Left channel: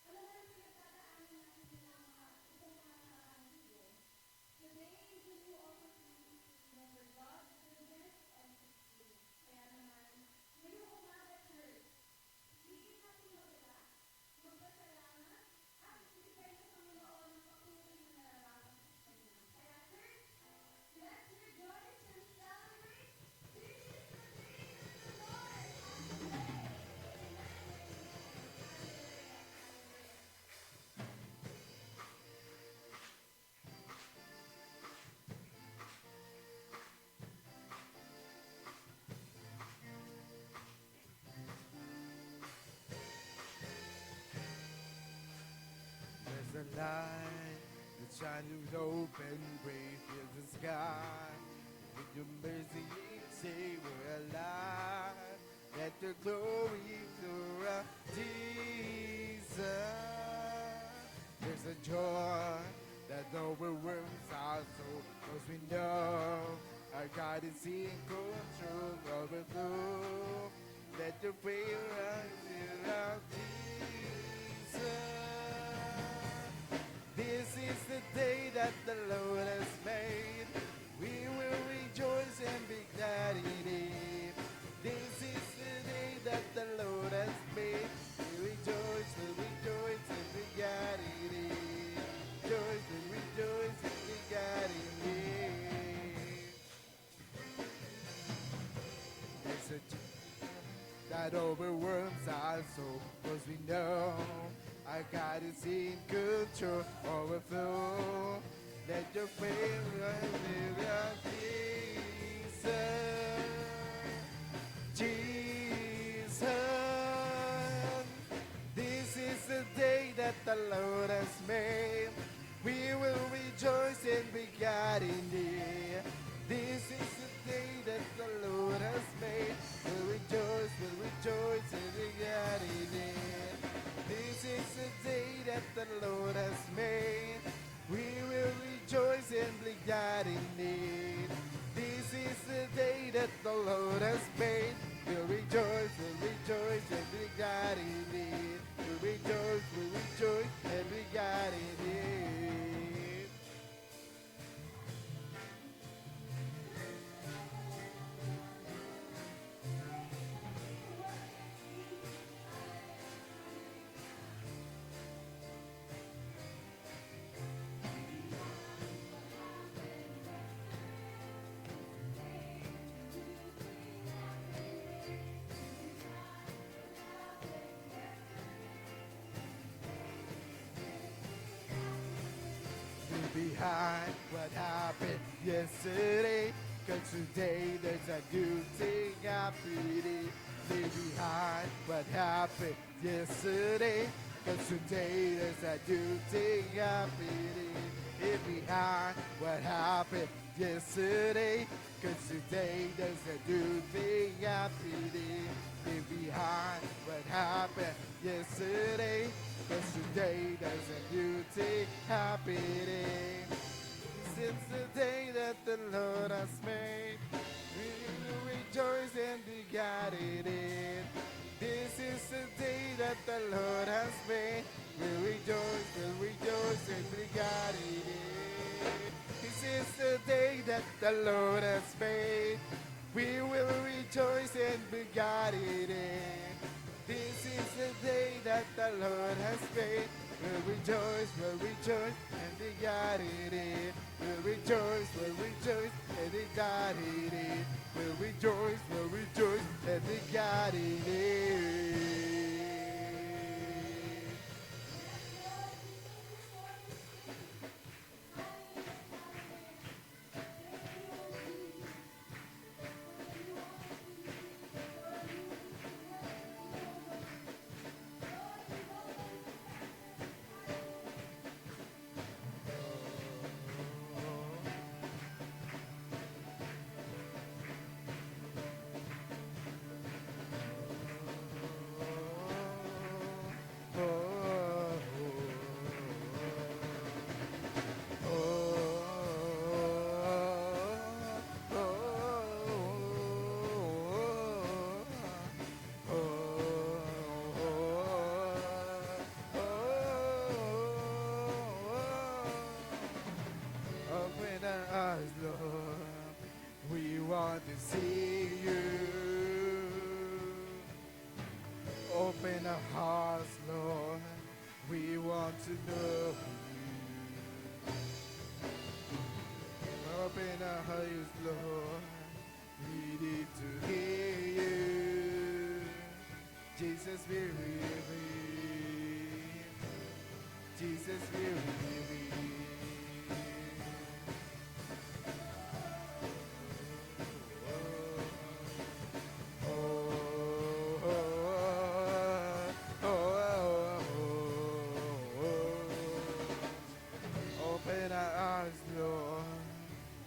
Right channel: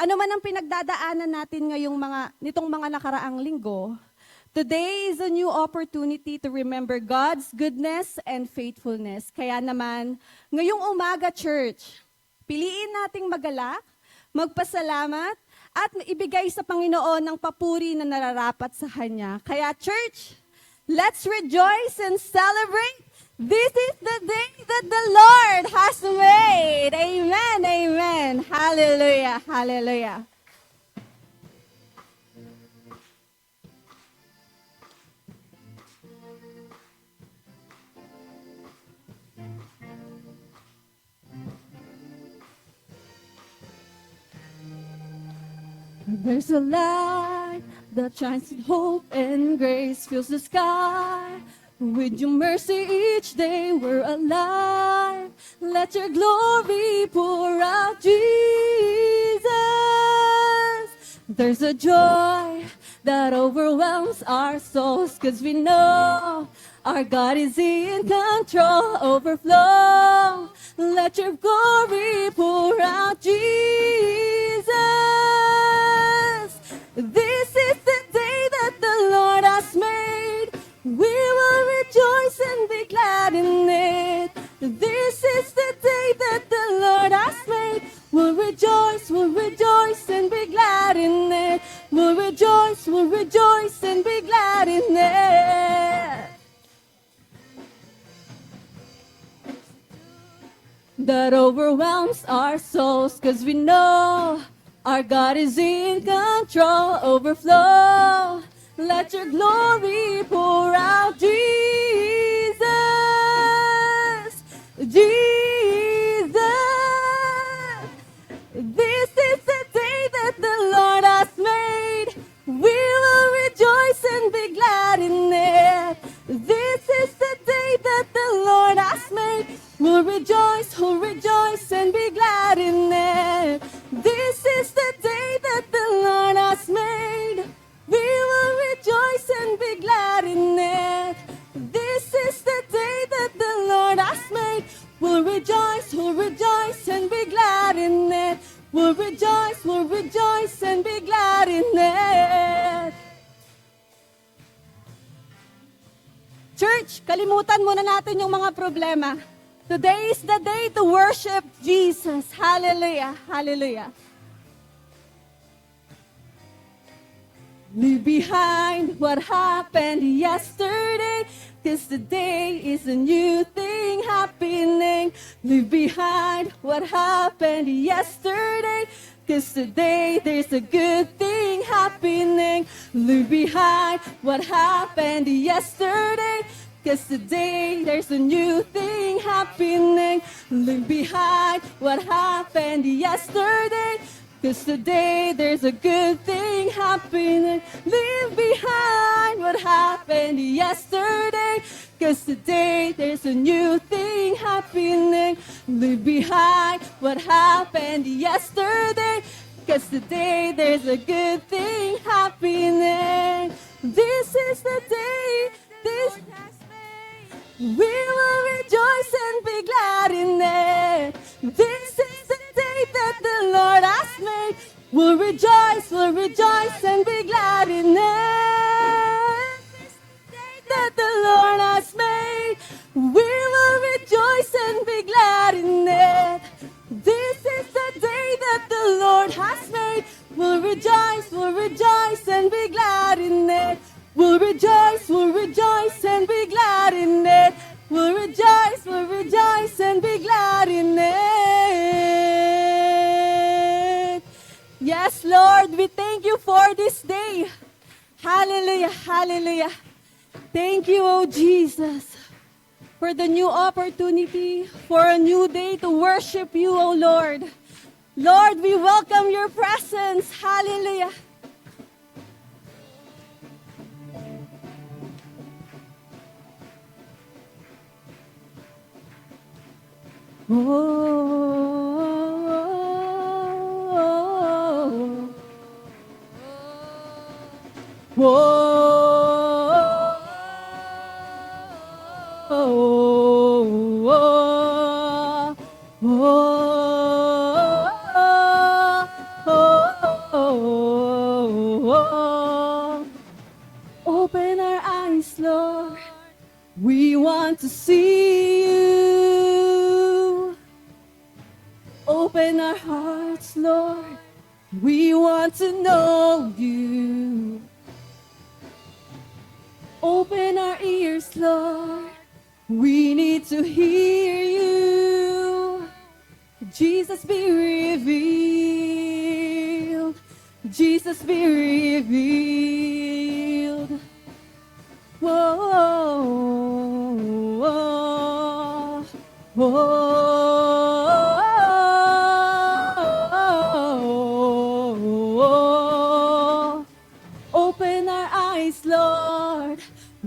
Ano man ang pinagdadaanan natin nitong mga nakaraang linggo, today is a new opportunity to remember God's goodness and faithfulness. Kaya naman, ngayong umaga, church, piliin nating magalak, magpasalamat, at ibigay sa Panginoon ng papuri na nararapat sa Kanya. Kaya, church, let's rejoice and celebrate. This is the day that the Lord has made. Amen, amen. Hallelujah, hallelujah. There's a light that shines with hope and grace, fills the sky. With your mercy each day we're alive. Let your glory pour out, Jesus. There's a joy that overwhelms our souls, 'cause we know our God is in control. Overflow, let your glory pour out, Jesus. This is the day that the Lord has made. We will rejoice and be glad in it. This is the day that the Lord has made. We'll rejoice and be glad in it. We'll rejoice and be glad in it. That overwhelms our souls, 'cause we know our God is in control. Overflow, let your glory pour out, Jesus. Jesus. This is the day that the Lord has made. We will rejoice and be glad in it. This is the day that the Lord has made. We'll rejoice and be glad in it. This is the day that the Lord has made. We will rejoice and be glad in it. This is the day that the Lord has made. We'll rejoice and be glad in it. We'll rejoice and be glad in it. Church, kalimutan muna natin yung mga problema. Today is the day to worship Jesus. Hallelujah, hallelujah. Leave behind what happened yesterday, 'cause today is a new thing happening. Leave behind what happened yesterday, 'cause today there's a good thing happening. Leave behind what happened yesterday, 'cause today there's a new thing happening. Leave behind what happened yesterday, 'cause today there's a good thing happening. Leave behind what happened yesterday, 'cause today there's a new thing happening. Leave behind what happened yesterday, 'cause today there's a good thing happening. This is the day, we will rejoice and be glad in it. This is the day that the Lord has made. We'll rejoice and be glad in it. This is the day that the Lord has made. We will rejoice and be glad in it. This is the day that the Lord has made. We'll rejoice and be glad in it. We'll rejoice and be glad in it. We'll rejoice and be glad in it. Yes, Lord, we thank you for this day. Hallelujah, hallelujah. Thank you, oh Jesus, for the new opportunity, for a new day to worship you, oh Lord. Lord, we welcome your presence. Hallelujah. We want to know you. Open our ears, Lord. We need to hear you. Jesus, be revealed. Jesus, be revealed. Whoa, whoa, whoa. Open our eyes, Lord.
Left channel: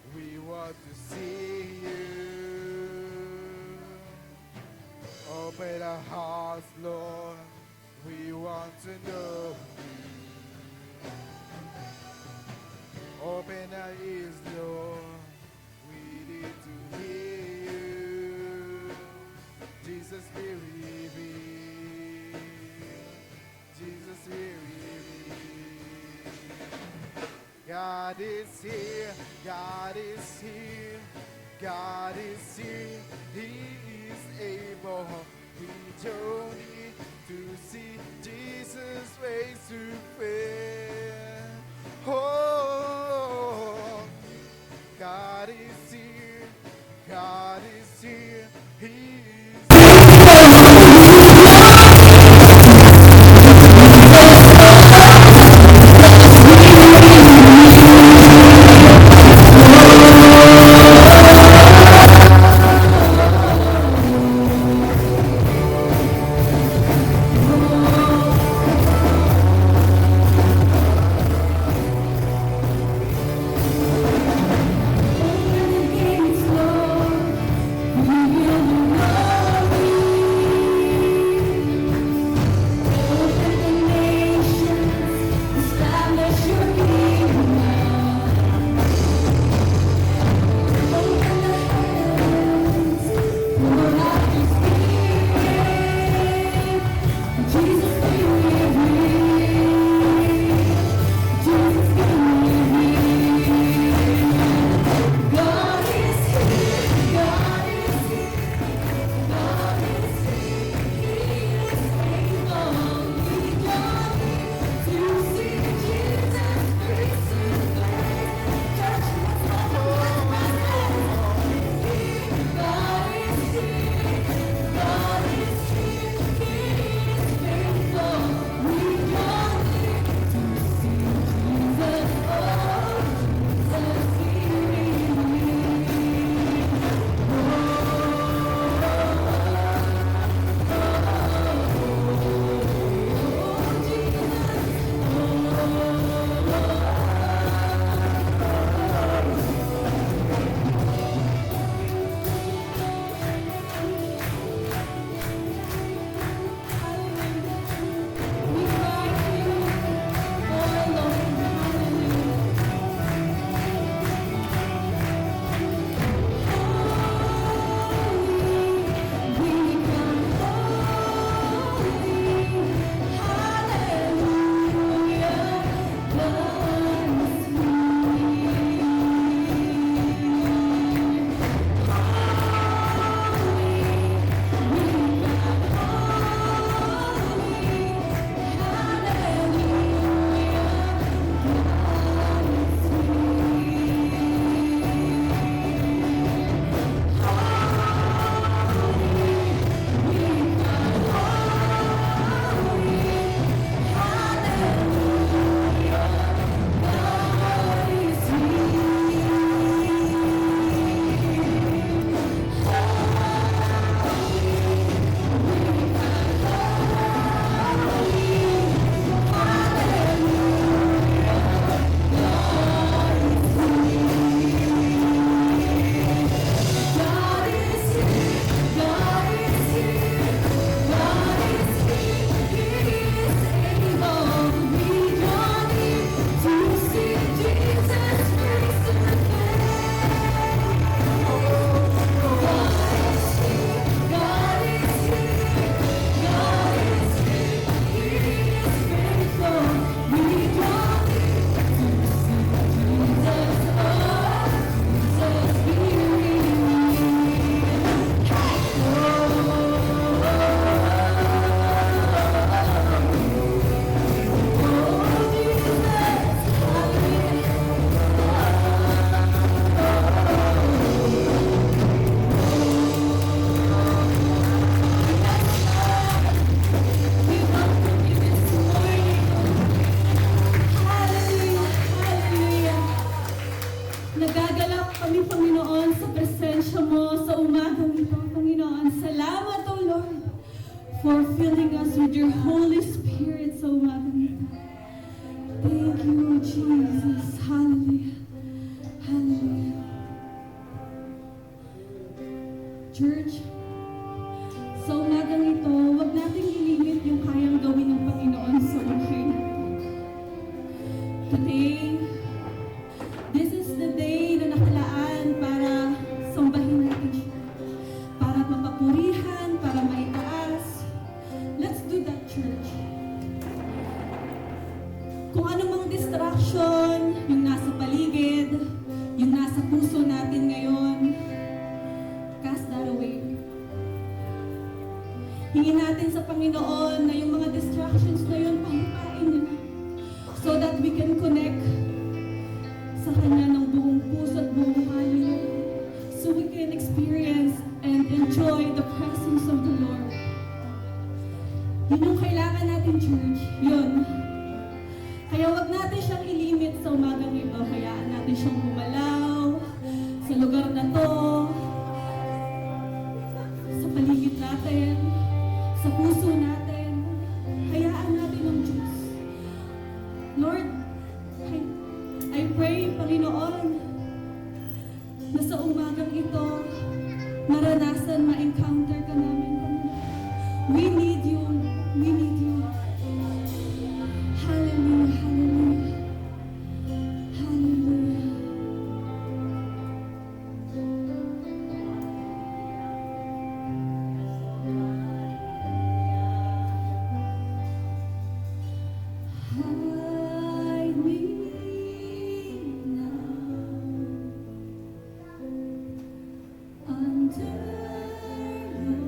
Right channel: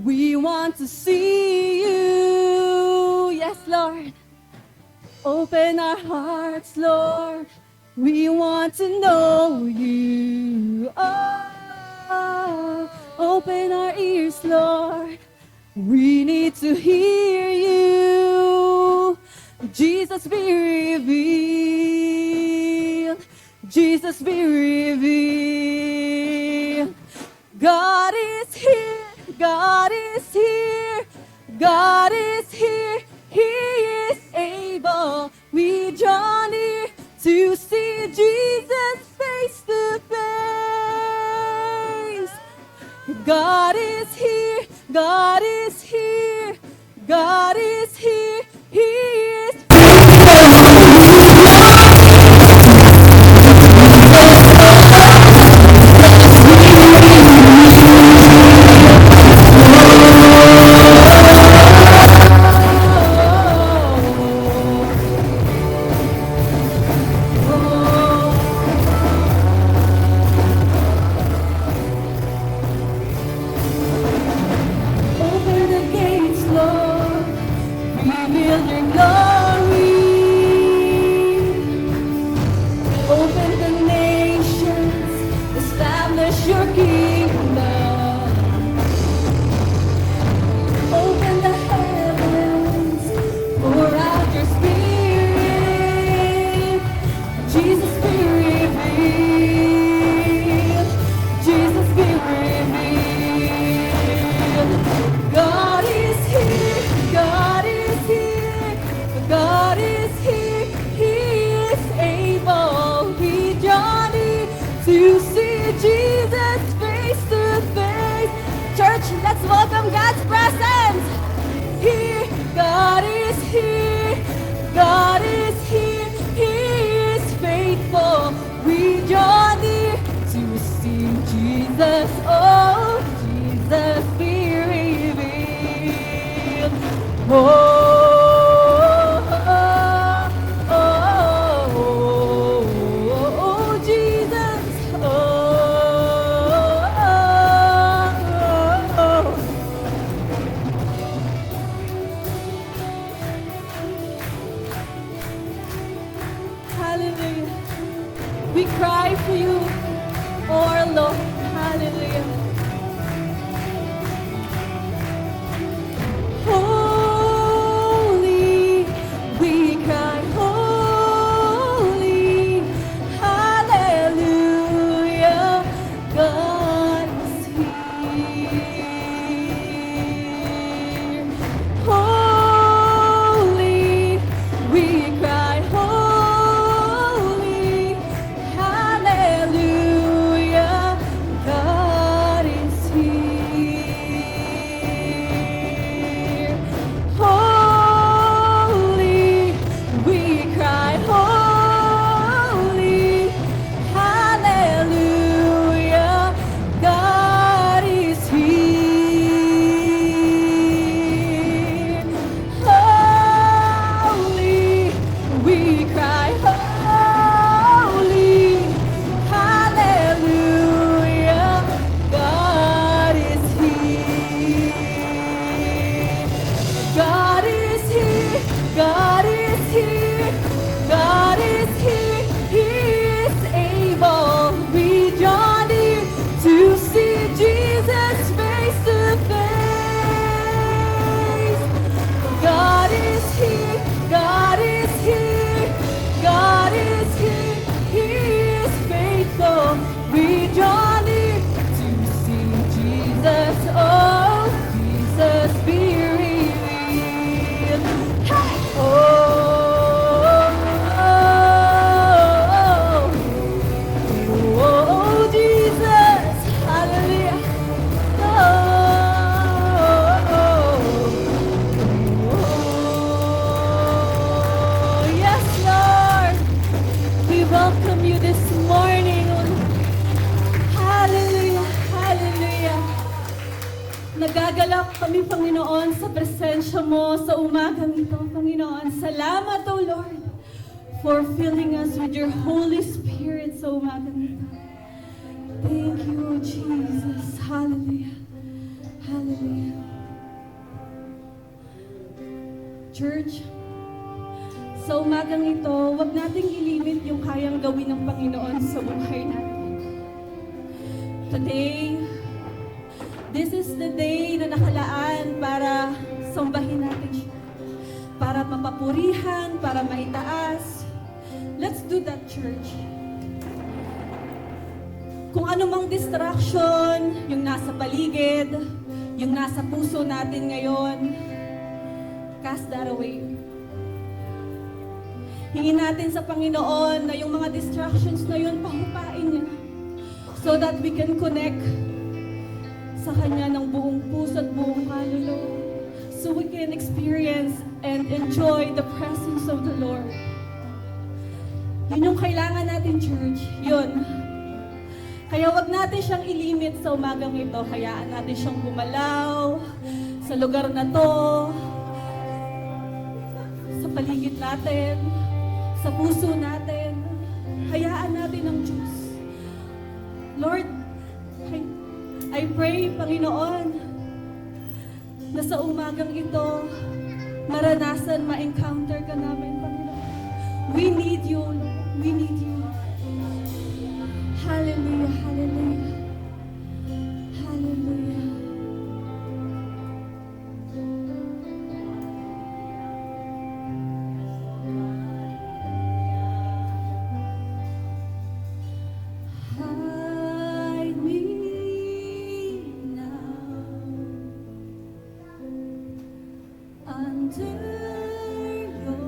We want to see you. Yes, Lord. Open our hearts, Lord. We want to know you. Oh, open our ears, Lord. We need to hear you. Jesus, be revealed. Jesus, be revealed. God is here. God is here. God is here. He is able. We draw near to see Jesus face to face. God is here. God is here. God is here. He is open the gates, Lord. Reveal your glory. Open the nations. Establish your kingdom. Open the heavens. Pour out your spirit. Jesus, be revealed. Jesus, be revealed. God is here. God is here. God is here. He is able. We draw near to see Jesus face to face. Church, let's welcome God's presence. Here, God is here. God is here. He is faithful. We draw near to see Jesus. Oh, Jesus, be revealed. Oh, oh, oh, oh, Jesus. Oh, for filling us with your Holy Spirit sa umagang ito. Thank you, Jesus. Hallelujah. Hallelujah. Church, sa umagang ito, huwag nating ilimit yung kayang gawin ng Panginoon sa buhay natin. Today, this is the day na nakalaan para sambahin natin siya. Para mapapurihan, para maitaas. Let's do that, church. Kung anumang distraction, yung nasa paligid, yung nasa puso natin ngayon, cast that away. Hingin natin sa Panginoon na yung mga distractions na yun, pahupain niya so that we can connect sa Kanya ng buong puso at buong kaluluwa. So we can experience and enjoy the presence of the Lord. Yun yung kailangan natin, church. Yun. Kaya wag natin siyang ilimit sa umagang ito. Hayaan natin siyang gumalaw sa lugar na to, sa paligid natin, sa puso natin. Hayaan natin ang Diyos. Lord, I pray, Panginoon, na sa umagang ito, maranasan, ma-encounter ka namin, Panginoon. We need you, Lord. We need you. Hallelujah, hallelujah. Hallelujah. Hide me now under your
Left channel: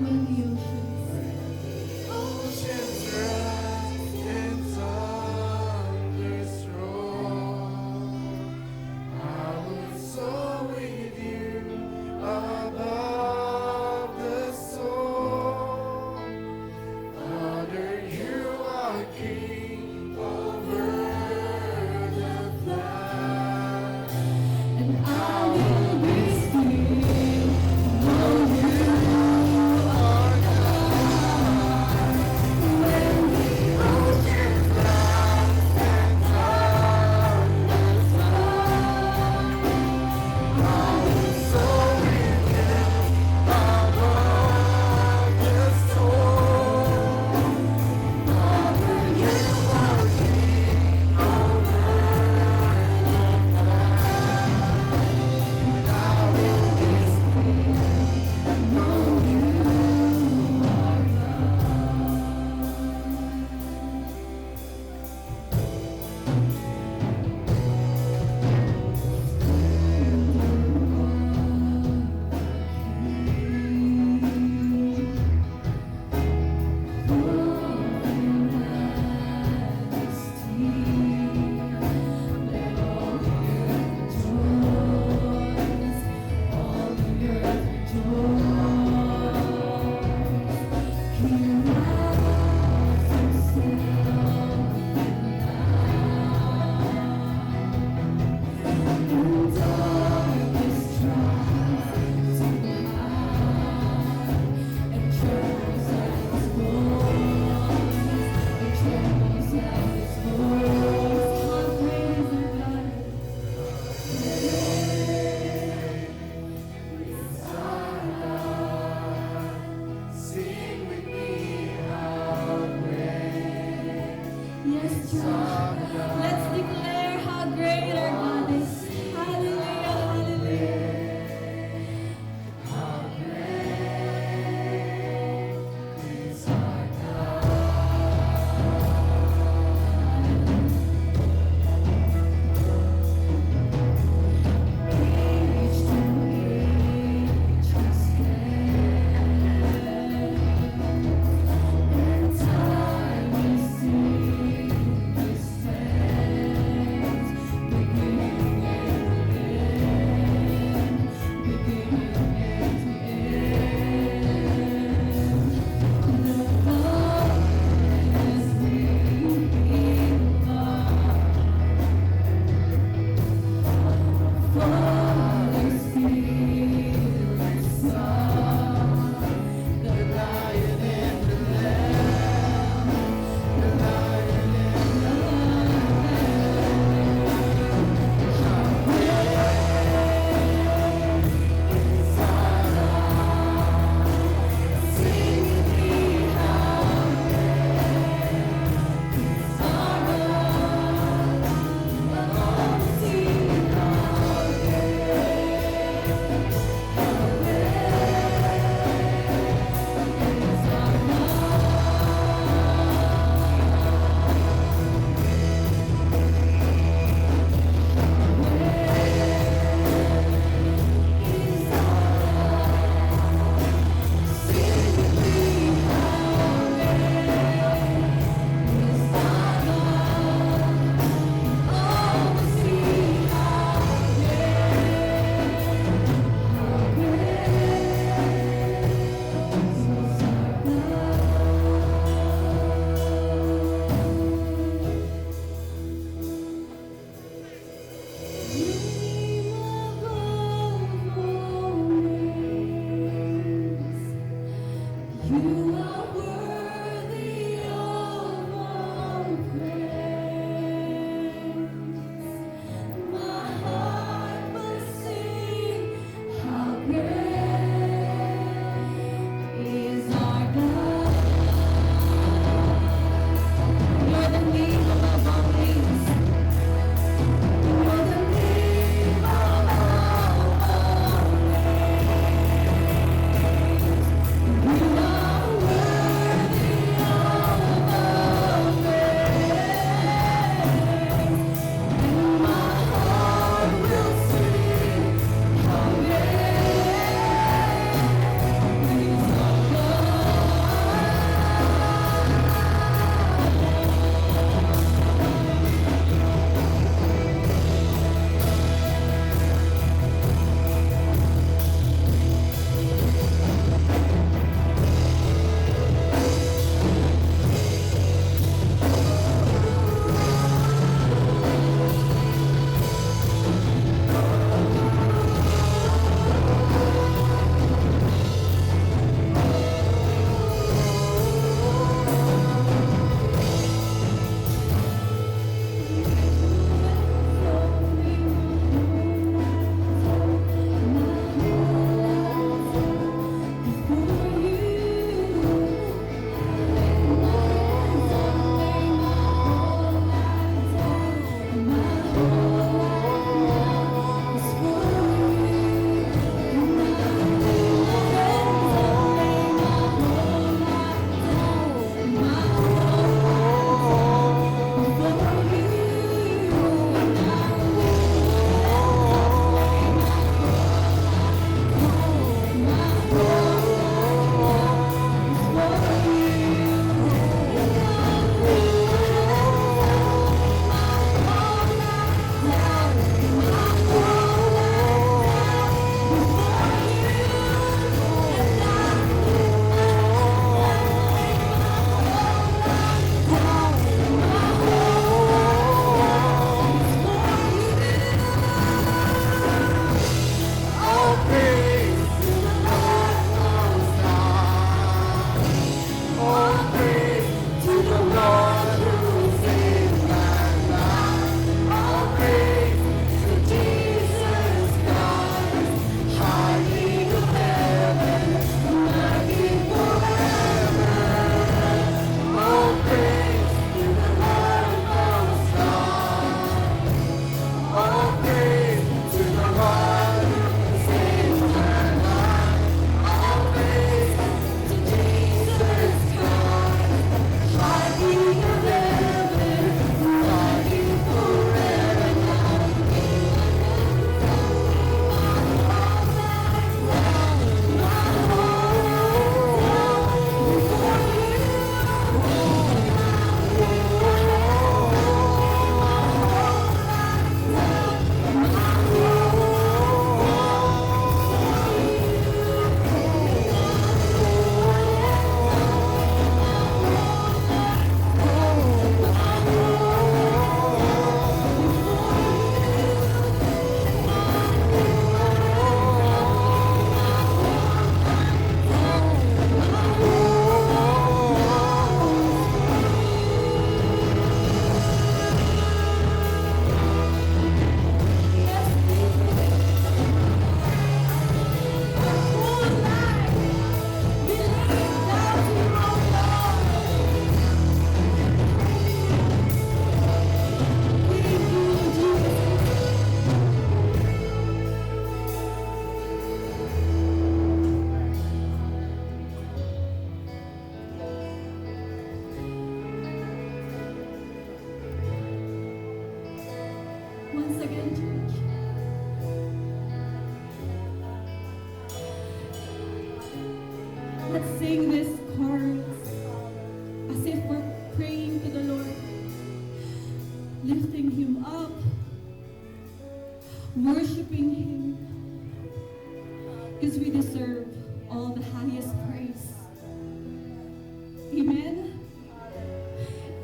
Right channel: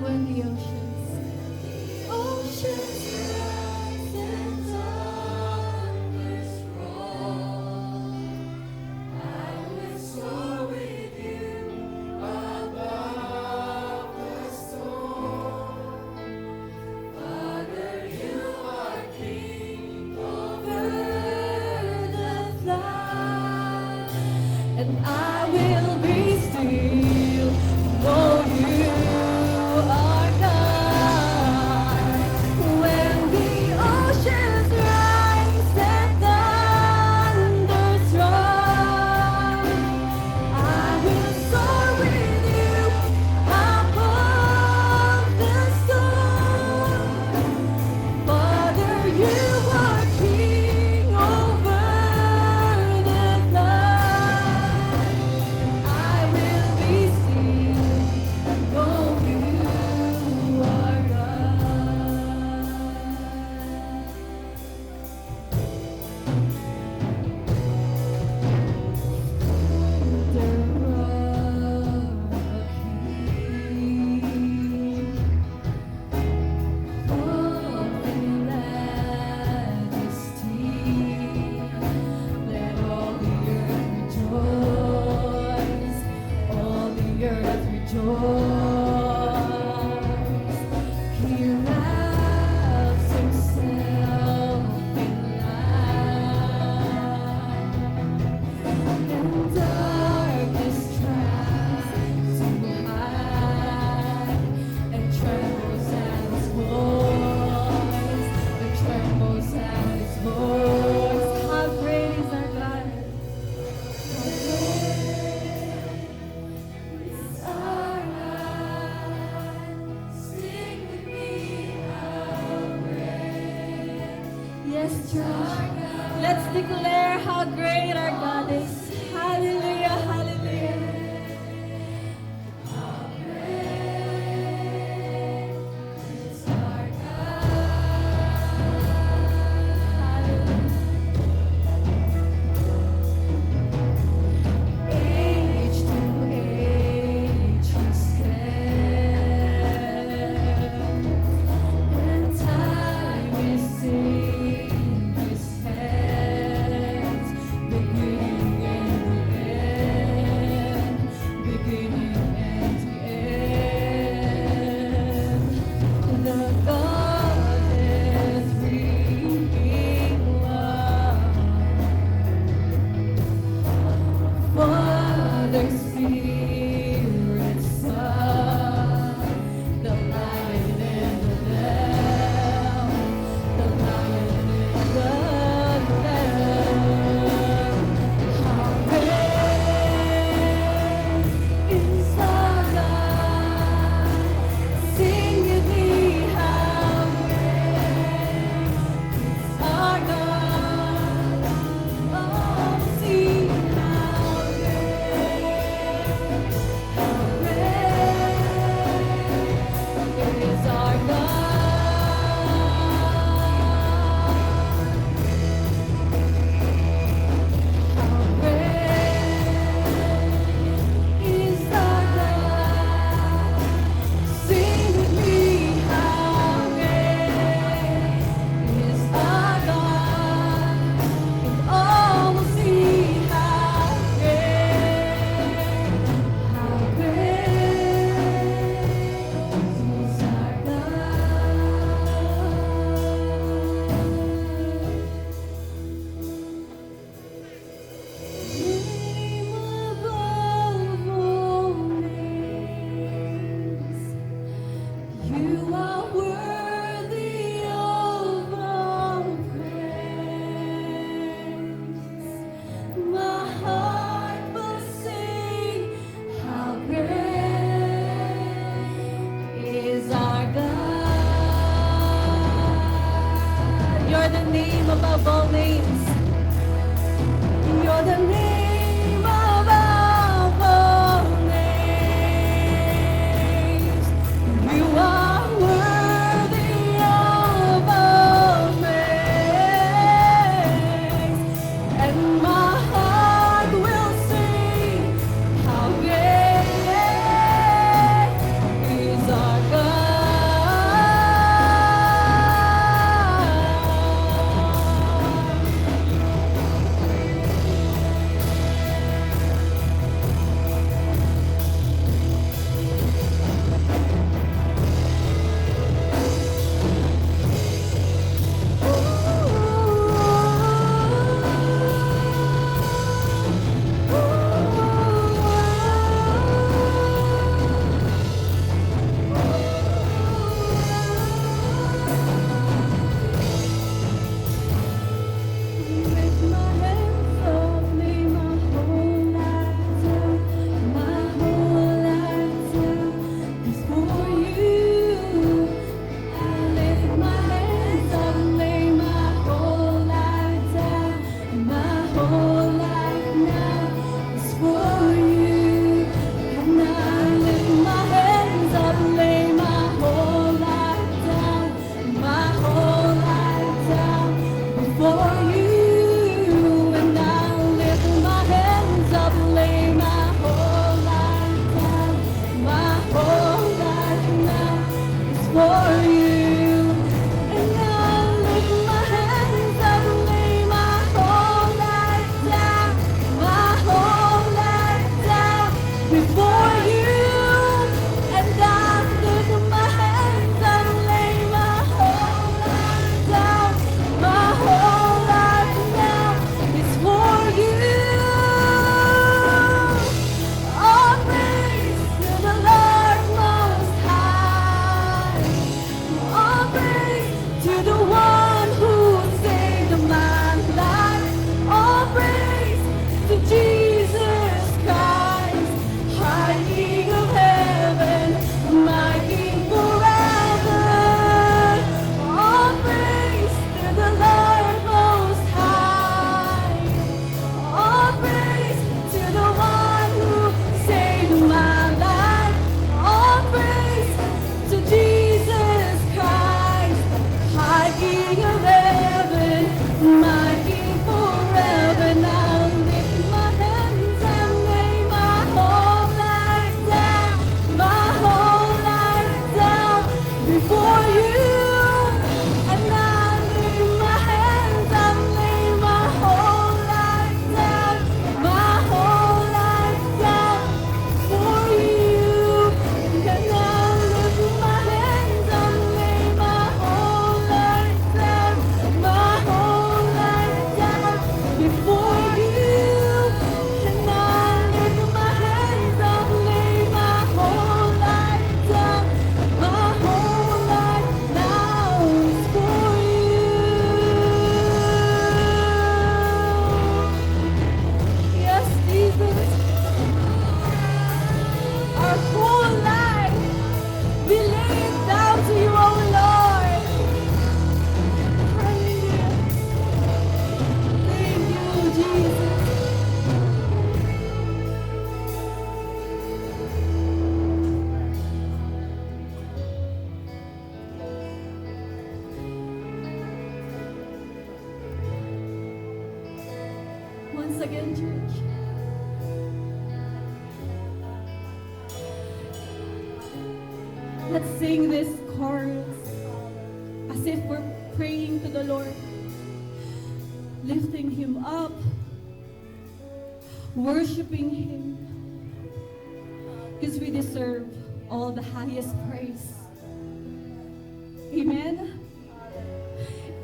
When the oceans rise and thunders roar, I will soar with you above the storm. Father, you are King over the flood, and I will be still. Oh, you are God. When the oceans rise and thunders roar, I will soar with you above the storm. Father, you are King over the flood. I will be still. Oh, you are Yes, church. Let's declare how great our God is. Hallelujah, hallelujah. Age to age we stand, and time is in His hands. Once again, church. Let's sing this chorus as if we're praying to the Lord, lifting Him up, worshiping Him, because we deserve all the highest praise. Amen?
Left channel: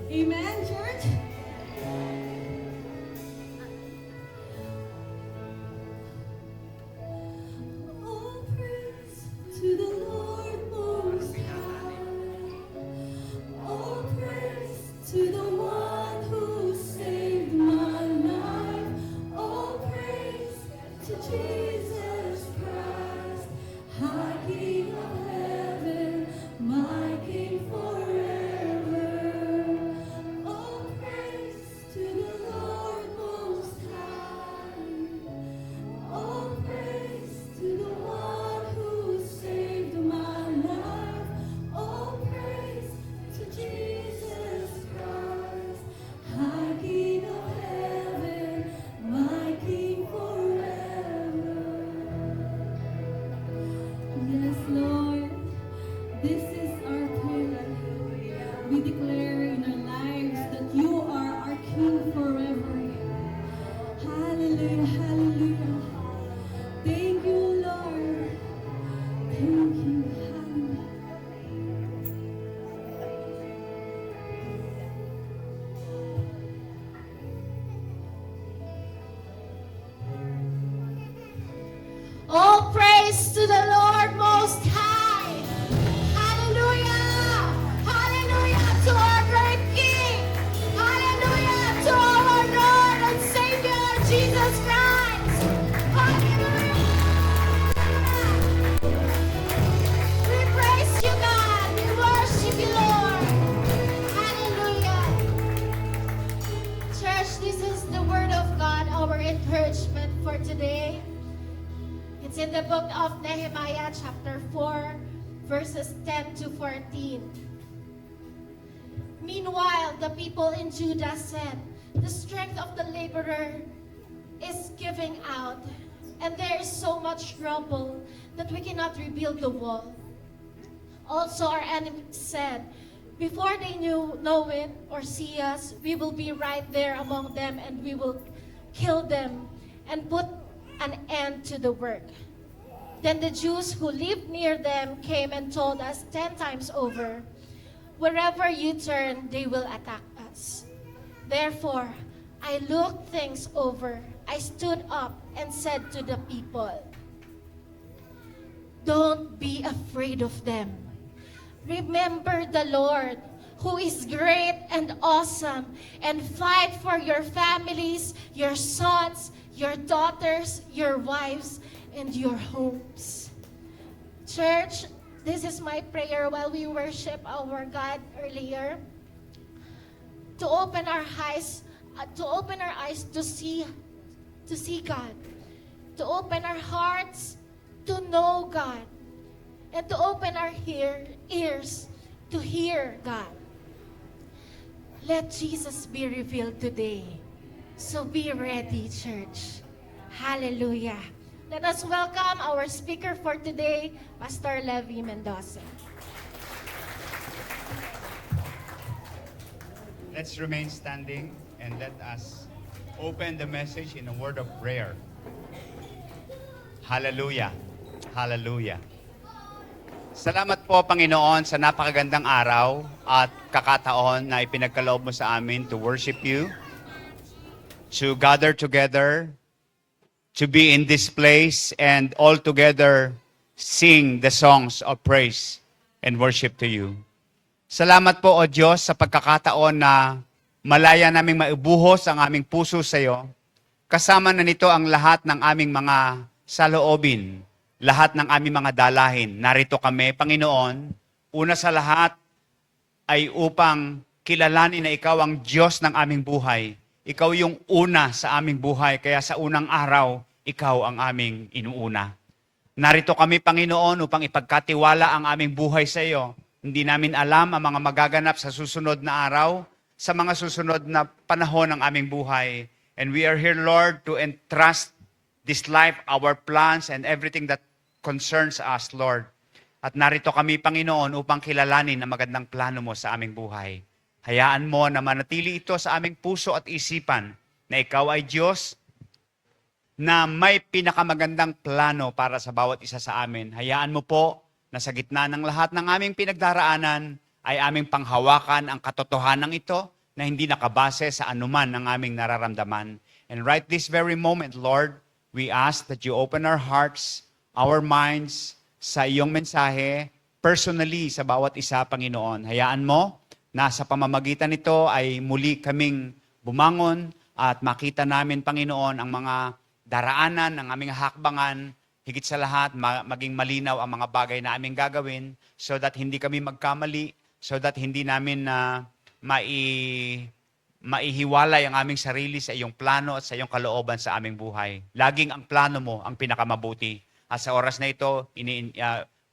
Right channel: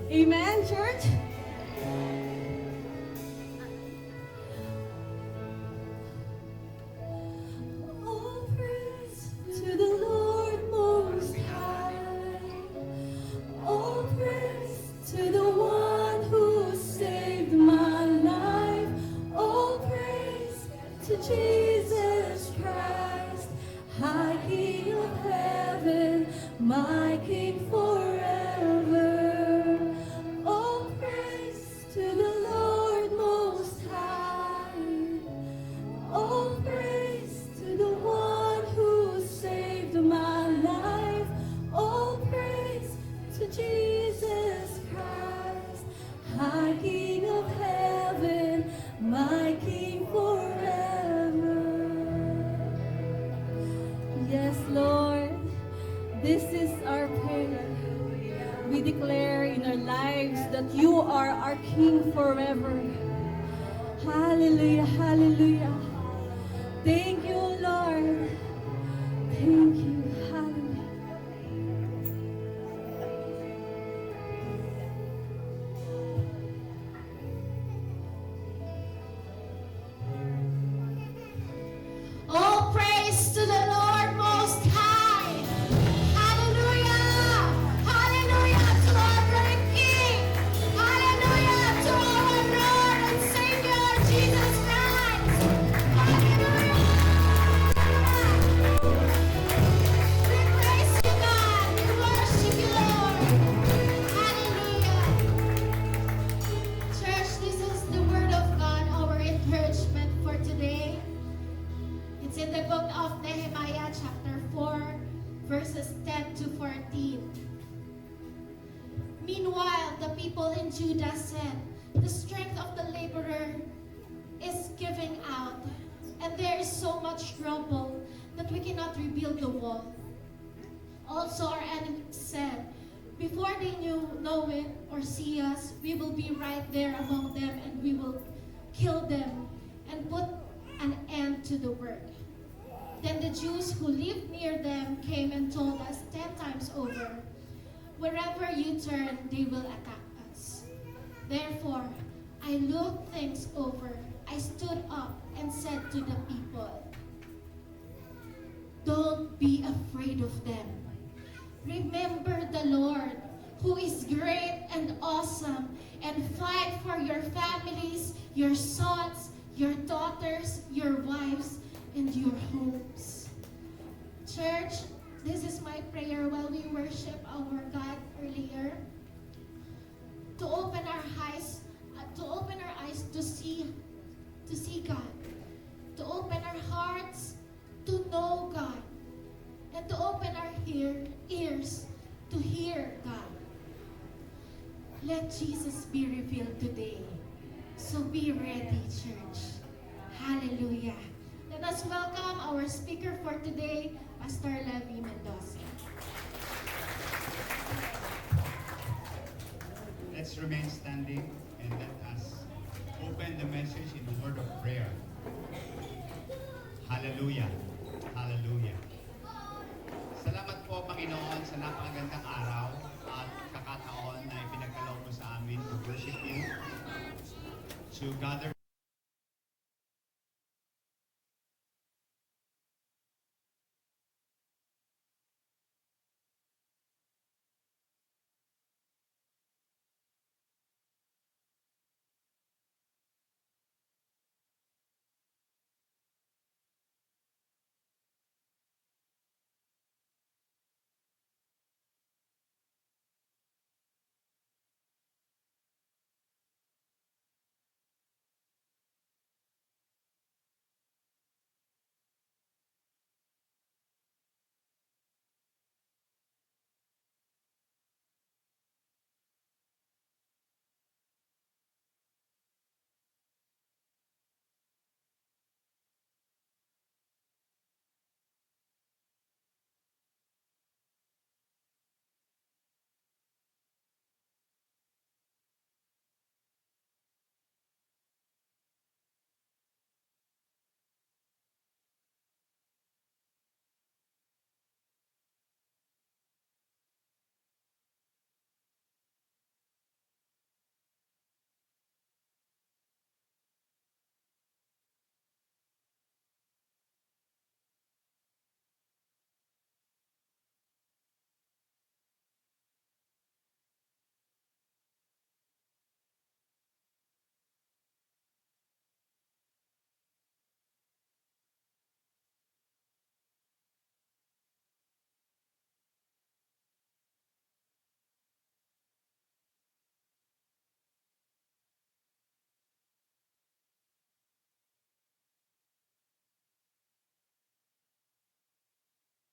Amen, church? All praise to the Lord Most High. All praise to the one who saved my life. All praise to Jesus Christ, High King of heaven, my King forever. All praise to the Lord Most High. All praise to the one who saved my life. All praise to Jesus Christ, High King of heaven, my King forever. Yes, Lord, this is our prayer. We declare in our lives that you are our King forever. Hallelujah, hallelujah. Thank you, Lord. Thank you, hallelujah. All praise to the Lord Most High. Hallelujah. Hallelujah to our great King. Hallelujah to our Lord and Savior, Jesus Christ. Hallelujah. We praise you, God. We worship you, Lord. Hallelujah. Church, this is the word of God, our encouragement for today. It's in the book of Nehemiah chapter 4, verses 10 to 14. Meanwhile, the people in Judah said, the strength of the laborer is giving out, and there is so much rubble that we cannot rebuild the wall. Also, our enemies said, before they know it or see us, we will be right there among them, and we will kill them and put an end to the work. Then the Jews who lived near them came and told us 10 times over, wherever you turn, they will attack us. Therefore, I looked things over. I stood up and said to the people, don't be afraid of them. Remember the Lord, who is great and awesome, and fight for your families, your sons, your daughters, your wives, and your homes. Church, this is my prayer while we worship our God earlier. To open our eyes, to see God, to open our hearts to know God, and to open our ears to hear God. Let Jesus be revealed today. So be ready, church. Hallelujah. Let us welcome our speaker for today, Pastor Levi Mendoza. Let's remain standing and let us open the message in a word of prayer. Hallelujah. Hallelujah. Salamat po, Panginoon, sa napakagandang araw at kakataon na ipinagkaloob mo sa amin to worship you, to gather together, to be in this place and all together sing the songs of praise and worship to you. Salamat po, O Diyos, sa pagkakataon na malaya naming maibuhos ang aming puso sa iyo. Kasama na nito ang lahat ng aming mga saloobin, lahat ng aming mga dalahin. Narito kami, Panginoon, una sa lahat ay upang kilalanin na ikaw ang Diyos ng aming buhay. Ikaw yung una sa aming buhay, kaya sa unang araw, ikaw ang aming inuuna. Narito kami, Panginoon, upang ipagkatiwala ang aming buhay sa iyo. Hindi namin alam ang mga magaganap sa susunod na araw, sa mga susunod na panahon ng aming buhay. And we are here, Lord, to entrust this life, our plans, and everything that concerns us, Lord. At narito kami, Panginoon, upang kilalanin ang magandang plano mo sa aming buhay. Hayaan mo na manatili ito sa aming puso at isipan na ikaw ay Diyos na may pinakamagandang plano para sa bawat isa sa amin. Hayaan mo po na sa gitna ng lahat ng aming pinagdaraanan ay aming panghawakan ang katotohanan ito na hindi nakabase sa anuman ng aming nararamdaman. And right this very moment, Lord, we ask that you open our hearts, our minds, sa iyong mensahe, personally sa bawat isa, Panginoon. Hayaan mo na sa pamamagitan nito ay muli kaming bumangon at makita namin, Panginoon, ang mga daraanan, ang aming hakbangan, higit sa lahat, maging malinaw ang mga bagay na aming gagawin so that hindi kami magkamali, so that hindi namin maihiwalay ang aming sarili sa iyong plano at sa iyong kalooban sa aming buhay. Laging ang plano mo ang pinakamabuti. At sa oras na ito,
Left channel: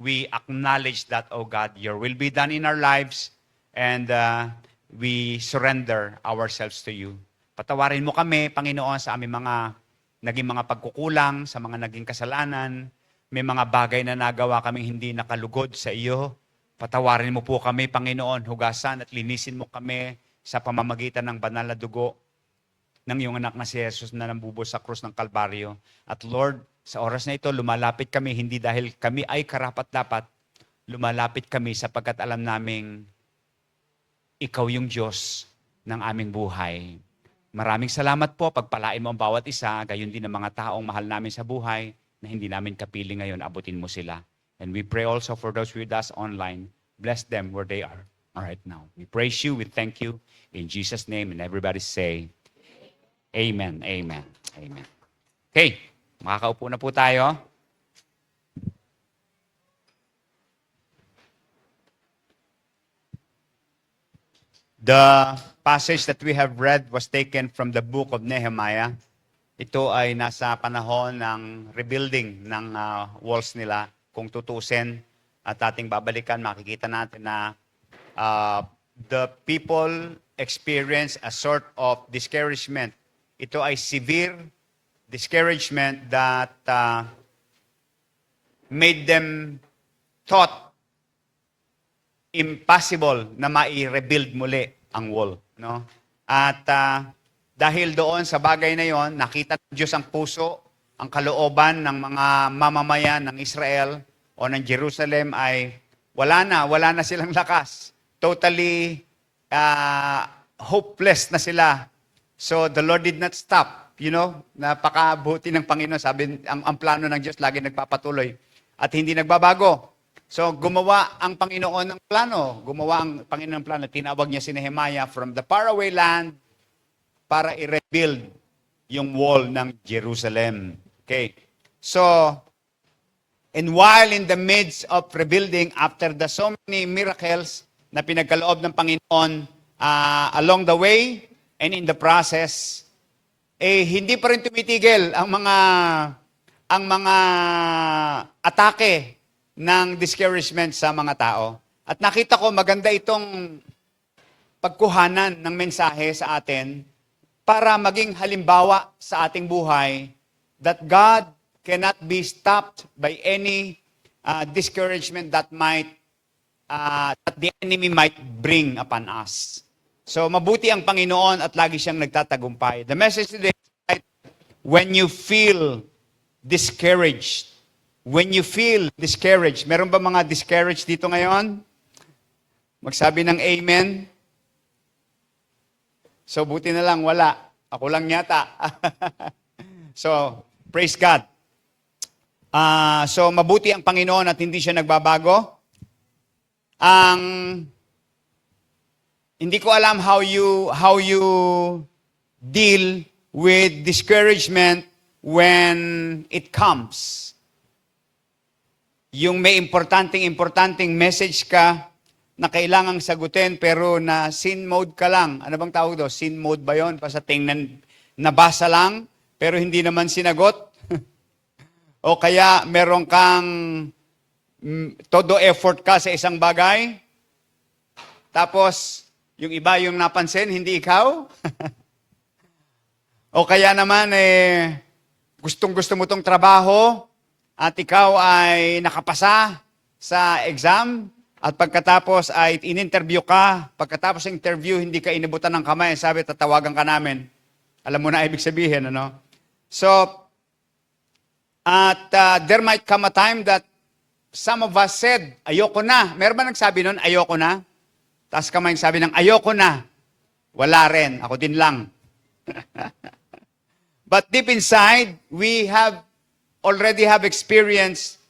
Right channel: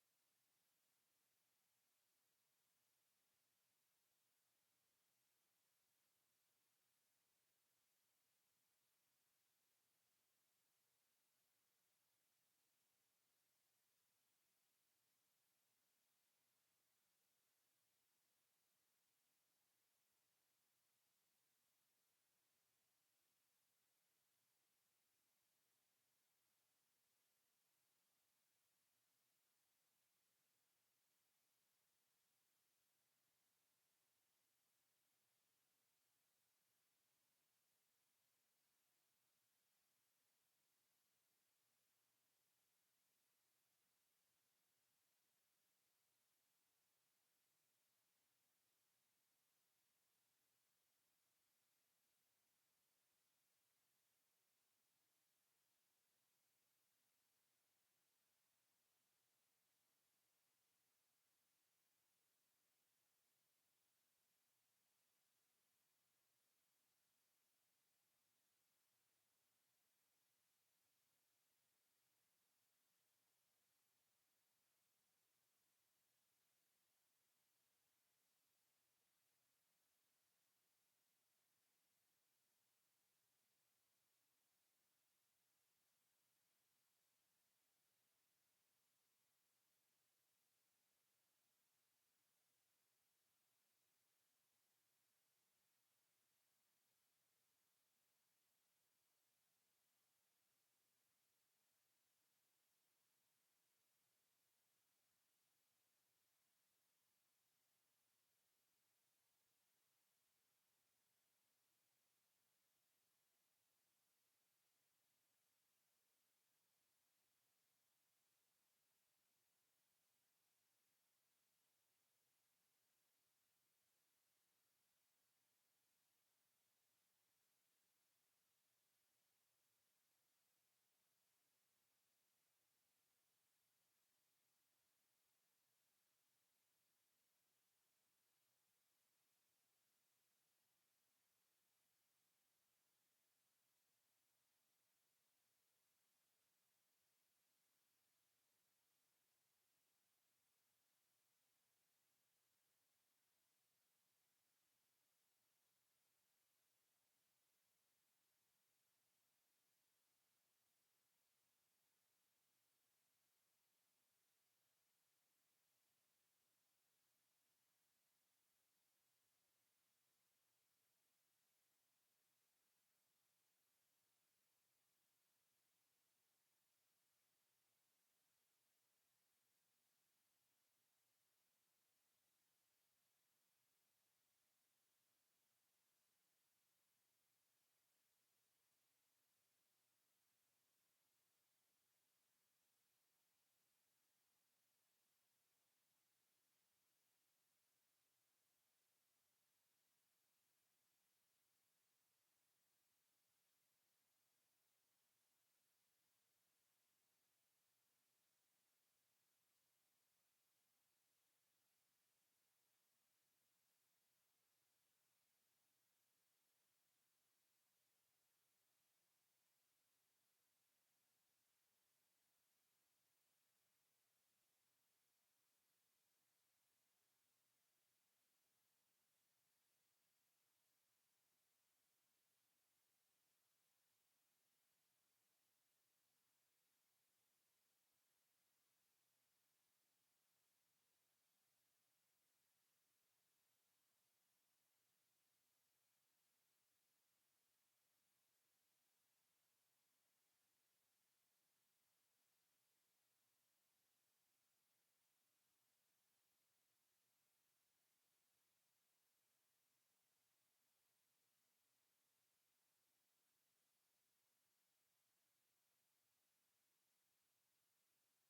we acknowledge that, oh God, your will be done in our lives and we surrender ourselves to you. Patawarin mo kami, Panginoon, sa aming mga naging mga pagkukulang, sa mga naging kasalanan. May mga bagay na nagawa kaming hindi nakalugod sa iyo. Patawarin mo po kami, Panginoon, hugasan at linisin mo kami sa pamamagitan ng banal na dugo ng iyong anak na si Jesus na nambubuhos sa krus ng Kalbaryo. At Lord, sa oras na ito, lumalapit kami hindi dahil kami ay karapat-dapat. Lumalapit kami sapagkat alam naming ikaw yung Diyos ng aming buhay. Maraming salamat po. Pagpalain mo ang bawat isa, gayon din ang mga taong mahal namin sa buhay na hindi namin kapiling ngayon, abutin mo sila. And we pray also for those with us online. Bless them where they are right now. We praise you. We thank you. In Jesus' name. And everybody say, Amen. Amen. Amen. Okay. Makakaupo na po tayo. The passage that we have read was taken from the book of Nehemiah. Ito ay nasa panahon ng rebuilding ng walls nila. Kung tutusin at ating babalikan, makikita natin na the people experience a sort of discouragement. Ito ay severe discouragement that made them thought impossible na mai-rebuild muli ang wall. No? At dahil doon sa bagay na yon, nakita ng Diyos ang puso, ang kalooban ng mga mamamayan ng Israel o ng Jerusalem ay wala na silang lakas. Totally hopeless na sila. So the Lord did not stop. You know, napakabuti ng Panginoon. Sabi, ang plano ng Diyos lagi nagpapatuloy at hindi nagbabago. So gumawa ang Panginoon ng plano. Gumawa ang Panginoon ng plano. Tinawag niya si Nehemiah from the faraway land para i-rebuild yung wall ng Jerusalem. Okay. So, and while in the midst of rebuilding, after the so many miracles na pinagkaloob ng Panginoon along the way and in the process, hindi pa rin tumitigil ang mga atake ng discouragement sa mga tao. At nakita ko maganda itong pagkuhanan ng mensahe sa atin para maging halimbawa sa ating buhay that God cannot be stopped by any discouragement that the enemy might bring upon us. So mabuti ang Panginoon at lagi siyang nagtatagumpay. The message today is when you feel discouraged. When you feel discouraged. Meron ba mga discouraged dito ngayon? Magsabi ng amen. So buti na lang wala. Ako lang yata. So praise God. So mabuti ang Panginoon at hindi siya nagbabago. Hindi ko alam how you deal with discouragement when it comes. Yung may importanteng message ka na kailangang sagutin pero na sin mode ka lang. Ano bang tawag doon? Sin mode ba yun? Basta tingnan, nabasa lang pero hindi naman sinagot. O kaya meron kang todo effort ka sa isang bagay. Tapos yung iba yung napansin, hindi ikaw. O kaya naman, gustong-gusto mo tong trabaho at ikaw ay nakapasa sa exam at pagkatapos ay in-interview ka. Pagkatapos ng interview, hindi ka inibutan ng kamay. Sabi, tatawagan ka namin. Alam mo na ibig sabihin, ano? So, there might come a time that some of us said, ayoko na. Meron ba nagsabi nun, ayoko na? Taas kamay sabi ng, ayoko na. Wala rin. Ako din lang. But deep inside, we already have experienced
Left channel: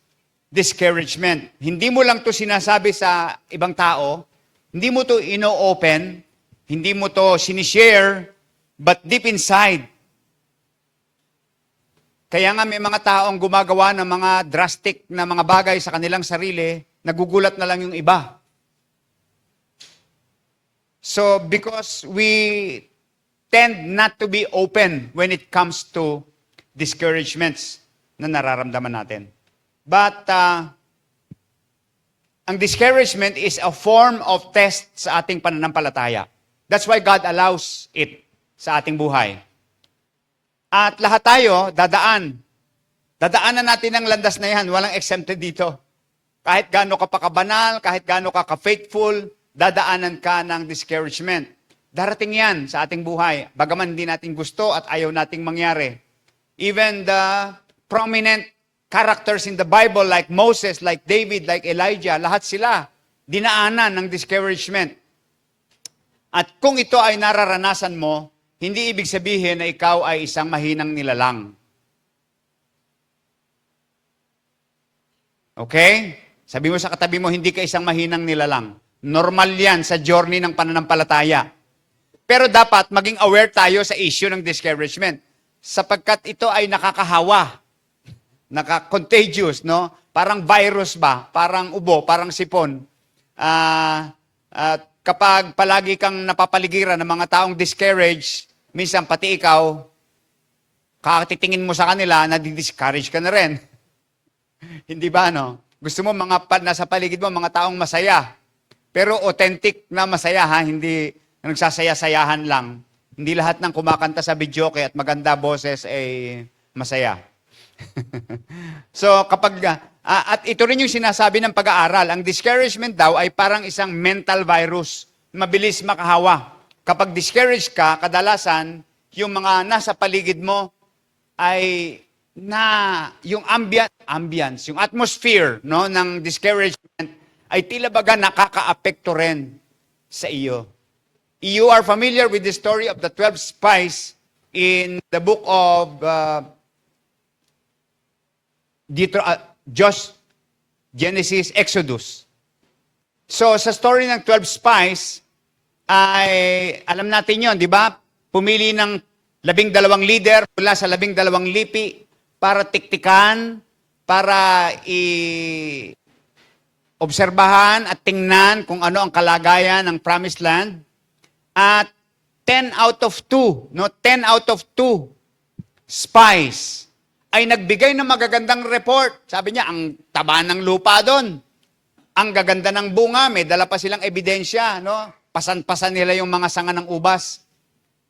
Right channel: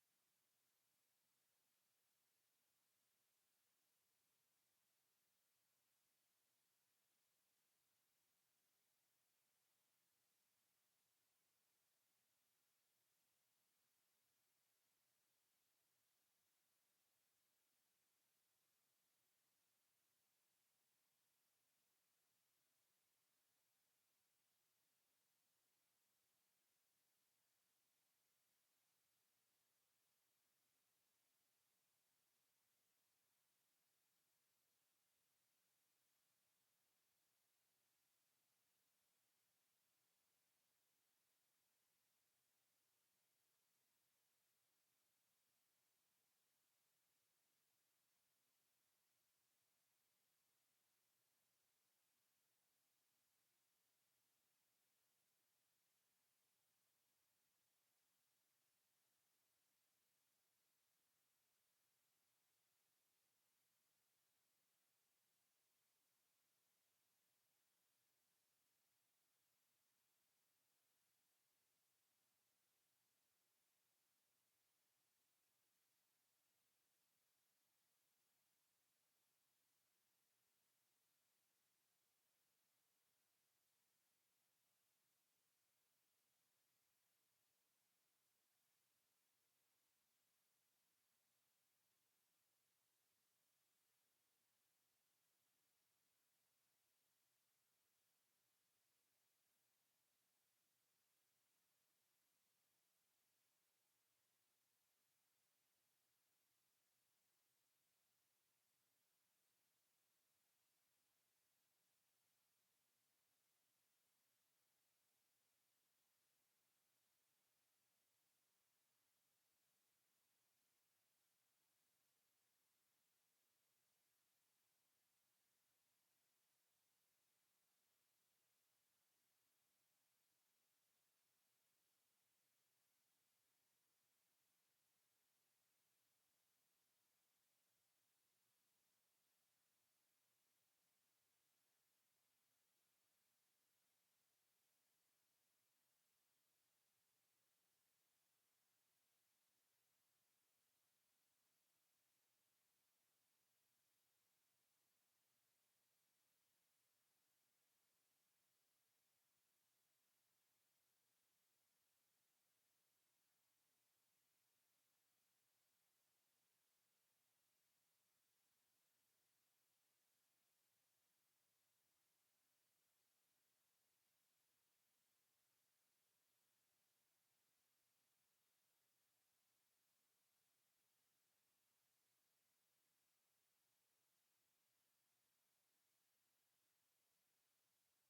discouragement. Hindi mo lang to sinasabi sa ibang tao, hindi mo to ino-open, hindi mo to sinishare, but deep inside. Kaya nga may mga taong gumagawa ng mga drastic na mga bagay sa kanilang sarili, nagugulat na lang yung iba. So, because we tend not to be open when it comes to discouragements na nararamdaman natin. But, ang discouragement is a form of test sa ating pananampalataya. That's why God allows it sa ating buhay. At lahat tayo, dadaanan natin ang landas na yan. Walang exempted dito. Kahit gaano ka pa kabanal, kahit gaano ka ka-faithful, dadaanan ka ng discouragement. Darating yan sa ating buhay. Bagaman hindi natin gusto at ayaw nating mangyari. Even the prominent characters in the Bible like Moses, like David, like Elijah, lahat sila dinaanan ng discouragement. At kung ito ay nararanasan mo, hindi ibig sabihin na ikaw ay isang mahinang nilalang. Okay? Sabi mo sa katabi mo, hindi ka isang mahinang nilalang. Normal yan sa journey ng pananampalataya. Pero dapat maging aware tayo sa issue ng discouragement. Sapagkat ito ay nakakahawa. Naka-contagious, no? Parang virus ba? Parang ubo, parang sipon. Kapag palagi kang napapaligiran ng mga taong discouraged, minsan pati ikaw, katitingin mo sa kanila, nadi-discourage ka na rin. Hindi ba, no? Gusto mo nasa paligid mo, mga taong masaya. Pero authentic na masaya, ha? Hindi nagsasaya-sayahan lang. Hindi lahat ng kumakanta sa videoke at maganda boses ay masaya. So, at ito rin yung sinasabi ng pag-aaral, ang discouragement daw ay parang isang mental virus, mabilis makahawa. Kapag discouraged ka, kadalasan, yung mga nasa paligid mo ay yung ambience, yung atmosphere, no, ng discouragement ay tila baga nakaka-apekto rin sa iyo. You are familiar with the story of the 12 spies in the book of Genesis, Exodus. So, sa story ng 12 spies, ay alam natin yon, di ba? Pumili ng 12 leader mula sa 12 lipi para tiktikan, para obserbahan at tingnan kung ano ang kalagayan ng promised land. At 10 out of 2 spies ay nagbigay ng magagandang report. Sabi niya, ang taba ng lupa doon. Ang gaganda ng bunga, may dala pa silang ebidensya, no? Pasan-pasan nila yung mga sanga ng ubas.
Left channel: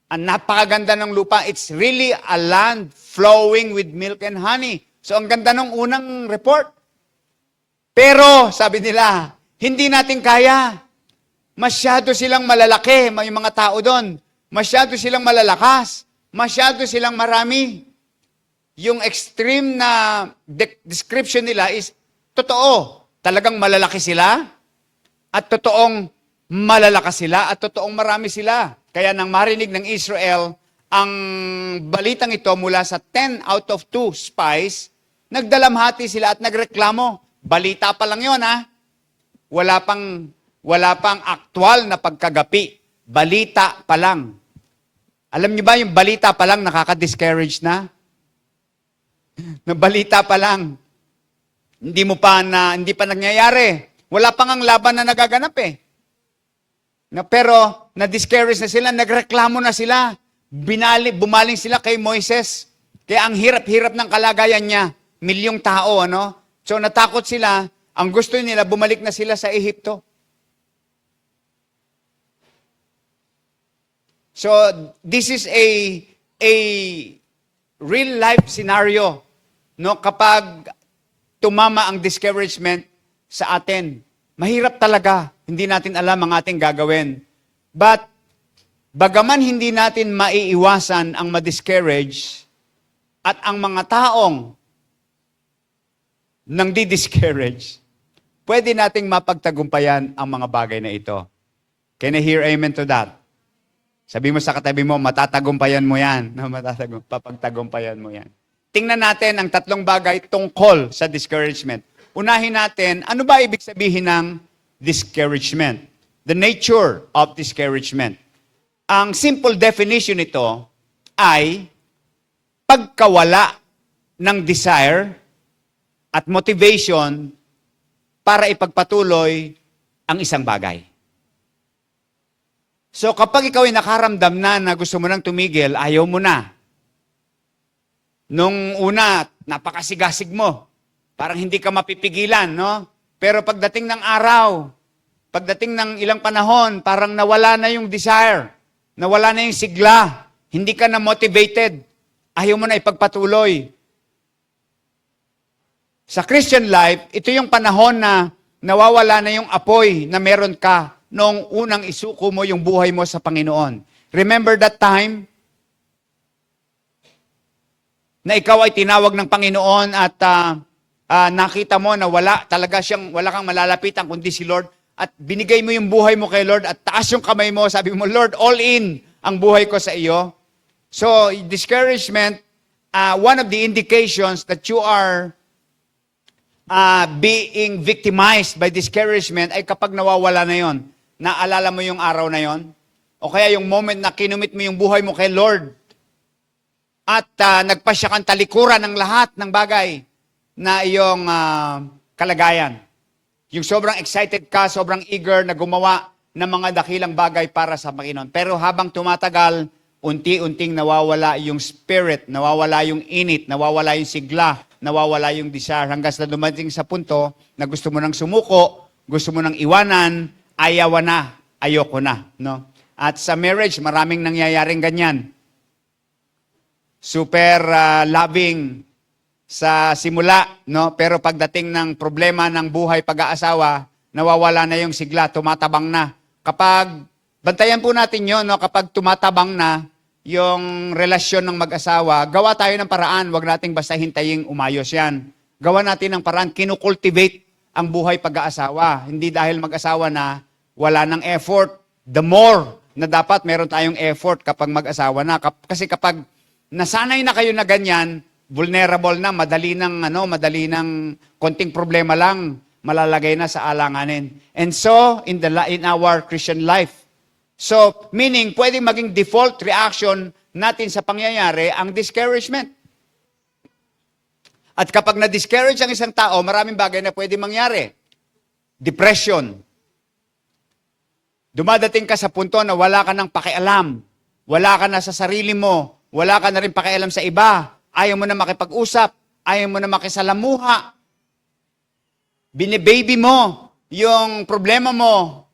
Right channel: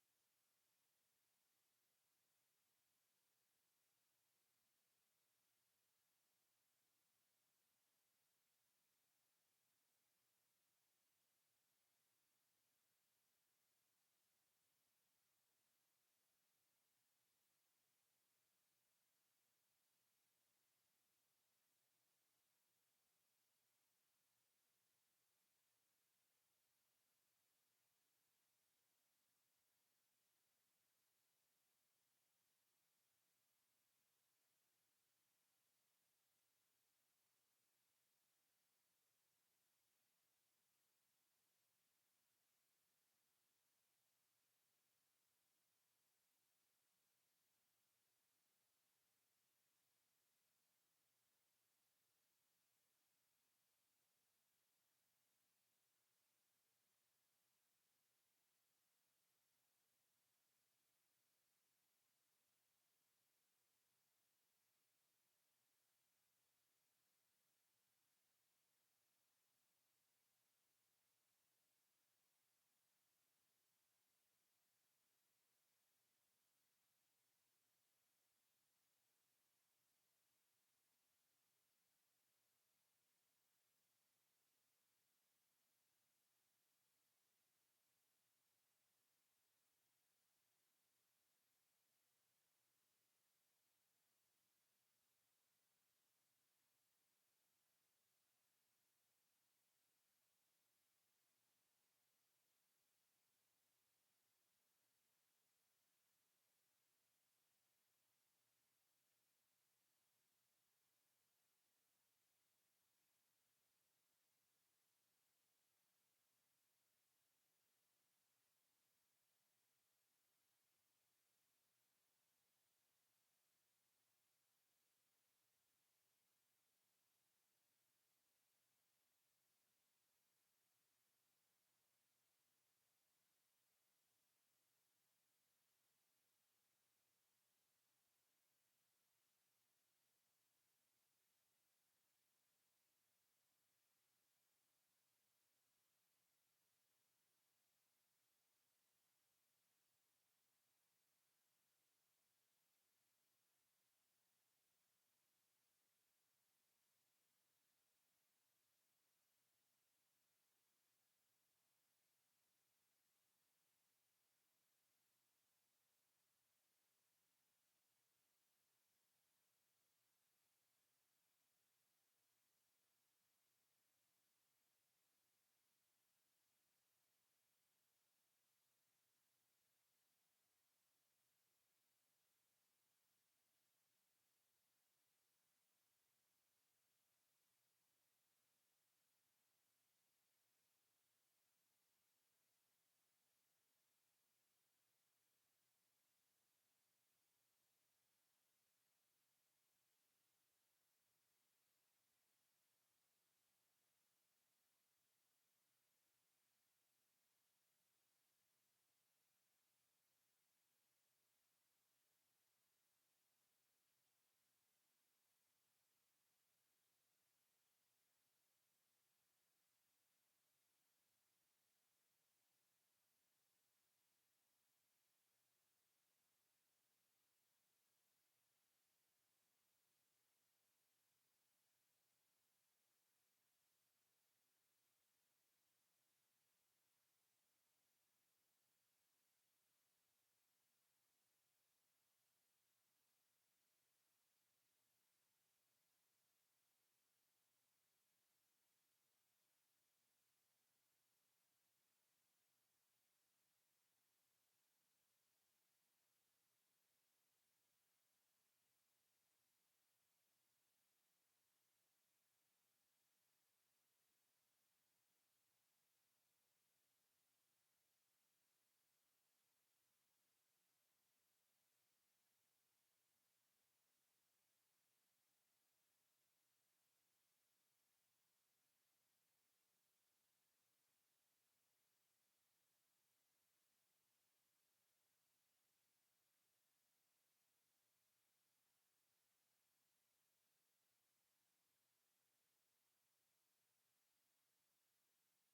Ang napakaganda ng lupa. It's really a land flowing with milk and honey. So, ang ganda ng unang report. Pero, sabi nila, hindi natin kaya. Masyado silang malalaki, may mga tao doon. Masyado silang malalakas. Masyado silang marami. Yung extreme na description nila is, totoo, talagang malalaki sila. At totoong malalakas sila. At totoong marami sila. Kaya nang marinig ng Israel, ang balitang ito mula sa 10 out of 2 spies, nagdalamhati sila at nagreklamo. Balita pa lang yun, ha? Wala pang aktual na pagkagapi. Balita pa lang. Alam niyo ba yung balita pa lang nakaka-discourage na? Na balita pa lang. Hindi pa nangyayari. Wala pang ang laban na nagaganap eh. Pero na-discourage na sila, nagreklamo na sila. Bumaling sila kay Moises. Kaya ang hirap-hirap ng kalagayan niya. Milyong tao, ano? So natakot sila. Ang gusto nila, bumalik na sila sa Ehipto. So, this is a a real life scenario, no, kapag tumama ang discouragement sa atin. Mahirap talaga. Hindi natin alam ang ating gagawin. But, bagaman hindi natin maiiwasan ang ma-discourage at ang mga taong nang di-discourage, pwede nating mapagtagumpayan ang mga bagay na ito. Can I hear amen to that? Sabi mo sa katabi mo, matatagumpayan mo yan. No, papagtagumpayan mo yan. Tingnan natin ang tatlong bagay tungkol sa discouragement. Unahin natin, ano ba ibig sabihin ng discouragement? The nature of discouragement. Ang simple definition nito ay pagkawala ng desire at motivation para ipagpatuloy ang isang bagay. So kapag ikaw ay nakaramdam na gusto mo nang tumigil, ayaw mo na. Nung una, napakasigasig mo. Parang hindi ka mapipigilan, no? Pero pagdating ng araw, pagdating ng ilang panahon, parang nawala na yung desire, nawala na yung sigla, hindi ka na motivated, ayaw mo na ipagpatuloy. Sa Christian life, ito yung panahon na nawawala na yung apoy na meron ka noong unang isuko mo yung buhay mo sa Panginoon. Remember that time na ikaw ay tinawag ng Panginoon at nakita mo na wala kang malalapitan kundi si Lord at binigay mo yung buhay mo kay Lord at taas yung kamay mo, sabi mo, Lord, all in ang buhay ko sa iyo. So, discouragement, one of the indications that you are being victimized by discouragement ay kapag nawawala na yon. Naalala mo yung araw na yon? O kaya yung moment na kinumit mo yung buhay mo kay Lord at nagpasya kang talikuran ng lahat ng bagay na iyong kalagayan. Yung sobrang excited ka, sobrang eager na gumawa ng mga dakilang bagay para sa Panginoon. Pero habang tumatagal, unti-unting nawawala yung spirit, nawawala yung init, nawawala yung sigla, nawawala yung desire hanggang sa dumating sa punto na gusto mo nang sumuko, gusto mo nang iwanan, ayaw na, ayoko na. No? At sa marriage, maraming nangyayaring ganyan. Super loving sa simula, no? Pero pagdating ng problema ng buhay pag-aasawa, nawawala na yung sigla, tumatabang na. Kapag, bantayan po natin yon, no? Kapag tumatabang na yung relasyon ng mag-asawa, gawa tayo ng paraan, wag nating basta hintayin umayos yan. Gawa natin ng paraan, kinukultivate ang buhay pag-aasawa. Hindi dahil mag-asawa na wala ng effort. The more na dapat meron tayong effort kapag mag-asawa na. Kasi kapag nasanay na kayo na ganyan, vulnerable na, madali ng konting problema lang, malalagay na sa alanganin. And so, in our Christian life, so, meaning, pwedeng maging default reaction natin sa pangyayari ang discouragement. At kapag na-discourage ang isang tao, maraming bagay na pwede mangyari. Depression. Dumadating ka sa punto na wala ka ng pakialam. Wala ka na sa sarili mo. Wala ka na rin pakialam sa iba. Ayaw mo na makipag-usap. Ayaw mo na makisalamuha. Binibaby mo yung problema mo.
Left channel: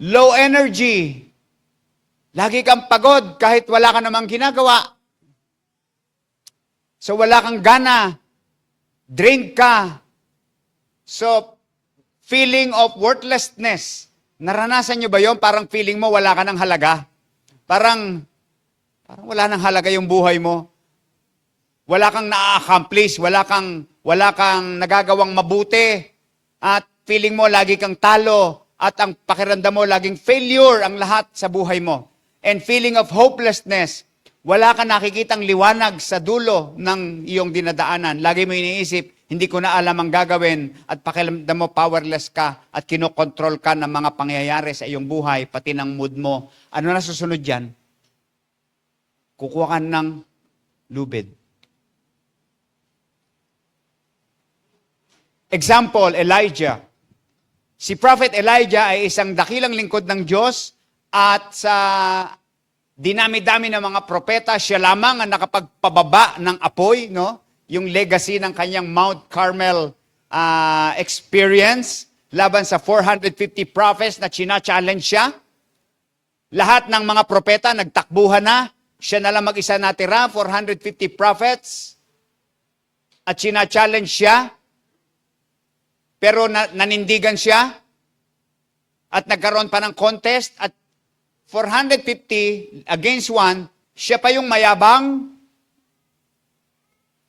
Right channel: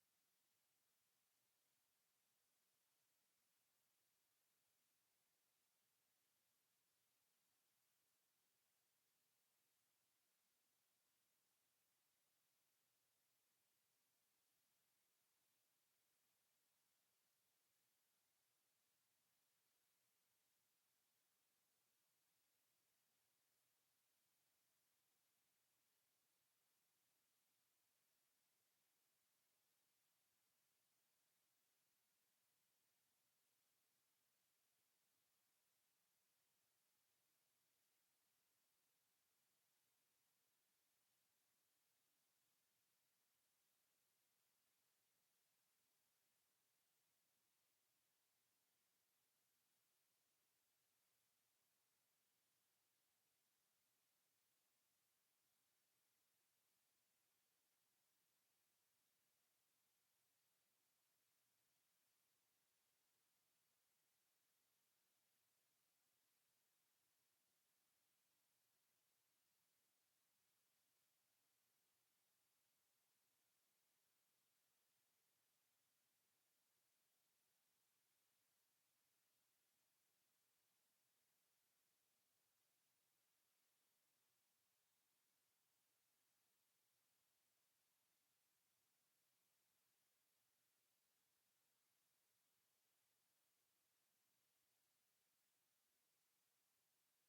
Low energy. Lagi kang pagod kahit wala ka namang ginagawa. So wala kang gana. Drained ka. So, feeling of worthlessness. Naranasan nyo ba yon? Parang feeling mo wala ka ng halaga. Parang wala nang halaga yung buhay mo. Wala kang na-accomplish. Wala kang nagagawang mabuti. At feeling mo lagi kang talo. At ang pakiramdam mo laging failure ang lahat sa buhay mo. And feeling of hopelessness. Wala kang nakikitang liwanag sa dulo ng iyong dinadaanan. Lagi mo iniisip, hindi ko na alam ang gagawin at pakiramdam mo powerless ka at kinokontrol ka ng mga pangyayari sa iyong buhay, pati ng mood mo. Ano na susunod dyan? Kukuha ka ng lubid. Example, Elijah. Si Prophet Elijah ay isang dakilang lingkod ng Diyos at sa dinami-dami ng mga propeta, siya lamang ang nakapagpababa ng apoy, no? Yung legacy ng kanyang Mount Carmel experience laban sa 450 prophets na china-challenge siya. Lahat ng mga propeta nagtakbuhan na. Siya na lang mag-isa natira, 450 prophets. At sina-challenge siya. Pero nanindigan siya. At nagkaroon pa ng contest. At 450 against 1, siya pa yung mayabang.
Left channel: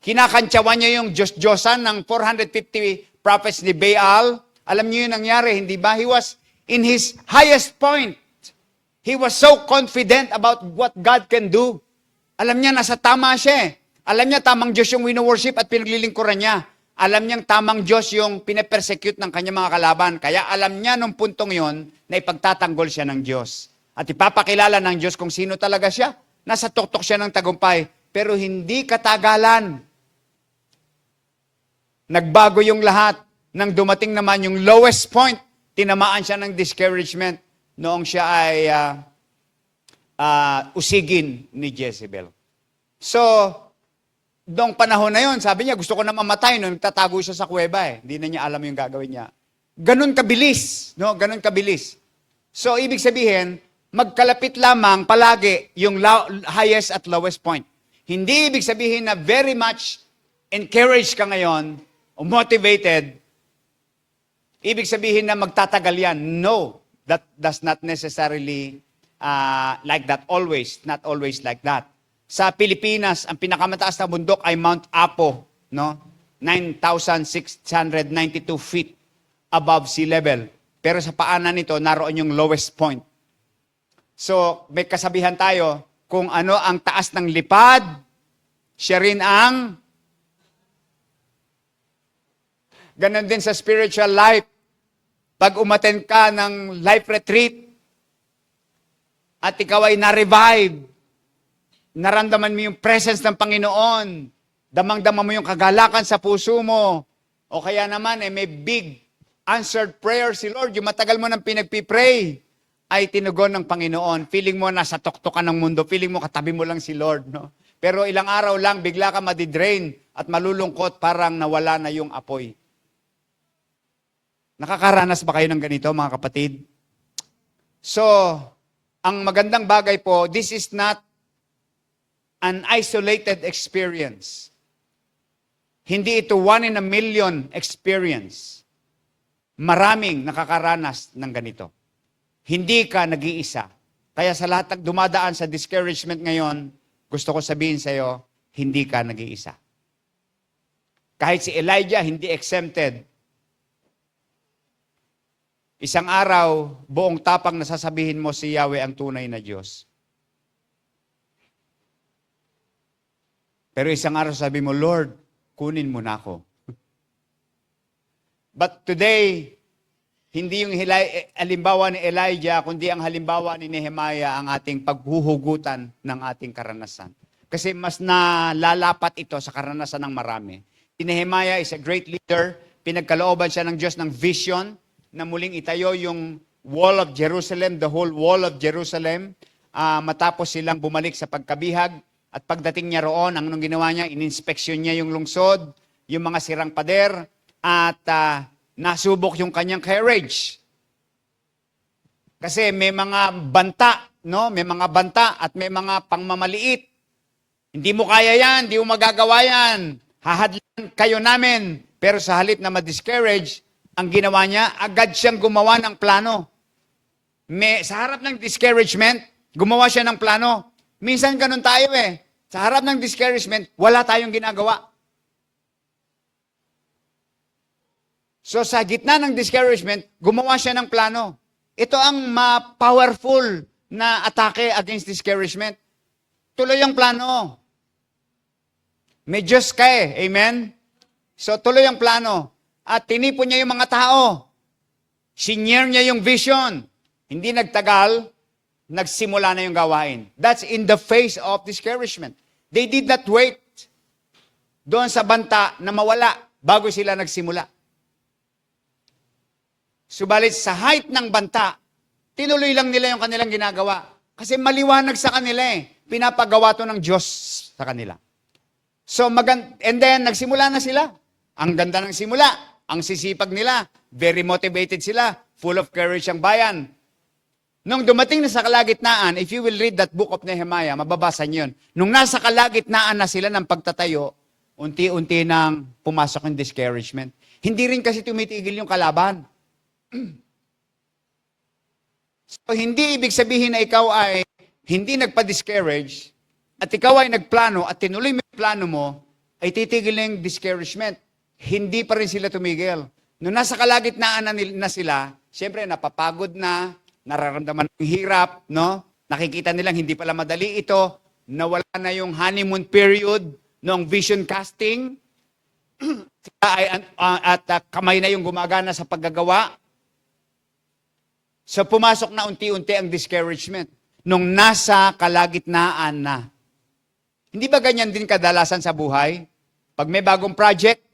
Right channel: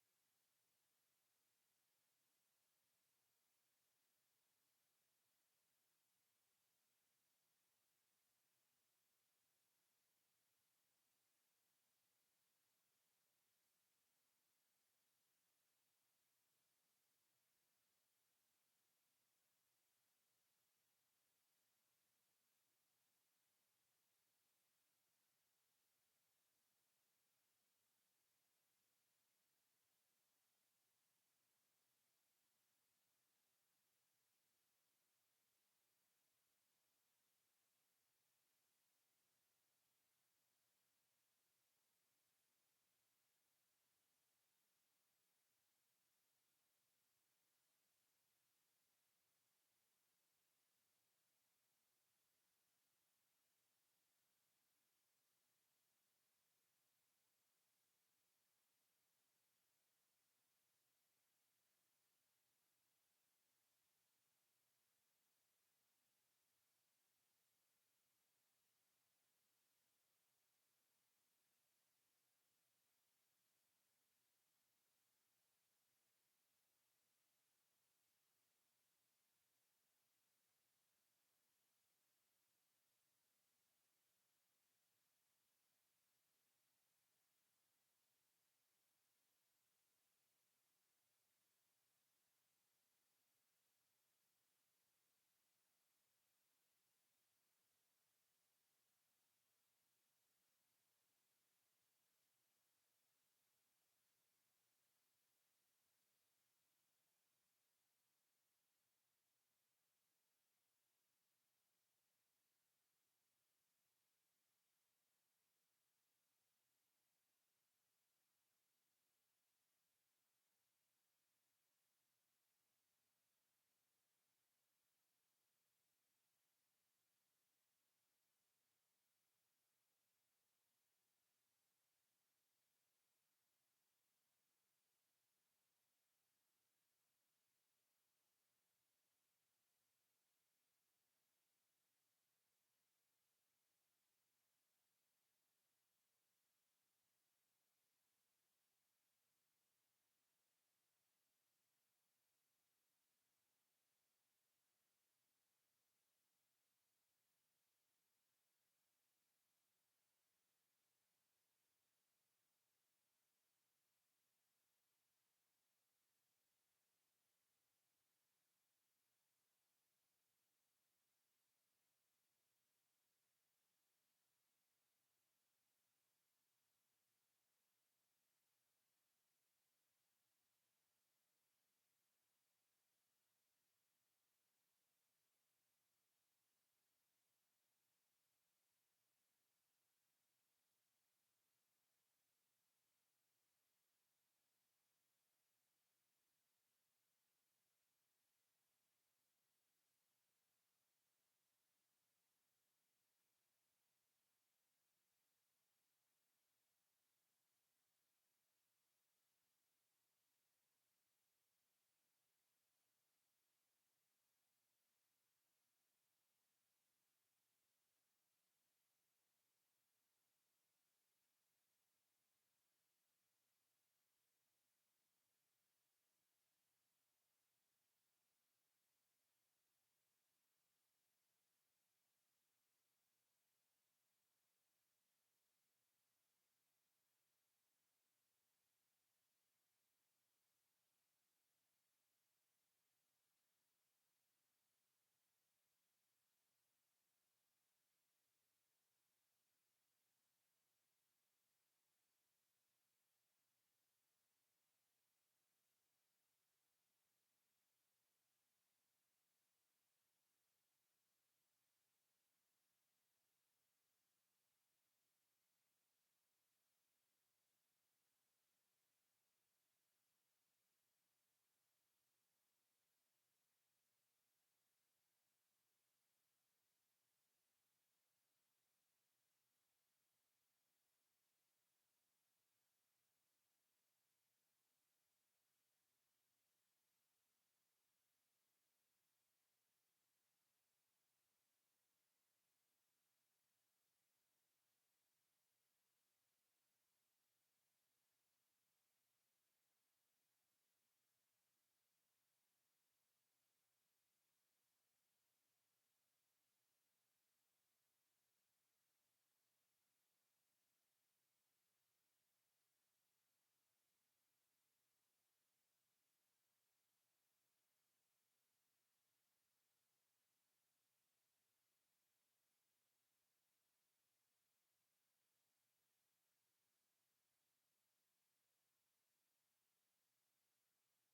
Kinakantsawan niya yung Diyos-Diyosan ng 450 prophets ni Baal. Alam niyo yung nangyari, hindi ba? He was in his highest point. He was so confident about what God can do. Alam niya, nasa tama siya eh. Alam niya, tamang Diyos yung wino-worship at pinaglilingkuran niya. Alam niyang tamang Diyos yung pinapersecute ng kanyang mga kalaban. Kaya alam niya nung puntong yon na ipagtatanggol siya ng Diyos. At ipapakilala ng Diyos kung sino talaga siya. Nasa tuktok siya ng tagumpay. Pero hindi katagalan. Nagbago yung lahat. Nang dumating naman yung lowest point, tinamaan siya ng discouragement noong siya ay usigin ni Jezebel. So, noong panahon na yon, sabi niya, gusto ko na mamatay. No? Nagtatago siya sa kuweba eh. Hindi na niya alam yung gagawin niya. Ganun kabilis. No? Ganun kabilis. So, ibig sabihin, magkalapit lamang palagi yung highest at lowest point. Hindi ibig sabihin na very much encouraged ka ngayon o motivated. Ibig sabihin na magtatagal yan. No, that does not necessarily like that always. Not always like that. Sa Pilipinas, ang pinakamataas na bundok ay Mount Apo, no? 9,692 feet above sea level. Pero sa paanan nito, naroon yung lowest point. So, may kasabihan tayo, kung ano ang taas ng lipad, siya rin ang ganon din sa spiritual life. Pag umattend ka ng life retreat at ikaw ay na-revive, naramdaman mo yung presence ng Panginoon, damang-dama mo yung kagalakan sa puso mo, o kaya naman may big answered prayer si Lord, yung matagal mo nang pinagpipray, ay tinugon ng Panginoon. Feeling mo nasa tuktok ka ng mundo, feeling mo katabi mo lang si Lord. No? Pero ilang araw lang, bigla ka madidrain at malulungkot, parang nawala na yung apoy. Nakakaranas ba kayo ng ganito, mga kapatid? So, ang magandang bagay po, this is not an isolated experience. Hindi ito 1 in a million experience. Maraming nakakaranas ng ganito. Hindi ka nag-iisa. Kaya sa lahat ng dumadaan sa discouragement ngayon, gusto ko sabihin sa iyo, hindi ka nag-iisa. Kahit si Elijah, hindi exempted. Isang araw, buong tapang nasasabihin mo si Yahweh ang tunay na Diyos. Pero isang araw sabi mo, Lord, kunin mo na ako. But today, hindi yung halimbawa ni Elijah, kundi ang halimbawa ni Nehemiah ang ating paghuhugutan ng ating karanasan. Kasi mas nalalapat ito sa karanasan ng marami. Si Nehemiah is a great leader. Pinagkalooban siya ng Diyos ng vision na muling itayo yung wall of Jerusalem, the whole wall of Jerusalem, matapos silang bumalik sa pagkabihag. At pagdating niya roon, ang anong ginawa niya, ininspeksyon niya yung lungsod, yung mga sirang pader, at nasubok yung kanyang courage. Kasi may mga banta, no? May mga banta at may mga pangmamaliit. Hindi mo kaya yan, hindi mo magagawa yan. Hahadlan kayo namin. Pero sa halip na ma-discourage, ang ginawa niya, agad siyang gumawa ng plano. Sa harap ng discouragement, gumawa siya ng plano. Minsan ganun tayo eh. Sa harap ng discouragement, wala tayong ginagawa. So sa gitna ng discouragement, gumawa siya ng plano. Ito ang ma-powerful na atake against discouragement. Tuloy ang plano. May Diyos ka eh. Amen? So tuloy ang plano. At tinipon niya yung mga tao. Senior niya yung vision. Hindi nagtagal, nagsimula na yung gawain. That's in the face of discouragement. They did not wait doon sa banta na mawala bago sila nagsimula. Subalit sa height ng banta, tinuloy lang nila yung kanilang ginagawa. Kasi maliwanag sa kanila eh. Pinapagawa to ng Diyos sa kanila. So, and then, nagsimula na sila. Ang ganda ng simula. Ang sisipag nila. Very motivated sila. Full of courage ang bayan. Nung dumating na sa kalagitnaan, if you will read that book of Nehemiah, mababasa niyo yun. Nung nasa kalagitnaan na sila ng pagtatayo, unti-unti nang pumasok yung discouragement. Hindi rin kasi tumitigil yung kalaban. So, hindi ibig sabihin na ikaw ay hindi nagpa-discourage at ikaw ay nagplano at tinuloy mo yung plano mo, ay titigil na yung discouragement. Hindi pa rin sila tumigil. Nung nasa kalagitnaan na sila, siyempre napapagod na, nararamdaman ng hirap, no? Nakikita nilang hindi pala madali ito, nawala na yung honeymoon period noong vision casting, kamay na yung gumagana sa paggagawa. So pumasok na unti-unti ang discouragement nung nasa kalagitnaan na. Hindi ba ganyan din kadalasan sa buhay? Pag may bagong project,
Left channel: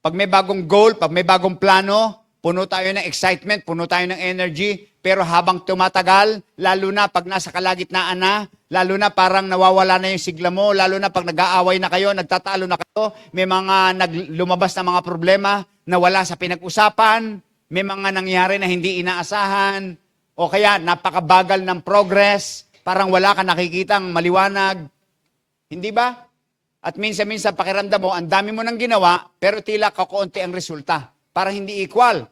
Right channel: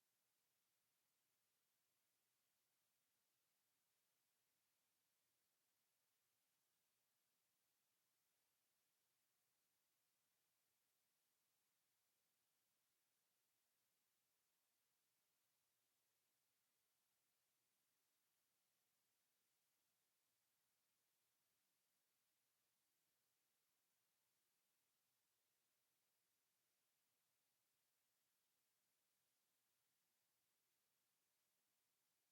pag may bagong goal, pag may bagong plano, puno tayo ng excitement, puno tayo ng energy, pero habang tumatagal, lalo na pag nasa kalagitnaan na, lalo na parang nawawala na yung sigla mo, lalo na pag nag-aaway na kayo, nagtatalo na kayo, may mga lumabas na mga problema na wala sa pinag-usapan, may mga nangyari na hindi inaasahan, o kaya napakabagal ng progress, parang wala ka nakikitang maliwanag. Hindi ba? At minsan-minsan pakiramdam mo, ang dami mo nang ginawa, pero tila kakaunti ang resulta. Parang hindi equal.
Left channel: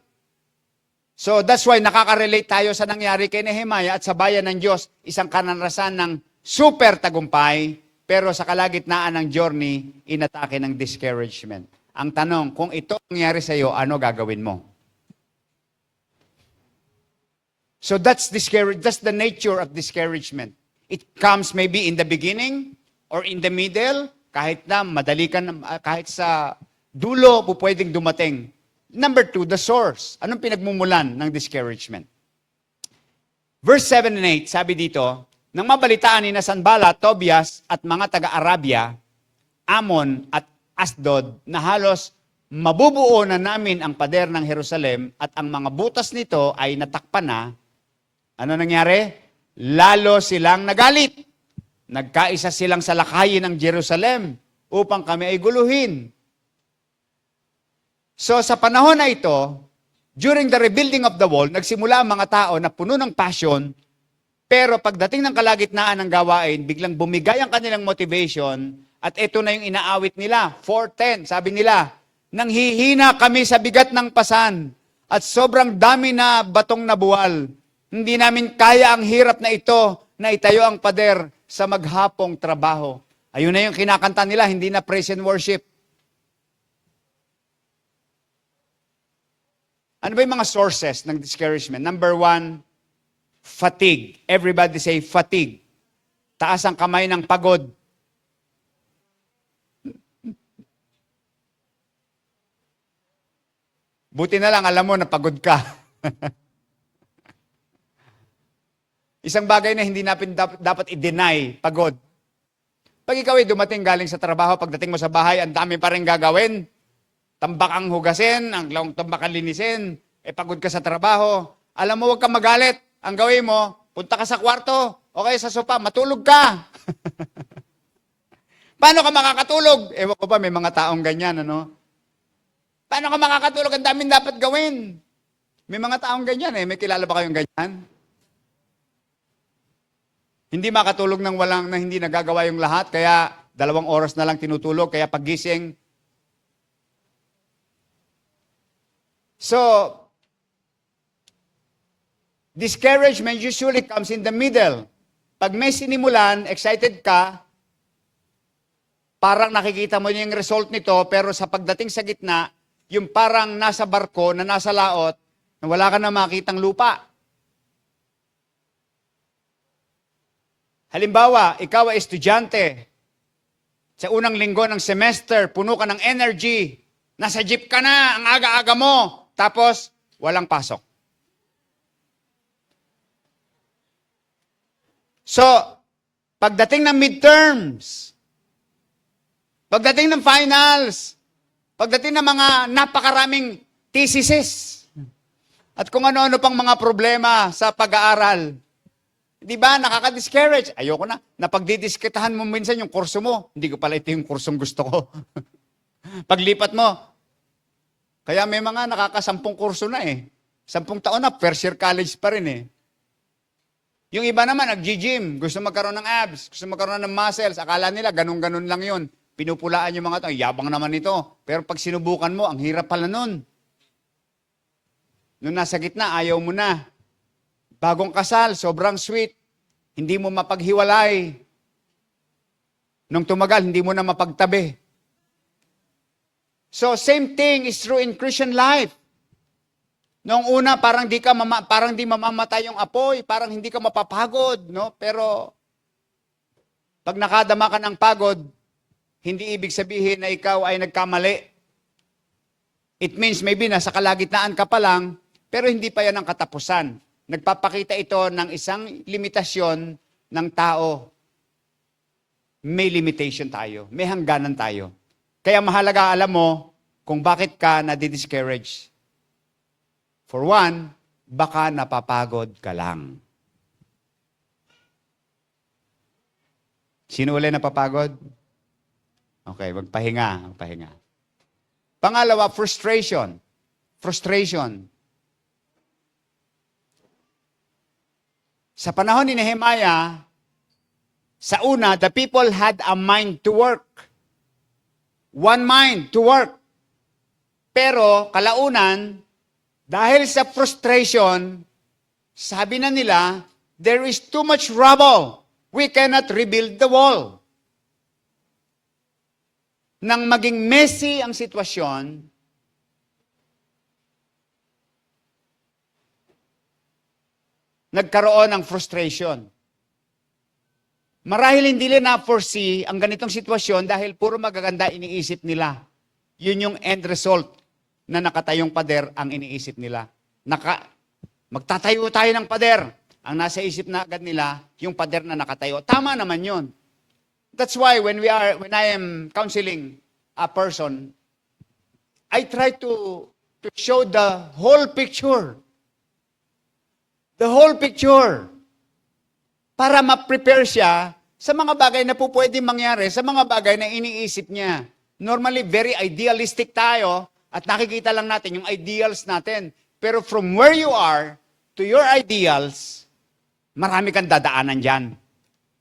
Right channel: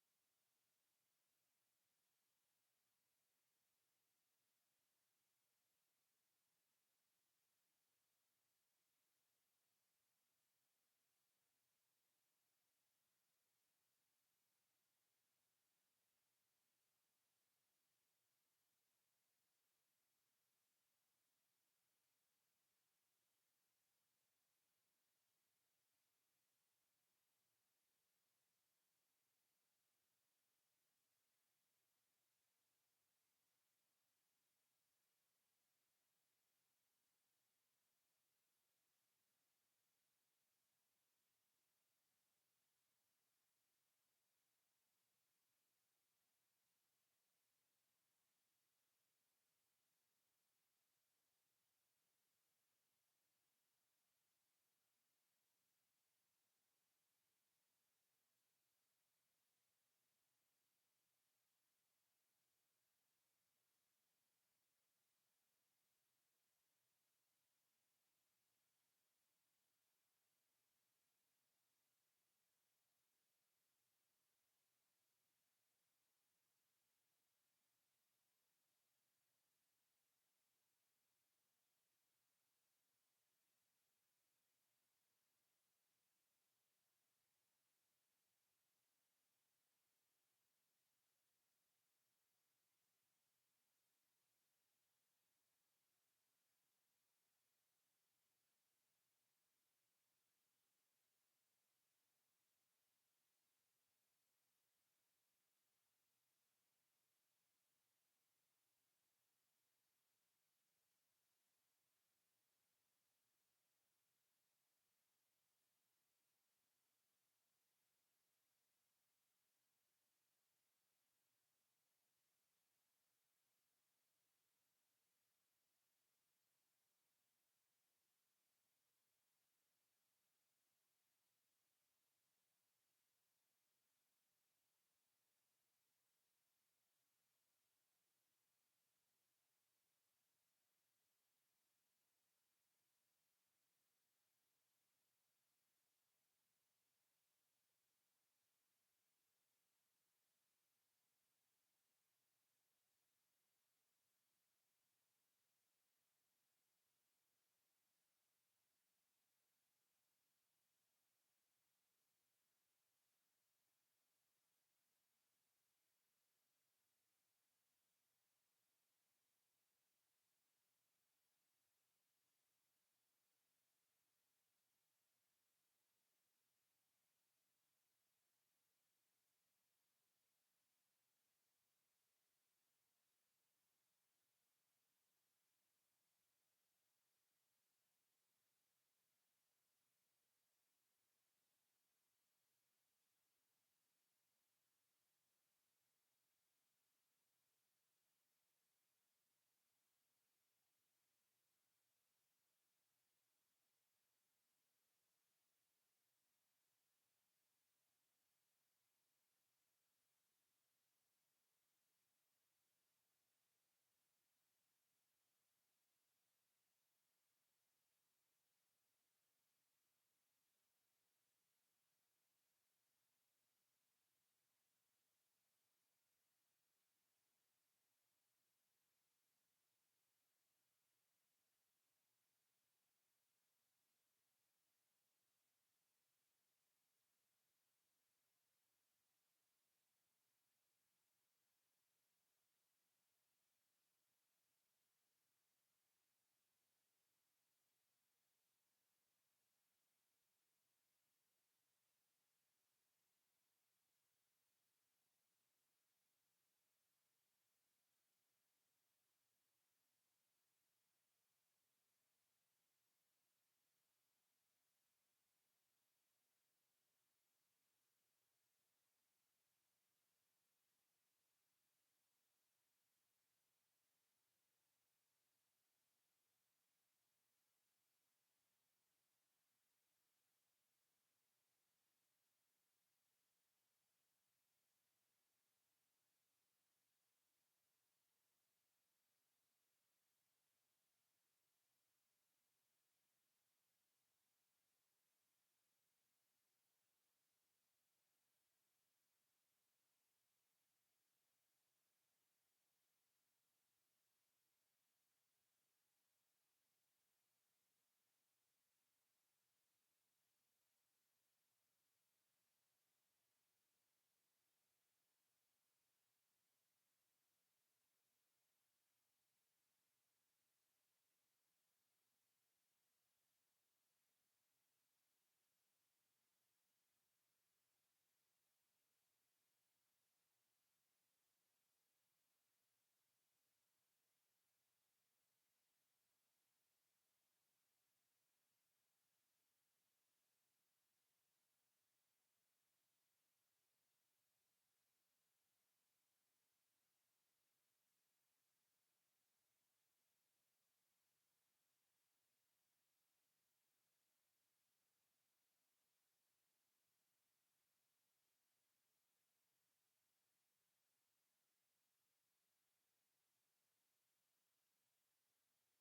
So that's why nakaka-relate tayo sa nangyari kay Nehemiah at sa bayan ng Diyos, isang kanarasan ng super tagumpay, pero sa kalagitnaan ng journey, inatake ng discouragement. Ang tanong, kung ito nangyari sa iyo, ano gagawin mo? So that's the nature of discouragement. It comes maybe in the beginning or in the middle, kahit na madali ka, kahit sa dulo po pwedeng dumating. Number 2, the source. Anong pinagmumulan ng discouragement? Verse 7 and 8, sabi dito, nang mabalitaan ni Sanballat, Tobias at mga taga-Arabia, Ammon at Asdod, na halos mabubuo na namin ang pader ng Jerusalem at ang mga butas nito ay natakpan na, ano nangyari? Lalo silang nagalit. Nagkaisa silang salakayin ng Jerusalem upang kami ay guluhin. So sa panahon na ito, during the rebuilding of the wall, nagsimula ang mga tao na puno ng passion, pero pagdating ng kalagitnaan ng gawain, biglang bumigay ang kanilang motivation, at ito na yung inaawit nila. 4:10, sabi nila, nanghihina kami sa bigat ng pasan, at sobrang dami na batong nabuwal. Hindi namin kaya ang hirap na ito, na itayo ang pader sa maghapong trabaho. Ayun na yung kinakanta nila, hindi na praise and worship. Ano ba yung mga sources ng discouragement? Number 1, fatigue. Everybody say fatigue. Taas ang kamay ng pagod. Buti na lang, alam mo na pagod ka. Isang bagay na hindi natin dapat i-deny, pagod. Pag ikaw ay dumating galing sa trabaho, pagdating mo sa bahay, ang dami pa rin gagawin. Tambak ang hugasin, ang tambak ang linisin, pagod ka sa trabaho. Alam mo, huwag kang magalit. Ang gawin mo, punta ka sa kwarto, o kaya sa sopa, matulog ka. Paano ka makakatulog? Ewan ko ba, may mga taong ganyan, ano? Paano ka makakatulog? Ang daming dapat gawin. May mga taong ganyan, May kilala ba kayong ganyan? Hindi makatulog ng walang na hindi nagagawa yung lahat, kaya 2 oras na lang tinutulog, kaya paggising. So, discouragement usually comes in the middle. Pag may sinimulan, excited ka, parang nakikita mo yung result nito, pero sa pagdating sa gitna, yung parang nasa barko, na nasa laot, na wala ka na makitang lupa. Halimbawa, ikaw ay estudyante. Sa unang linggo ng semester, puno ka ng energy. Nasa jeep ka na, ang aga-aga mo. Tapos, walang pasok. So, pagdating ng midterms, pagdating ng finals, pagdating ng mga napakaraming theses, at kung ano-ano pang mga problema sa pag-aaral, di ba, nakaka-discourage. Ayoko na. Napagdidiskitahan mo minsan yung kurso mo. Hindi ko pala ito yung kursong gusto ko. Paglipat mo, kaya may mga nakaka-10 kurso na 10 taon na, first year college pa rin Yung iba naman, nag-gym, gusto magkaroon ng abs, gusto magkaroon ng muscles, akala nila ganun-ganun lang yun. Pinupulaan yung mga to, yabang naman ito. Pero pag sinubukan mo, ang hirap pala nun. Nung nasa gitna, ayaw mo na. Bagong kasal, sobrang sweet. Hindi mo mapaghiwalay. Nung tumagal, hindi mo na mapagtabi. So, same thing is true in Christian life. Noong una, parang di mamamatay yung apoy, parang hindi ka mapapagod, no? Pero, pag nakadama ka ng pagod, hindi ibig sabihin na ikaw ay nagkamali. It means maybe nasa kalagitnaan ka pa lang, pero hindi pa yan ang katapusan. Nagpapakita ito ng isang limitasyon ng tao. May limitation tayo. May hangganan tayo. Kaya mahalaga alam mo kung bakit ka nadi-discourage. For one, baka napapagod ka lang. Sino ulit napapagod? Okay, magpahinga. Pangalawa, frustration. Frustration. Sa panahon ni Nehemiah, sa una, the people had a mind to work. One mind to work. Pero kalaunan, dahil sa frustration, sabi na nila, there is too much rubble. We cannot rebuild the wall. Nang maging messy ang sitwasyon, nagkaroon ng frustration. Marahil hindi nila na-foresee ang ganitong sitwasyon dahil puro magaganda iniisip nila. Yun yung end result na nakatayong pader ang iniisip nila. Magtatayo tayo ng pader. Ang nasa isip na agad nila, yung pader na nakatayo. Tama naman yun. That's why when I am counseling a person, I try to show the whole picture. The whole picture. Para ma-prepare siya sa mga bagay na po pwedeng mangyari, sa mga bagay na iniisip niya. Normally, very idealistic tayo at nakikita lang natin yung ideals natin. Pero from where you are to your ideals, marami kang dadaanan dyan.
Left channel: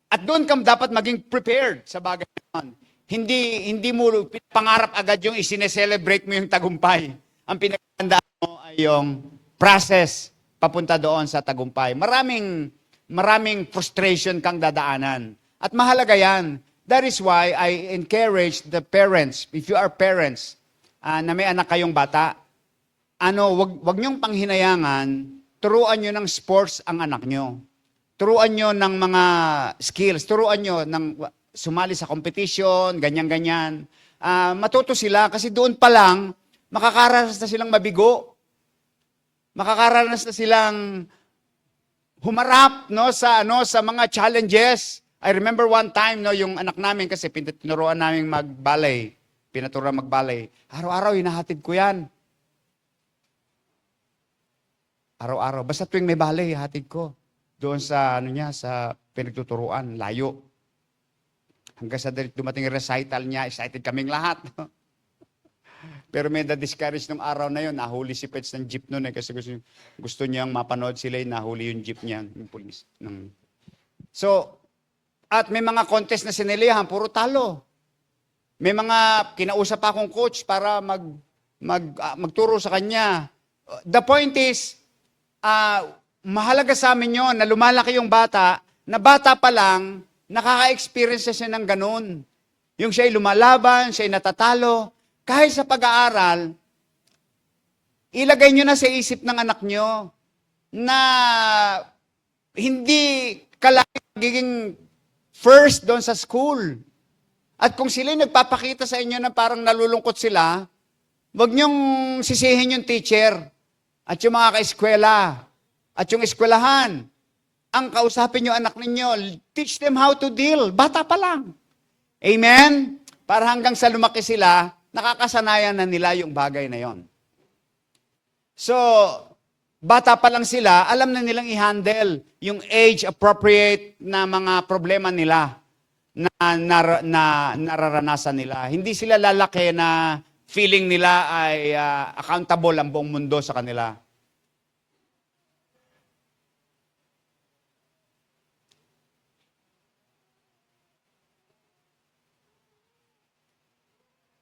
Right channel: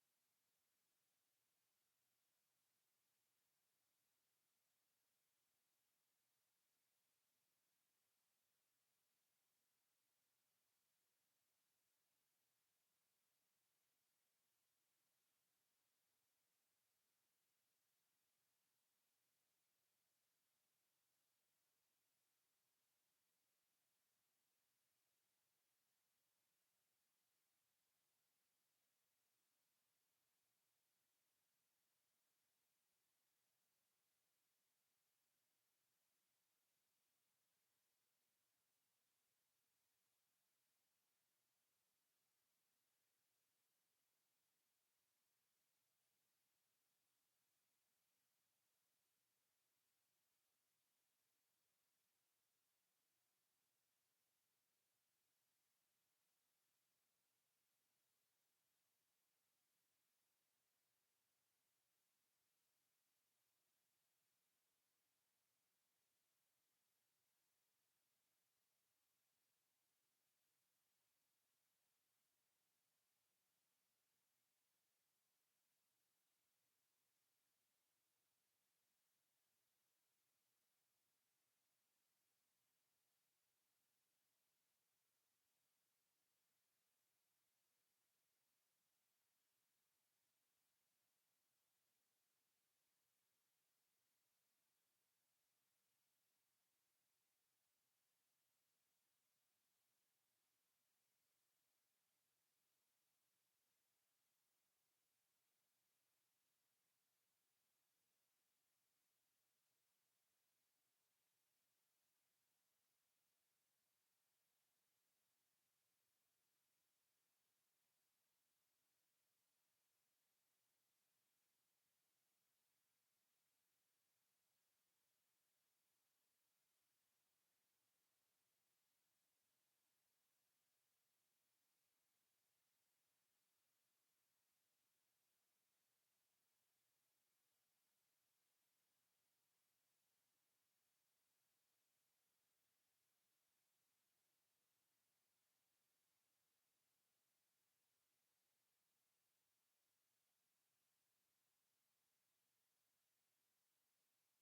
At doon ka dapat maging prepared sa bagay na Hindi mo pangarap agad yung isineselebrate mo yung tagumpay. Ang pinagandaan mo ay yung process papunta doon sa tagumpay. Maraming frustration kang dadaanan. At mahalaga yan. That is why I encourage the parents, if you are parents, na may anak kayong bata, wag niyong panghinayangan, turuan niyo ng sports ang anak niyo. Turuan niyo ng mga skills, turuan niyo ng sumali sa competition, ganyan-ganyan. Matuto sila kasi doon pa lang, makakaranas na silang mabigo. Makakaranas na silang humarap sa mga challenges. I remember one time yung anak namin kasi tinuruan namin mag-ballet. Pinaturuan mag-ballet. Araw-araw hinahatid ko 'yan. Araw-araw basta tuwing may ballet hatid ko. Doon sa sa pinagtuturuan, layo. Hanggang sa dumating yung recital niya, excited kaming lahat. Pero may na-discourage nung araw na yun, nahuli si Pets ng jeep noon kasi gusto niyang mapanood sila, nahuli yung jeep niya, yung police. So, at may mga contest na sinilihan, puro talo. May mga kinausap akong coach para magturo sa kanya. The point is, mahalaga sa amin yun na lumalaki yung bata, na bata pa lang, nakaka-experience siya ng ganun. Yung siya'y lumalaban, siya'y natatalo. Kahit sa pag-aaral, ilagay nyo na sa isip ng anak nyo na hindi ka lagi magiging first doon sa school. At kung sila'y nagpapakita sa inyo na parang nalulungkot sila, huwag nyong sisihin yung teacher at yung mga kaeskwela at yung eskwelahan. Ang kausapin nyo anak ninyo, teach them how to deal. Bata pa lang. Amen? Para hanggang sa lumaki sila, nakakasanayan na nila yung bagay na yon. So, bata pa lang sila, alam na nilang i-handle yung age-appropriate na mga problema nila na nararanasan nila. Hindi sila lalaki na feeling nila ay accountable ang buong mundo sa kanila.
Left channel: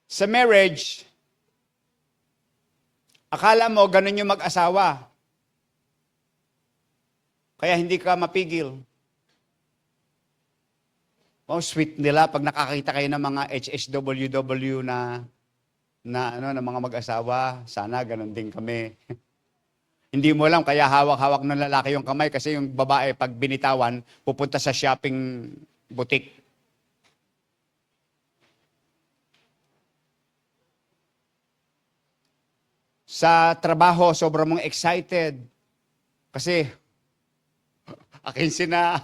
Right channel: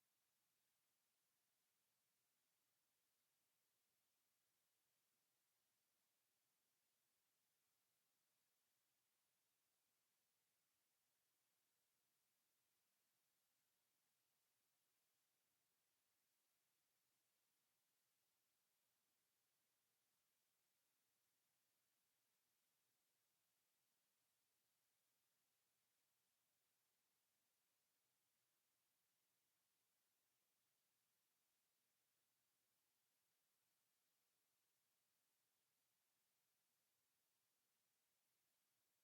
Sa marriage, akala mo ganun yung mag-asawa. Kaya hindi ka mapigil. Oh, sweet nila pag nakakita kayo ng mga HSWW na mga mag-asawa. Sana ganun din kami. Hindi mo alam, kaya hawak-hawak ng lalaki yung kamay kasi yung babae pag binitawan, pupunta sa shopping boutique. Sa trabaho, sobrang mong excited. Kasi, akin sina.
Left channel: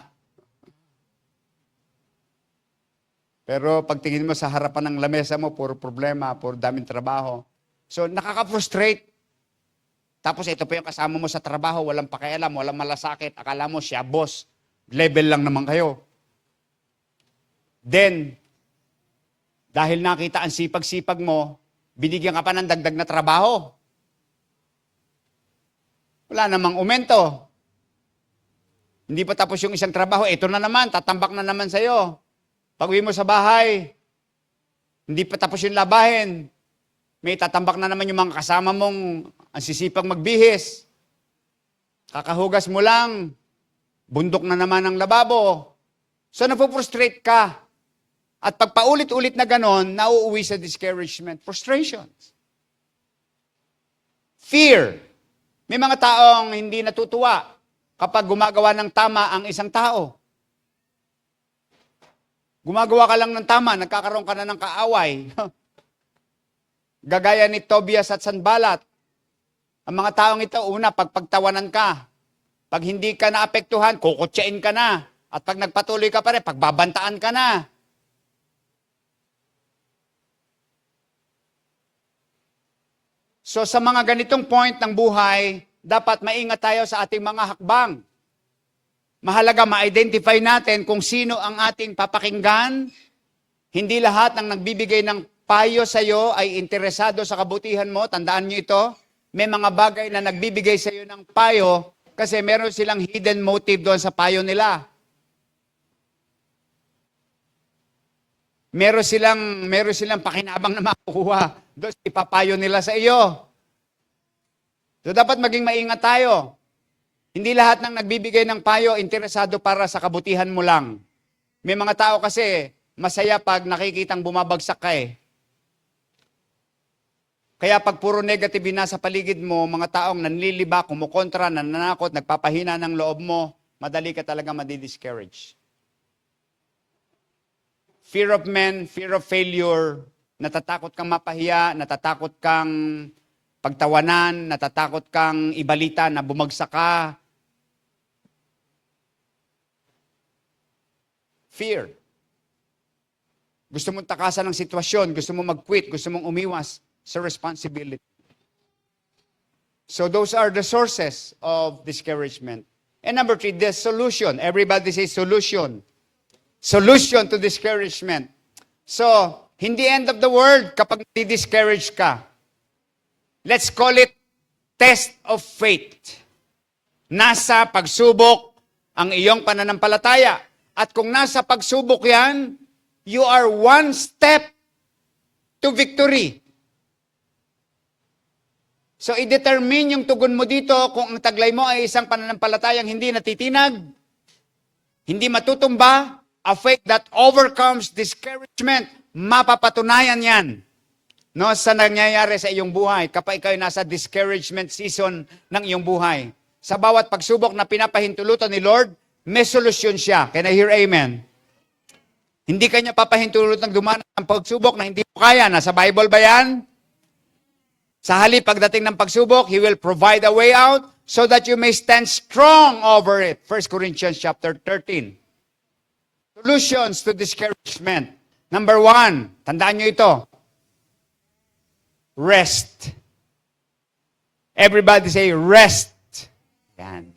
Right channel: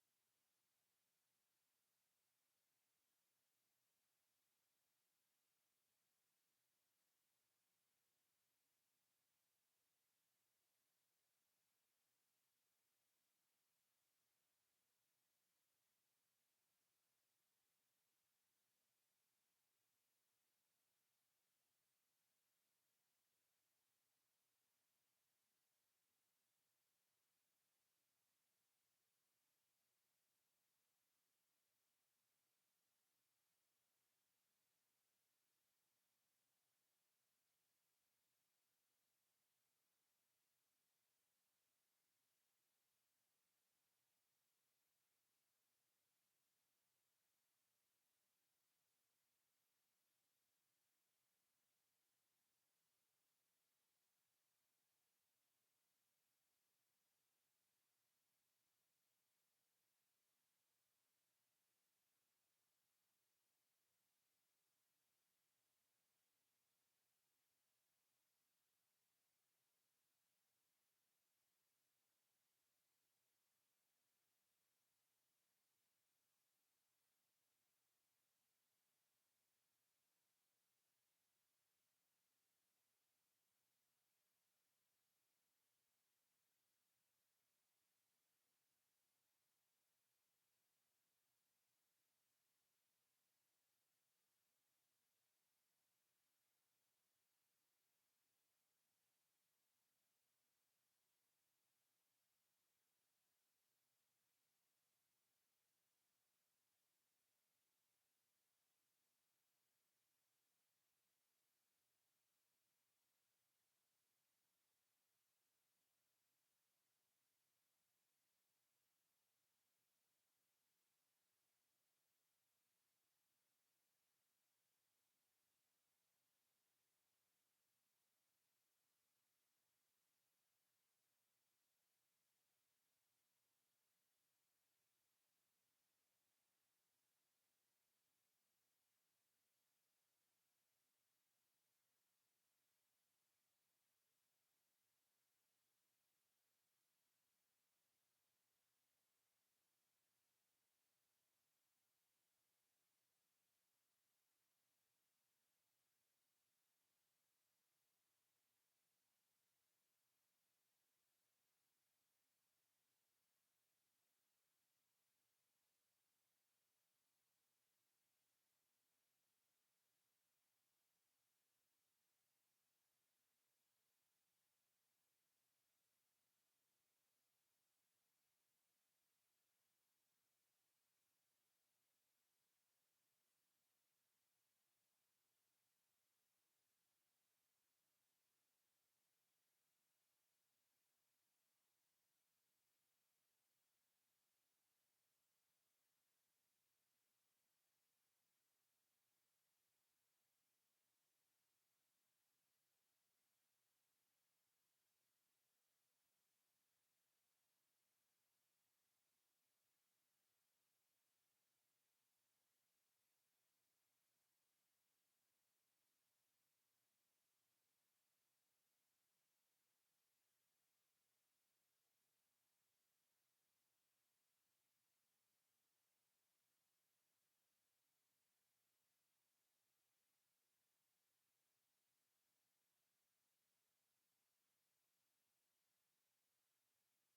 Pero pagtingin mo sa harapan ng lamesa mo, puro problema, puro daming trabaho. So, nakaka-frustrate. Tapos ito pa yung kasama mo sa trabaho, walang pakialam, walang malasakit. Akala mo siya boss, level lang naman kayo. Then, dahil nakita ang sipag-sipag mo, binigyan ka pa ng dagdag na trabaho. Wala namang umento. Hindi pa tapos yung isang trabaho, ito na naman, tatambak na naman sa'yo. Pag-uwi mo sa bahay, hindi pa tapos yung labahin. May tatambak na naman yung mga kasama mong ang sisipag magbihis. Kakahugas mo lang, bundok na naman ang lababo. So napuprustrate ka. At pag paulit-ulit na ganon, nauuwi sa discouragement, frustrations. Fear. May mga taong hindi natutuwa kapag gumagawa ng tama ang isang tao. Gumagawa ka lang ng tama, nagkakaroon ka na ng kaaway. Gagaya ni Tobias at Sanballat. Ang mga taong ito, una, pagtawanan ka. Pag hindi ka naapektuhan, kukutsain ka na. At pag nagpatuloy ka pa rin, pagbabantaan ka na. So sa mga ganitong point ng buhay, dapat maingat tayo sa ating mga hakbang. Mahalaga ma-identify natin kung sino ang ating papakinggan. Hindi lahat ng nagbibigay ng payo sa iyo ay interesado sa kabutihan mo. Tandaan niyo ito. May mga bagay na nagbibigay sa iyo ng payo kasi meron silang hidden motive doon sa payo nila. Meron silang pakinabang na makukuha doon sa ipapayo nila sa iyo. So dapat maging maingat tayo. Hindi lahat ng nagbibigay ng payo interesado para sa kabutihan mo lang. May mga tao kasi masaya pag nakikitang bumabagsak ka eh. Kaya pag puro negative na sa paligid mo, mga taong nanliliba, kumukontra, nananakot, nagpapahina ng loob mo, madali ka talaga madi-discourage. Fear of men, fear of failure, natatakot kang mapahiya, natatakot kang pagtawanan, natatakot kang ibalita na bumagsak ka. Fear. Gusto mong takasan ng sitwasyon, gusto mong mag-quit, gusto mong umiwas sa responsibility. So those are the sources of discouragement. And number 3, the solution. Everybody say solution. Solution to discouragement. So, hindi end of the world kapag di-discourage ka. Let's call it test of faith. Nasa pagsubok ang iyong pananampalataya. At kung nasa pagsubok yan, you are one step to victory. So, i-determine yung tugon mo dito kung ang taglay mo ay isang pananampalatayang hindi natitinag, hindi matutumba, a faith that overcomes discouragement. Mapapatunayan yan no, sa nangyayari sa iyong buhay kapag ikaw ay nasa discouragement season ng iyong buhay. Sa bawat pagsubok na pinapahintulutan ni Lord, may solusyon siya. Can I hear amen? Hindi kanya papahintulutan dumaan ng pagsubok na hindi mo kaya. Nasa Bible ba yan? Sa halip, pagdating ng pagsubok, He will provide a way out so that you may stand strong over it. 1 Corinthians chapter 13. Solutions to discouragement. Number 1, tandaan nyo ito. Rest. Everybody say rest. Yan.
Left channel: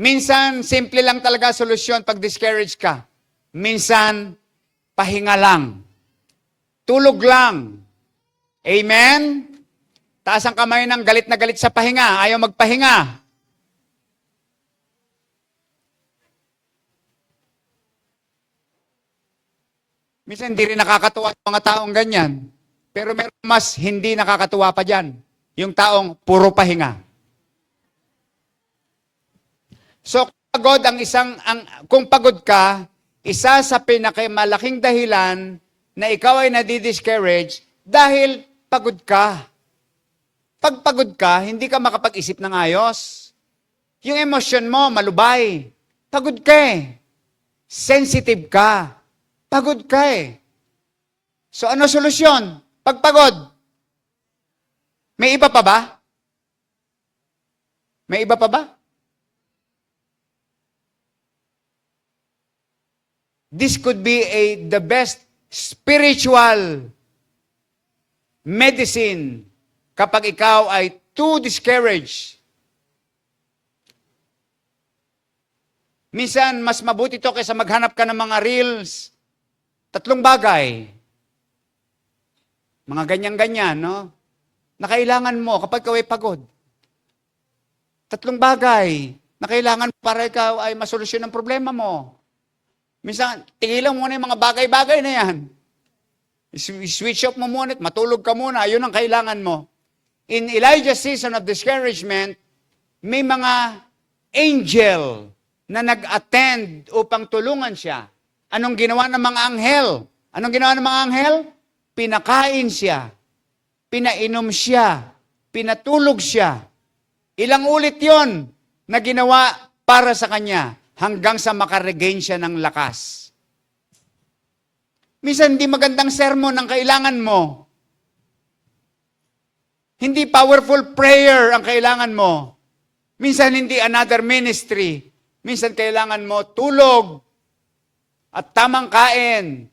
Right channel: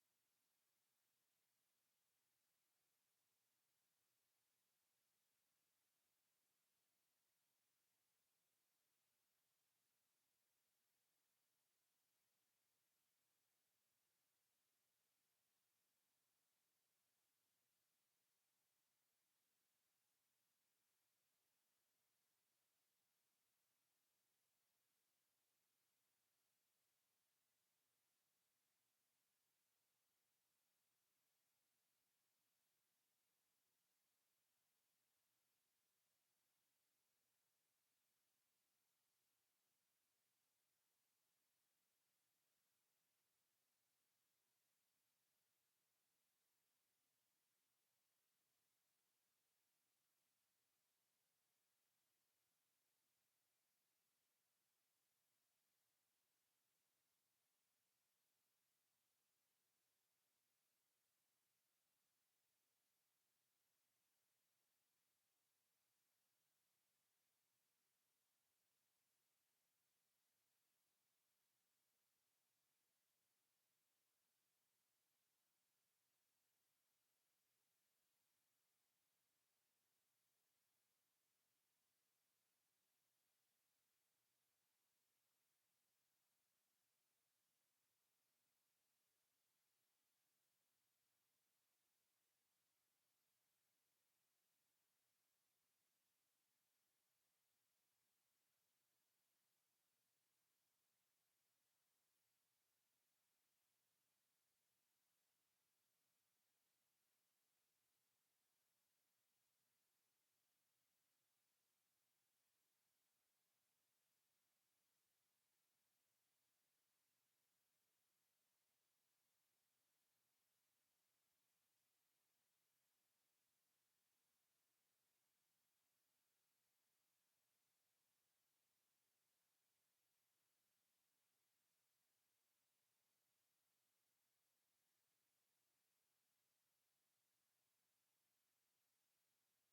Minsan, simple lang talaga solusyon pag discourage ka. Minsan, pahinga lang. Tulog lang. Amen? Taas ang kamay ng galit na galit sa pahinga. Ayaw magpahinga. Minsan hindi rin nakakatuwa ang mga taong ganyan. Pero meron mas hindi nakakatuwa pa dyan. Yung taong puro pahinga. So, kung pagod ka, isa sa pinakamalaking dahilan na ikaw ay nadi-discourage dahil pagod ka. Pag pagod ka, hindi ka makapag-isip ng ayos. Yung emosyon mo, malubay. Pagod ka eh. Sensitive ka. Pagod ka eh. So ano solusyon? Pag pagod, may iba pa ba? May iba pa ba? This could be the best spiritual medicine kapag ikaw ay too discouraged. Minsan, mas mabuti ito kaysa maghanap ka ng mga reels. 3 bagay. Mga ganyan-ganyan, no? Na kailangan mo kapag ikaw ay pagod. 3 bagay na kailangan para ikaw ay masolusyon ang problema mo. Minsan, tigilan mo muna yung mga bagay-bagay na yan. Switch off mo muna, matulog ka muna, yun ang kailangan mo. In Elijah's season of discouragement, may mga angel na nag-attend upang tulungan siya. Anong ginawa ng mga anghel? Anong ginawa ng mga anghel? Pinakain siya, pinainom siya, pinatulog siya. Ilang ulit yon na ginawa para sa kanya hanggang sa makaregain siya ng lakas. Minsan, hindi magandang sermon ang kailangan mo. Hindi powerful prayer ang kailangan mo. Minsan, hindi another ministry. Minsan, kailangan mo tulog at tamang kain.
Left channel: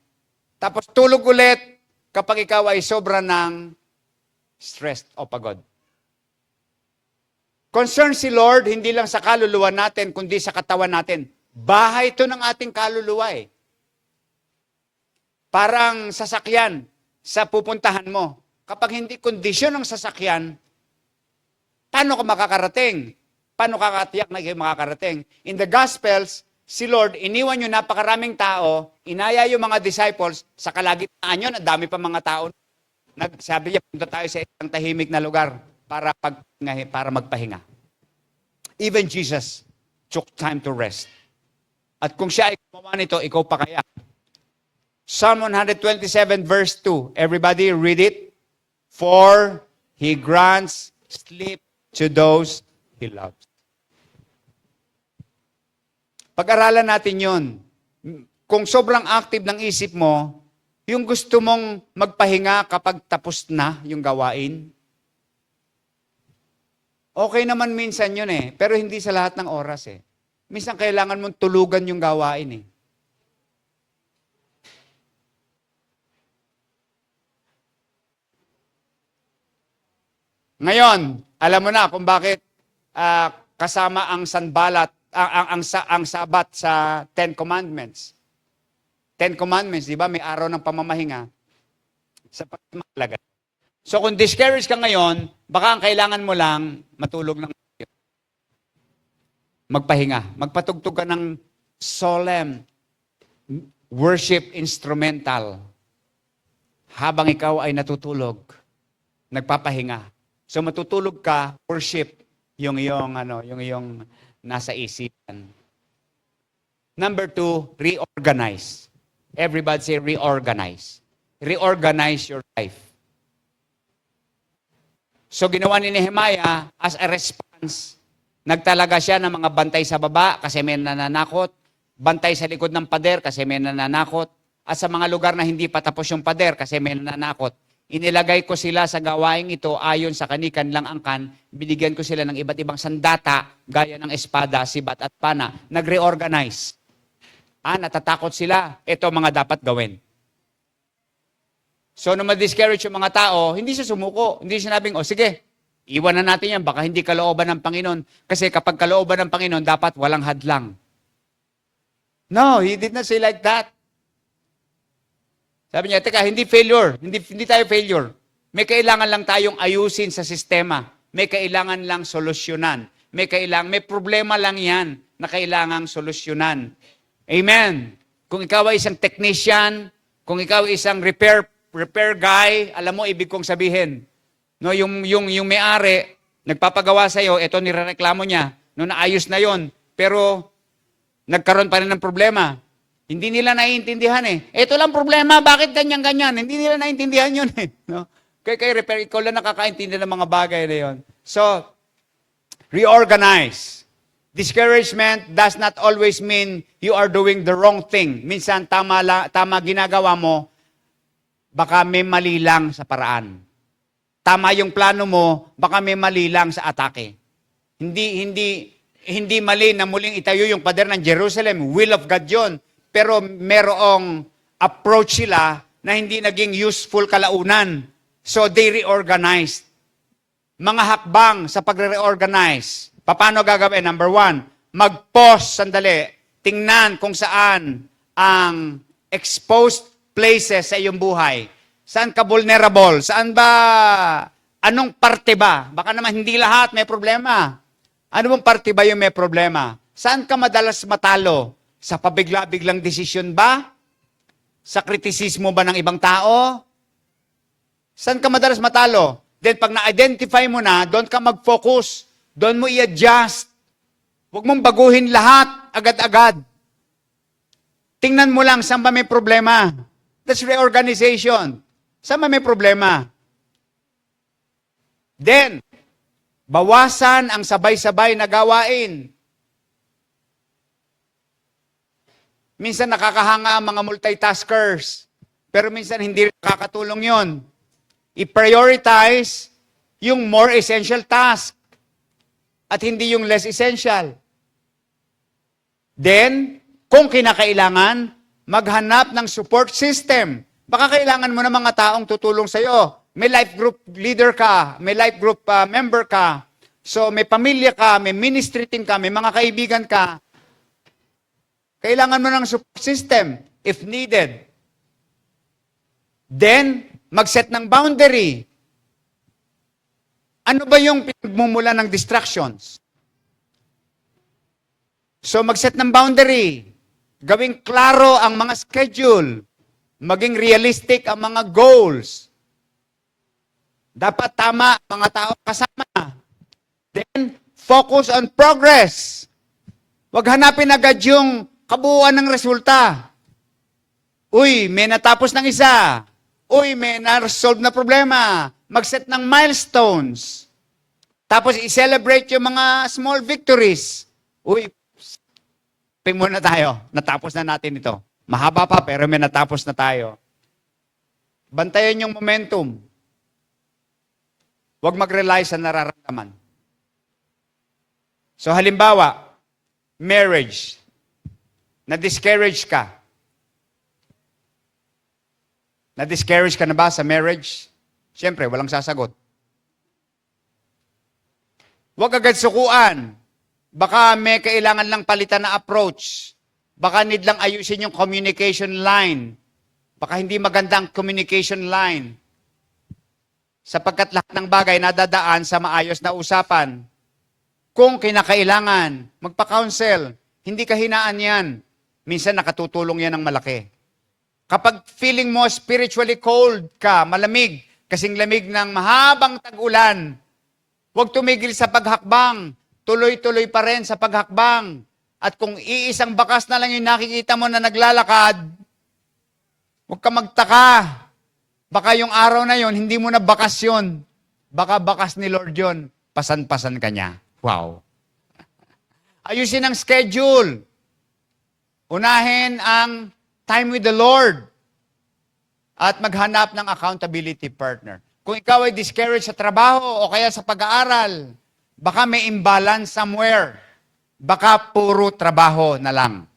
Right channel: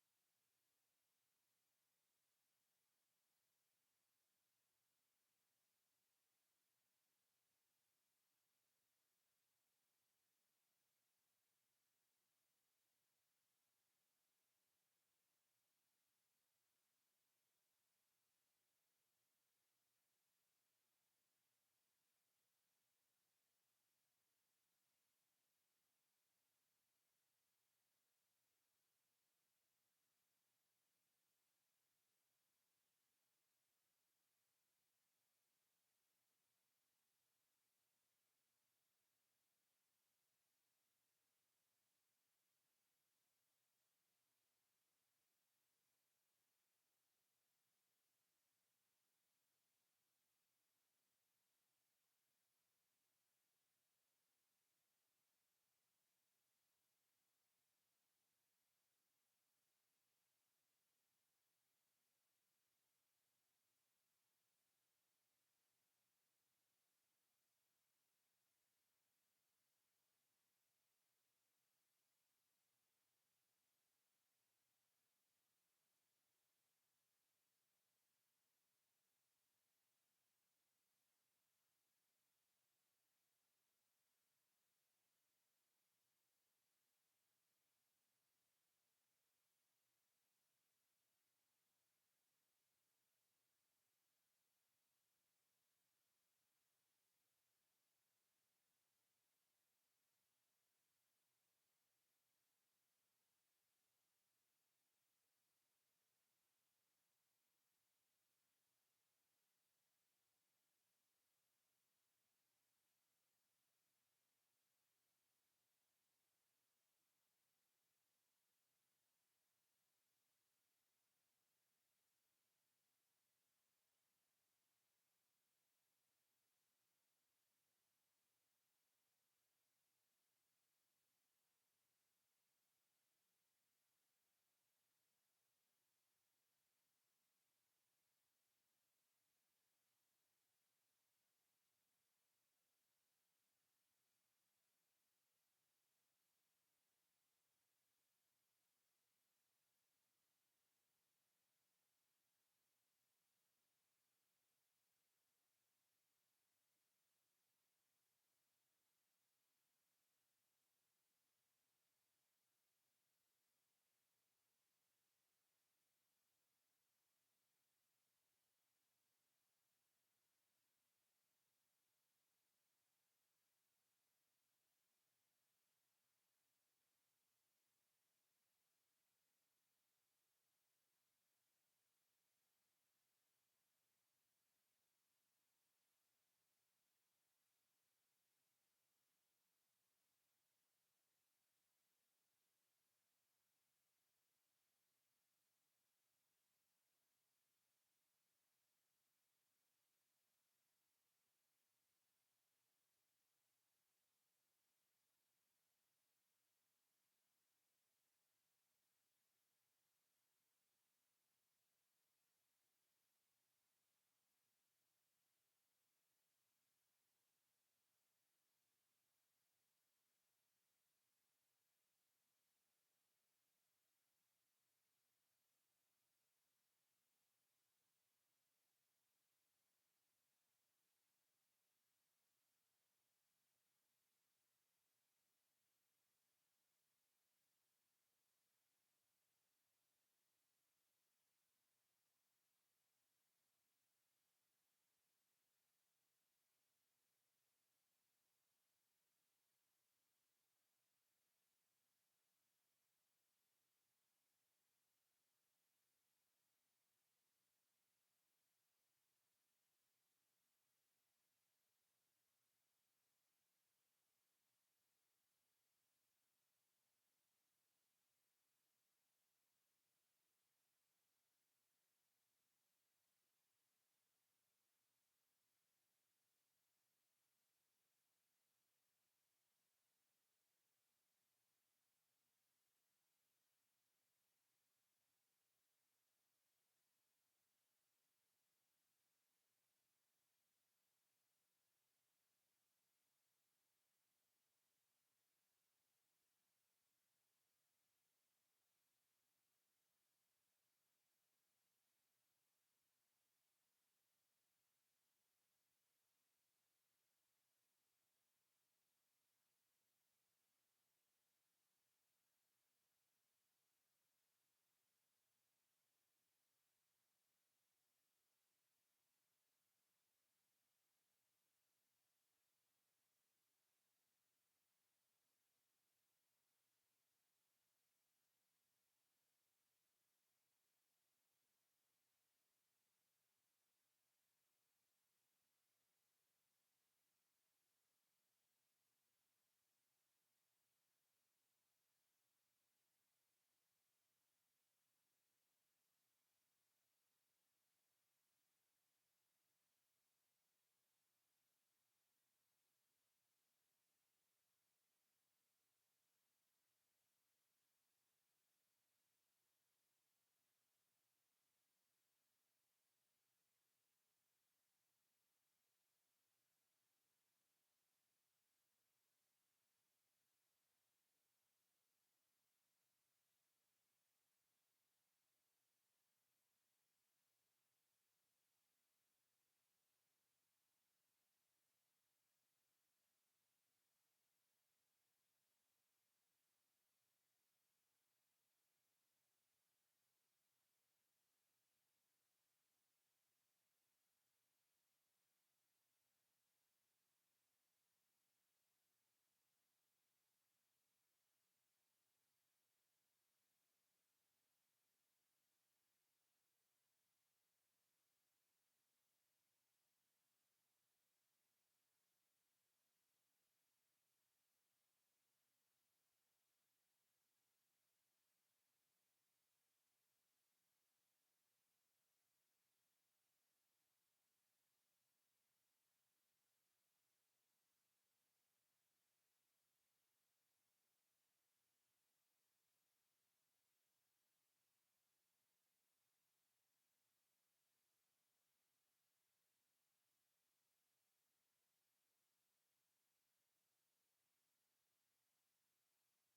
Tapos tulog ulit kapag ikaw ay sobra ng stressed o pagod. Concern si Lord, hindi lang sa kaluluwa natin, kundi sa katawan natin. Bahay ito ng ating kaluluwa eh. Parang sasakyan sa pupuntahan mo. Kapag hindi kondisyon ng sasakyan, paano ka makakarating? Paano kakatiyak na makakarating? In the Gospels, si Lord, iniwan yung napakaraming tao, inaya yung mga disciples, sa kalagitnaan yun, ang dami pa mga tao. Sabi niya, punta tayo sa isang tahimik na lugar para magpahinga. Even Jesus took time to rest. At kung siya ay gumawa nito, ikaw pa kaya? Psalm 127 verse 2. Everybody read it. For He grants sleep to those He loves. Pag-aralan natin yun. Kung sobrang active ng isip mo, yung gusto mong magpahinga kapag tapos na yung gawain, okay naman minsan yun eh, pero hindi sa lahat ng oras eh. Minsan kailangan mong tulugan yung gawain eh. Ngayon, alam mo na kung bakit kasama ang sanbalat, ang sabat sa 10 Commandments. 10 Commandments, di ba? May araw ng pamamahinga sa pagmamalaga. So kung discouraged ka ngayon, baka ang kailangan mo lang matulog ng magpahinga. Magpatugtog ka ng solemn worship instrumental habang ikaw ay natutulog, nagpapahinga. So matutulog ka, worship yung iyong nasa isipan. Number 2, reorganize. Everybody say reorganize. Reorganize your life. So ginawa ni Nehemiah as a response. Nagtalaga siya ng mga bantay sa baba kasi may nananakot, bantay sa likod ng pader kasi may nananakot, at sa mga lugar na hindi pa tapos yung pader kasi may nananakot. Inilagay ko sila sa gawaing ito ayon sa kanilang angkan, binigyan ko sila ng iba't ibang sandata, gaya ng espada, sibat at pana. Nag-reorganize. Natatakot sila, ito mga dapat gawin. So, nung ma-discourage yung mga tao, hindi siya sumuko. Hindi sinabing, sige, iwan na natin yan, baka hindi kalooban ng Panginoon. Kasi kapag kalooban ng Panginoon, dapat walang hadlang. No, he did not say like that. Sabi niya, teka, hindi failure. Hindi tayo failure. May kailangan lang tayong ayusin sa sistema. May kailangan lang solusyonan. May problema lang yan na kailangang solusyonan. Amen. Kung ikaw ay isang technician, Kung ikaw isang repair guy, alam mo ibig kong sabihin. No, yung may-ari, nagpapagawa sa iyo, ito nirereklamo niya. No, naayos na yon, pero nagkaroon pa rin ng problema. Hindi nila naiintindihan eh. Ito lang problema, bakit ganyan-ganyan? Hindi nila naiintindihan yun eh. No? Kaya repair, ikaw lang nakakaintindi ng mga bagay na yun. So, reorganize. Discouragement does not always mean you are doing the wrong thing. Minsan, tama ginagawa mo, baka may mali lang sa paraan. Tama yung plano mo, baka may mali lang sa atake. Hindi mali na muling itayo yung pader ng Jerusalem. Will of God yun. Pero merong approach sila na hindi naging useful kalaunan. So they reorganized. Mga hakbang sa pagre-reorganize. Paano gagawin? Number 1, mag-pause sandali. Tingnan kung saan ang exposed places sa iyong buhay. Saan ka vulnerable? Saan ba? Anong parte ba? Baka naman hindi lahat may problema. Ano bang parte ba yung may problema? Saan ka madalas matalo? Sa pabigla-biglang desisyon ba? Sa kritisismo ba ng ibang tao? Saan ka madalas matalo? Then pag na-identify mo na, doon ka mag-focus. Doon mo i-adjust. Huwag mong baguhin lahat agad-agad. Tingnan mo lang saan ba may problema. That's reorganization. Saan ba may problema? Then, bawasan ang sabay-sabay na gawain. Minsan nakakahanga ang mga multitaskers, pero minsan hindi nakakatulong yon. I-prioritize yung more essential task at hindi yung less essential. Then, kung kinakailangan, maghanap ng support system. Baka kailangan mo ng mga taong tutulong sa iyo. May life group leader ka, may life group member ka. So may pamilya ka, may ministry team ka, may mga kaibigan ka. Kailangan mo ng support system if needed. Then, mag-set ng boundary. Ano ba yung pinagmumula ng distractions? So, mag-set ng boundary. Gawing klaro ang mga schedule. Maging realistic ang mga goals. Dapat tama ang mga tao kasama. Then, focus on progress. Huwag hanapin agad yung kabuuan ng resulta. Uy, may natapos ng isa. Uy, may na-resolve na problema. Mag-set ng milestones. Tapos i-celebrate yung mga small victories. Uy, ping muna tayo. Natapos na natin ito. Mahaba pa, pero may natapos na tayo. Bantayan yung momentum. Huwag mag-rely sa nararamdaman. So halimbawa, marriage. Na-discourage ka. Na-discourage ka na ba sa marriage? Siyempre, walang sasagot. Huwag agad sukuan. Baka may kailangan lang palitan na approach. Baka need lang ayusin yung communication line. Baka hindi maganda ang communication line. Sapagkat lahat ng bagay nadadaan sa maayos na usapan. Kung kinakailangan, magpa-counsel. Hindi kahinaan yan. Minsan nakatutulong yan ng malaki. Kapag feeling mo spiritually cold ka, malamig, kasing lamig ng mahabang tag-ulan, huwag tumigil sa paghakbang. Tuloy-tuloy pa rin sa paghakbang. At kung iisang bakas na lang yung nakikita mo na naglalakad, huwag ka magtaka. Baka yung araw na yon hindi mo na bakas yun. Baka bakas ni Lord yun. Pasan-pasan ka niya. Wow. Ayusin ang schedule. Unahin ang time with the Lord. At maghanap ng accountability partner. Kung ikaw ay discouraged sa trabaho o kaya sa pag-aaral, baka may imbalance somewhere. Baka puro trabaho na lang.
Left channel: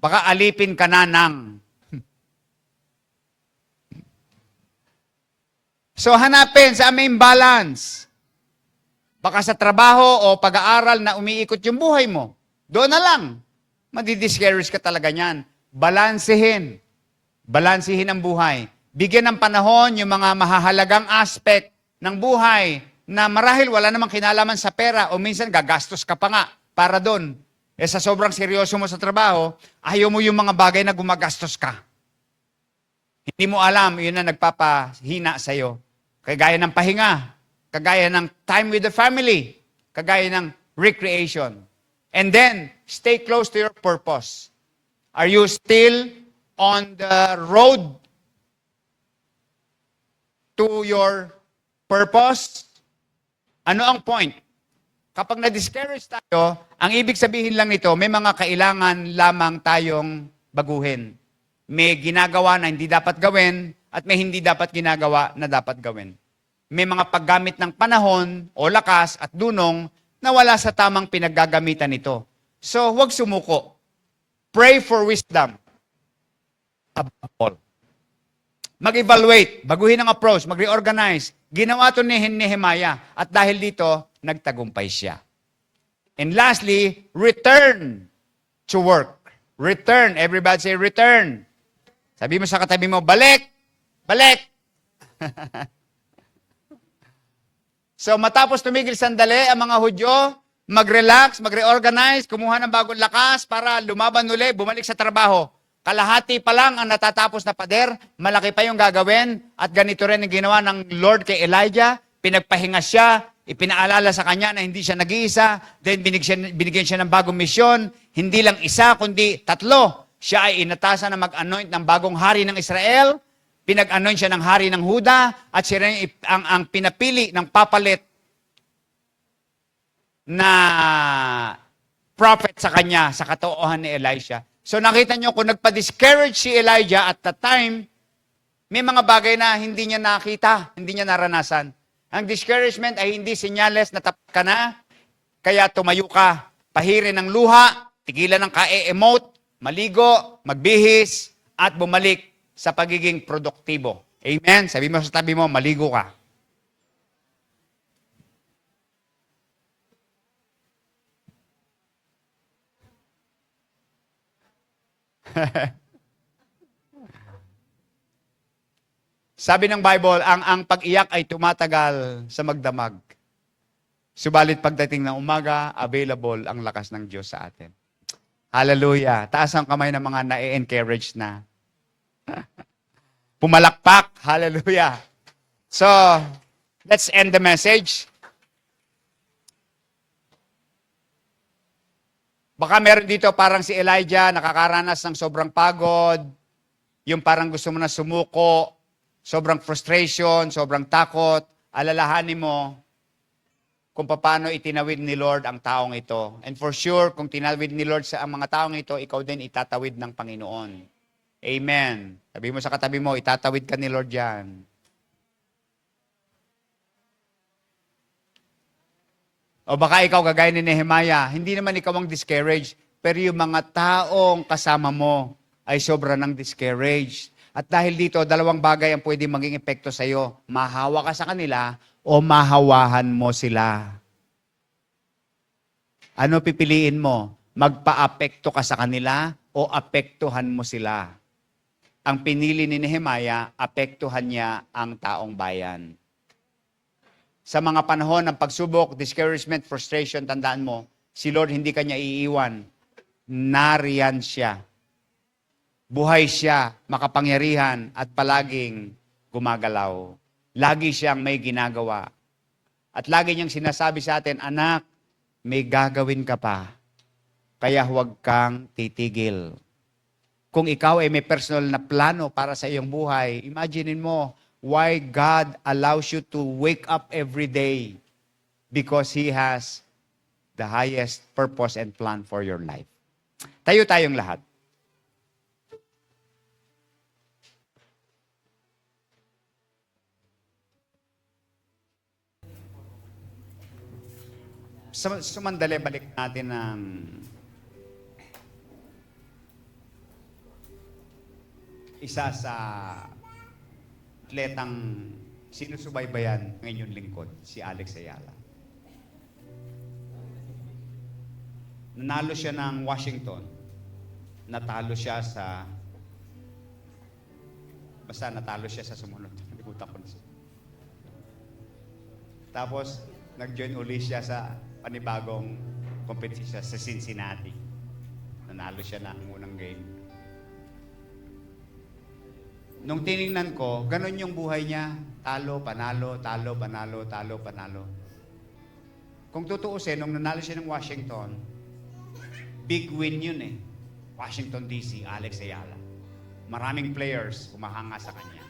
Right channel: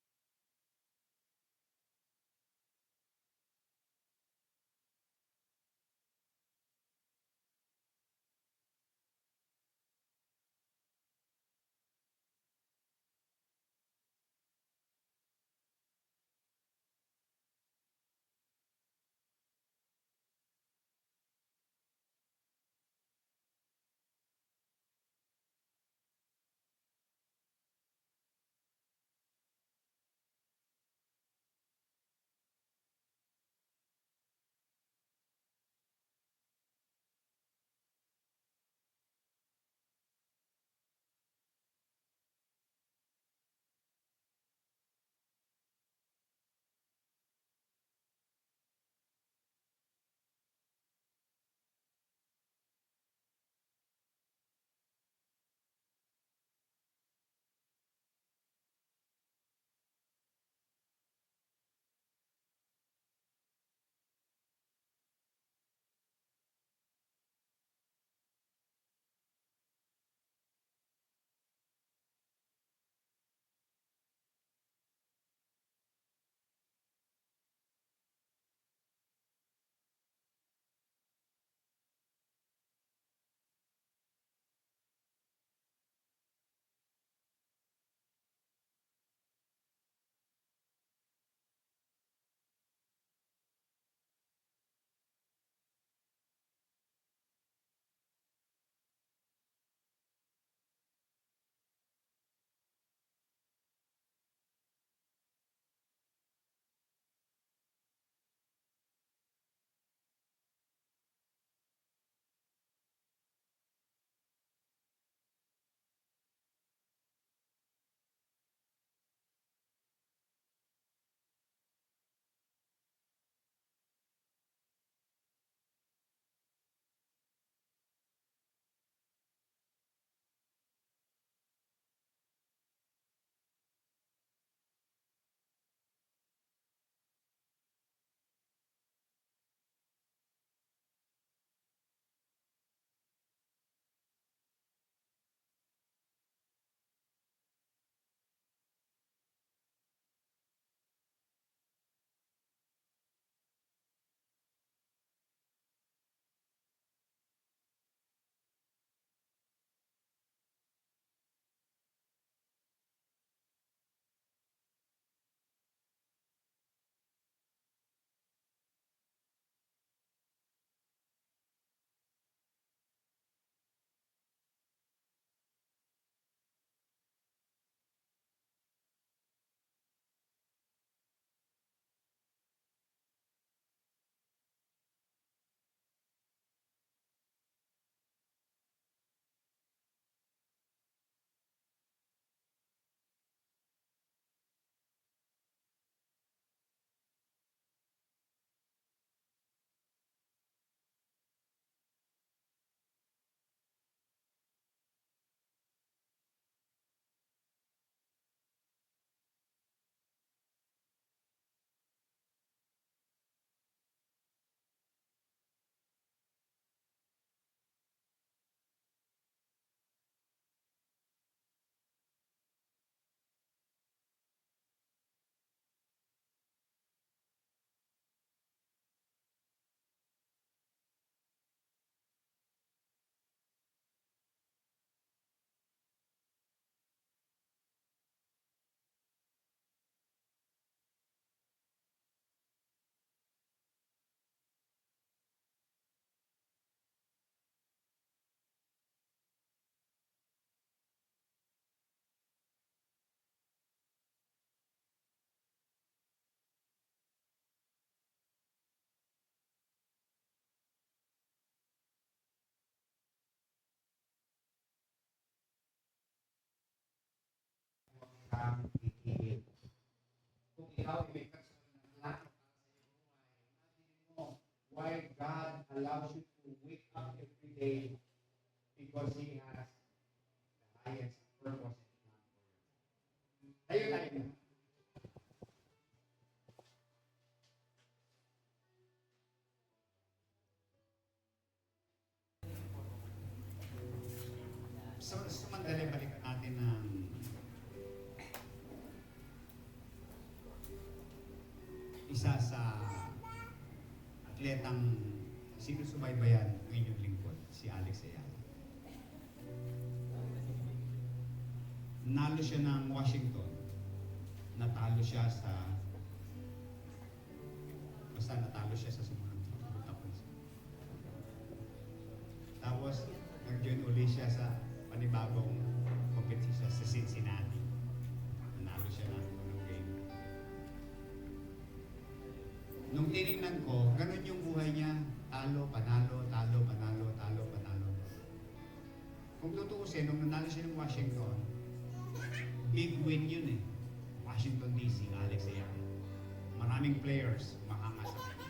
Baka alipin ka na ng. So hanapin sa may imbalance. Baka sa trabaho o pag-aaral na umiikot yung buhay mo. Doon na lang. Madi-discourage ka talaga niyan. Balansehin. Balansehin ang buhay. Bigyan ng panahon yung mga mahahalagang aspect ng buhay na marahil wala namang kinalaman sa pera o minsan gagastos ka pa nga para doon. Eh sa sobrang seryoso mo sa trabaho, ayaw mo yung mga bagay na gumagastos ka. Hindi mo alam, yun na nagpapahina sa'yo. Kagaya ng pahinga, kagaya ng time with the family, kagaya ng recreation. And then, stay close to your purpose. Are you still on the road to your purpose? Ano ang point? Kapag na-discourage tayo, ang ibig sabihin lang nito, may mga kailangan lamang tayong baguhin. May ginagawa na hindi dapat gawin at may hindi dapat ginagawa na dapat gawin. May mga paggamit ng panahon o lakas at dunong na wala sa tamang pinaggagamitan nito. So, huwag sumuko. Pray for wisdom. Above all. Mag-evaluate, baguhin ang approach, mag-reorganize. Ginawa ito ni Nehemiah at dahil dito, nagtagumpay siya. And lastly, return to work. Return. Everybody say return. Sabi mo sa katabi mo, balik! Balik! So matapos tumigil sandali ang mga Hudyo, mag-relax, mag-reorganize, kumuha ng bagong lakas para lumaban uli, bumalik sa trabaho. Kalahati pa lang ang natatapos na pader, malaki pa yung gagawin, at ganito rin ang ginawa ng Lord kay Elijah, pinagpahinga siya, ipinaalala sa kanya na hindi siya nag-iisa, then binigyan siya ng bagong misyon, hindi lang isa, kundi 3. Siya ay inatasan na mag-anoint ng bagong hari ng Israel, pinag-anoint siya ng hari ng Huda, at siya rin ang pinapili ng papalit na prophet sa kanya, sa katauhan ni Elisha. So nakita nyo, kung nagpa-discourage si Elijah at that time, may mga bagay na hindi niya nakita, hindi niya naranasan. Ang discouragement ay hindi senyales na tapos ka na, kaya tumayo ka, pahirin ng luha, tigilan ng ka-emote, maligo, magbihis, at bumalik sa pagiging produktibo. Amen? Sabi mo sa tabi mo, maligo ka. Sabi ng Bible, ang pag-iyak ay tumatagal sa magdamag. Subalit pagdating ng umaga, available ang lakas ng Diyos sa atin. Hallelujah. Taas ang kamay ng mga na-encourage na. Pumalakpak. Hallelujah. So, let's end the message. Baka meron dito parang si Elijah, nakakaranas ng sobrang pagod, yung parang gusto mo na sumuko, sobrang frustration, sobrang takot, alalahanin mo kung paano itinawid ni Lord ang taong ito. And for sure, kung tinawid ni Lord sa ang mga taong ito, ikaw din itatawid ng Panginoon. Amen. Sabi mo sa katabi mo, itatawid ka ni Lord yan. O baka ikaw, kagaya ni Nehemiah, hindi naman ikaw ang discouraged, pero yung mga taong kasama mo ay sobra ng discouraged. At dahil dito, 2 bagay ang pwede maging epekto sa iyo. Mahawa ka sa kanila o mahawahan mo sila. Ano pipiliin mo? Magpa-apekto ka sa kanila o apektuhan mo sila? Ang pinili ni Nehemiah, apektuhan niya ang taong bayan. Sa mga panahon ng pagsubok, discouragement, frustration, tandaan mo, si Lord hindi kanya iiwan. Nariyan siya. Buhay siya, makapangyarihan, at palaging gumagalaw. Lagi siyang may ginagawa. At lagi niyang sinasabi sa atin, anak, may gagawin ka pa. Kaya huwag kang titigil. Kung ikaw ay may personal na plano para sa iyong buhay, imaginein mo why God allows you to wake up every day because He has the highest purpose and plan for your life. Tayo tayong lahat. Sumandali, balik natin ng isa sa atletang sinusubaybayan ng inyong lingkod, si Alex Ayala. Nanalo siya ng Washington. Natalo siya sa sumunod. Tapos, nag-join uli siya sa panibagong competition sa Cincinnati. Nanalo siya ng unang game. Nung tinignan ko, ganun yung buhay niya. Talo, panalo, talo, panalo, talo, panalo. Kung tutuusin, nung nanalo siya ng Washington, big win yun eh. Washington DC, Alex Ayala. Maraming players kumahanga sa kanya.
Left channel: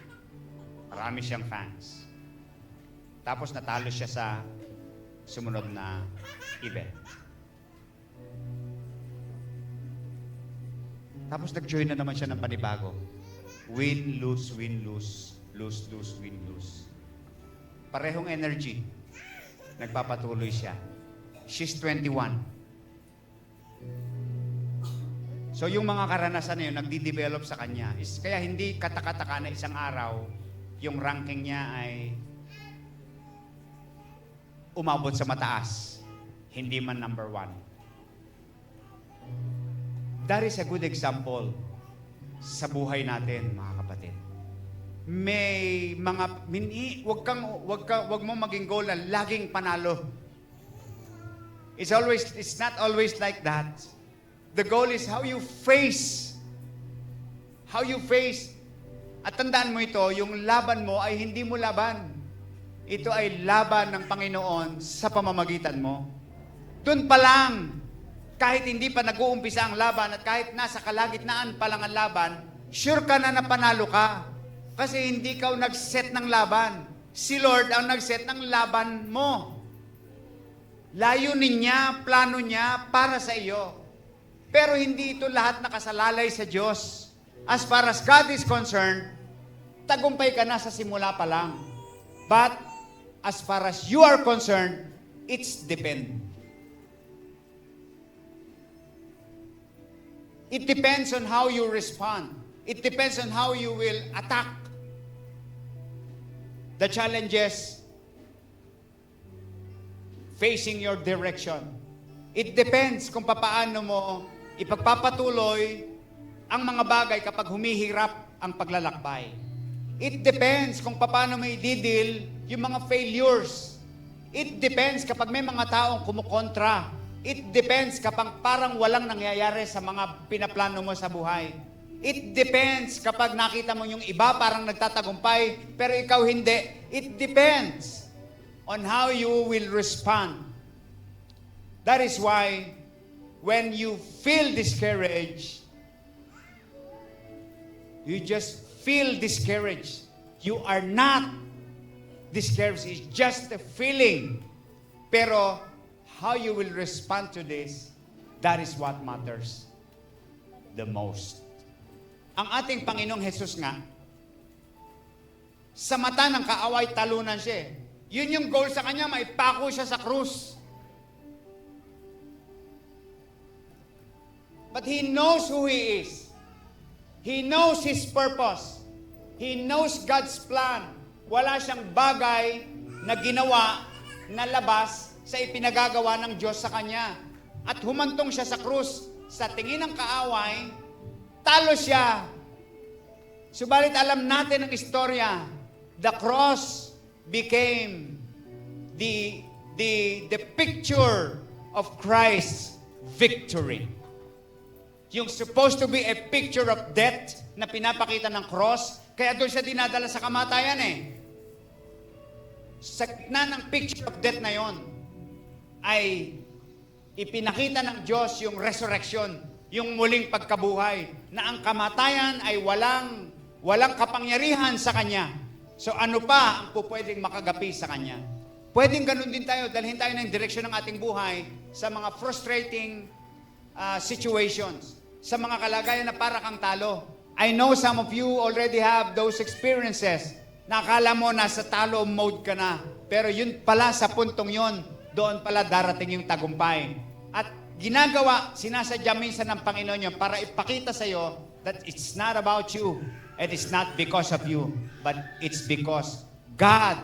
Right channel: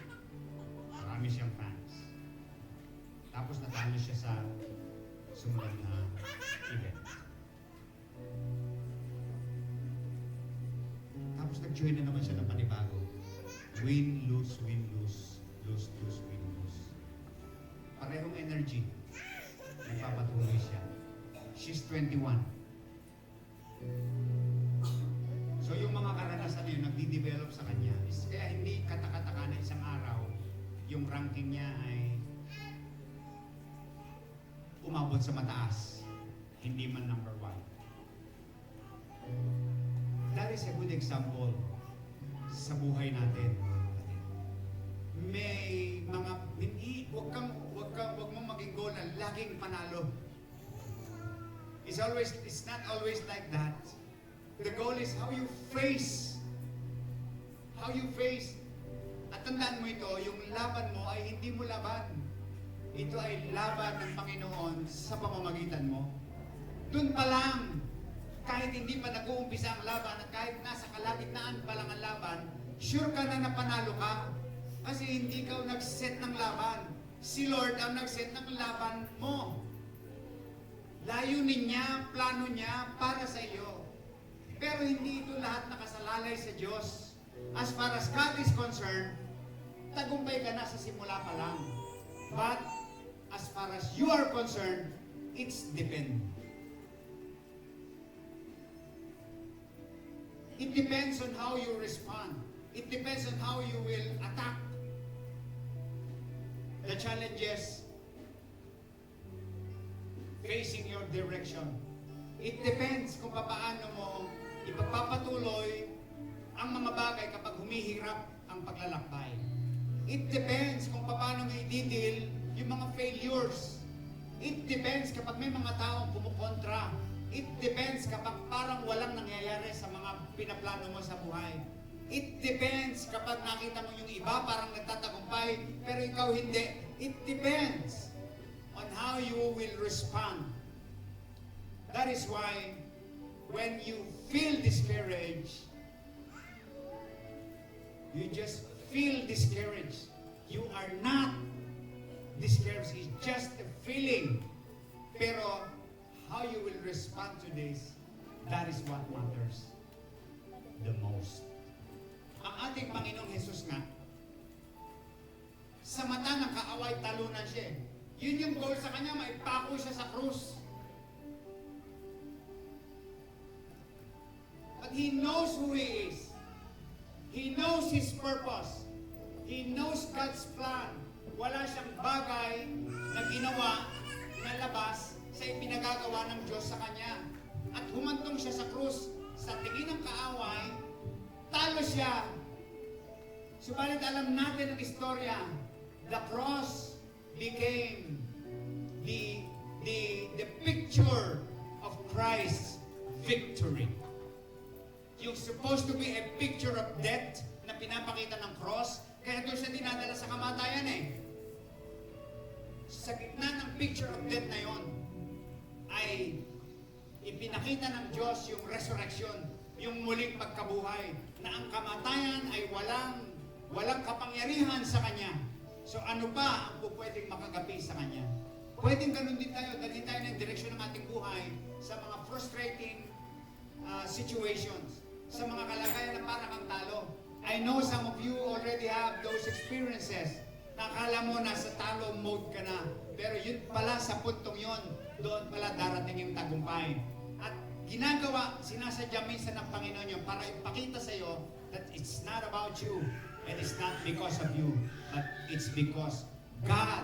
Marami siyang fans. Tapos natalo siya sa sumunod na event. Tapos nag-join na naman siya ng panibago. Win, lose, win, lose. Lose, lose, win, lose. Parehong energy. Nagpapatuloy siya. She's 21. So yung mga karanasan na yun, nagdi-develop sa kanya. Kaya hindi katakataka na isang araw, yung ranking niya ay umabot sa mataas. Hindi man number 1. That is a good example sa buhay natin, mga kapatid. May mga wag mo maging goal na laging panalo. It's not always like that. The goal is how you face. At tandaan mo ito, yung laban mo ay hindi mo laban. Ito ay laban ng Panginoon sa pamamagitan mo. Doon pa lang, kahit hindi pa nag-uumpisa ang laban at kahit nasa kalagitnaan pa lang ang laban, sure ka na panalo ka. Kasi hindi ka nag-set ng laban. Si Lord ang nag-set ng laban mo. Layunin niya, plano niya para sa iyo. Pero hindi ito lahat nakasalalay sa Diyos. As far as God is concerned, tagumpay ka na sa simula pa lang. But as far as you are concerned, it's depend. It depends on how you respond. It depends on how you will attack the challenges facing your direction. It depends kung paano mo ipagpapatuloy ang mga bagay kapag humihirap ang paglalakbay. It depends kung paano mo i-deal yung mga failures. It depends kapag may mga taong kumukontra. It depends kapag parang walang nangyayari sa mga pinaplano mo sa buhay. It depends kapag nakita mo yung iba parang nagtatagumpay, pero ikaw hindi. It depends on how you will respond. That is why, when you feel discouraged, you just feel discouraged. You are not discouraged. It's just a feeling. Pero, how you will respond to this, that is what matters the most. Ang ating Panginoong Jesus nga, sa mata ng kaaway, talunan siya. Yun yung goal sa kanya, maipako siya sa krus. But He knows who He is. He knows His purpose. He knows God's plan. Wala siyang bagay na ginawa na labas sa ipinagagawa ng Diyos sa kanya. At humantong siya sa krus. Sa tingin ng kaaway, talo siya. Subalit alam natin ang istorya. The cross became the picture of Christ's victory. Yung supposed to be a picture of death na pinapakita ng cross, kaya doon siya dinadala sa kamatayan eh. Sa gitna ng picture of death na yon, ay ipinakita ng Diyos yung resurrection, yung muling pagkabuhay, na ang kamatayan ay walang kapangyarihan sa Kanya. So ano pa po pwedeng makagapi sa Kanya? Pwedeng ganun din tayo, dalhin tayo ng direksyon ng ating buhay sa mga frustrating situations, sa mga kalagayan na para kang talo. I know some of you already have those experiences. Nakala mo nasa talo mode ka na. Pero yun pala sa puntong yun, doon pala darating yung tagumpay. At ginagawa, sinasadya minsan ng Panginoon yun para ipakita sa iyo that it's not about you and it's not because of you, but it's because God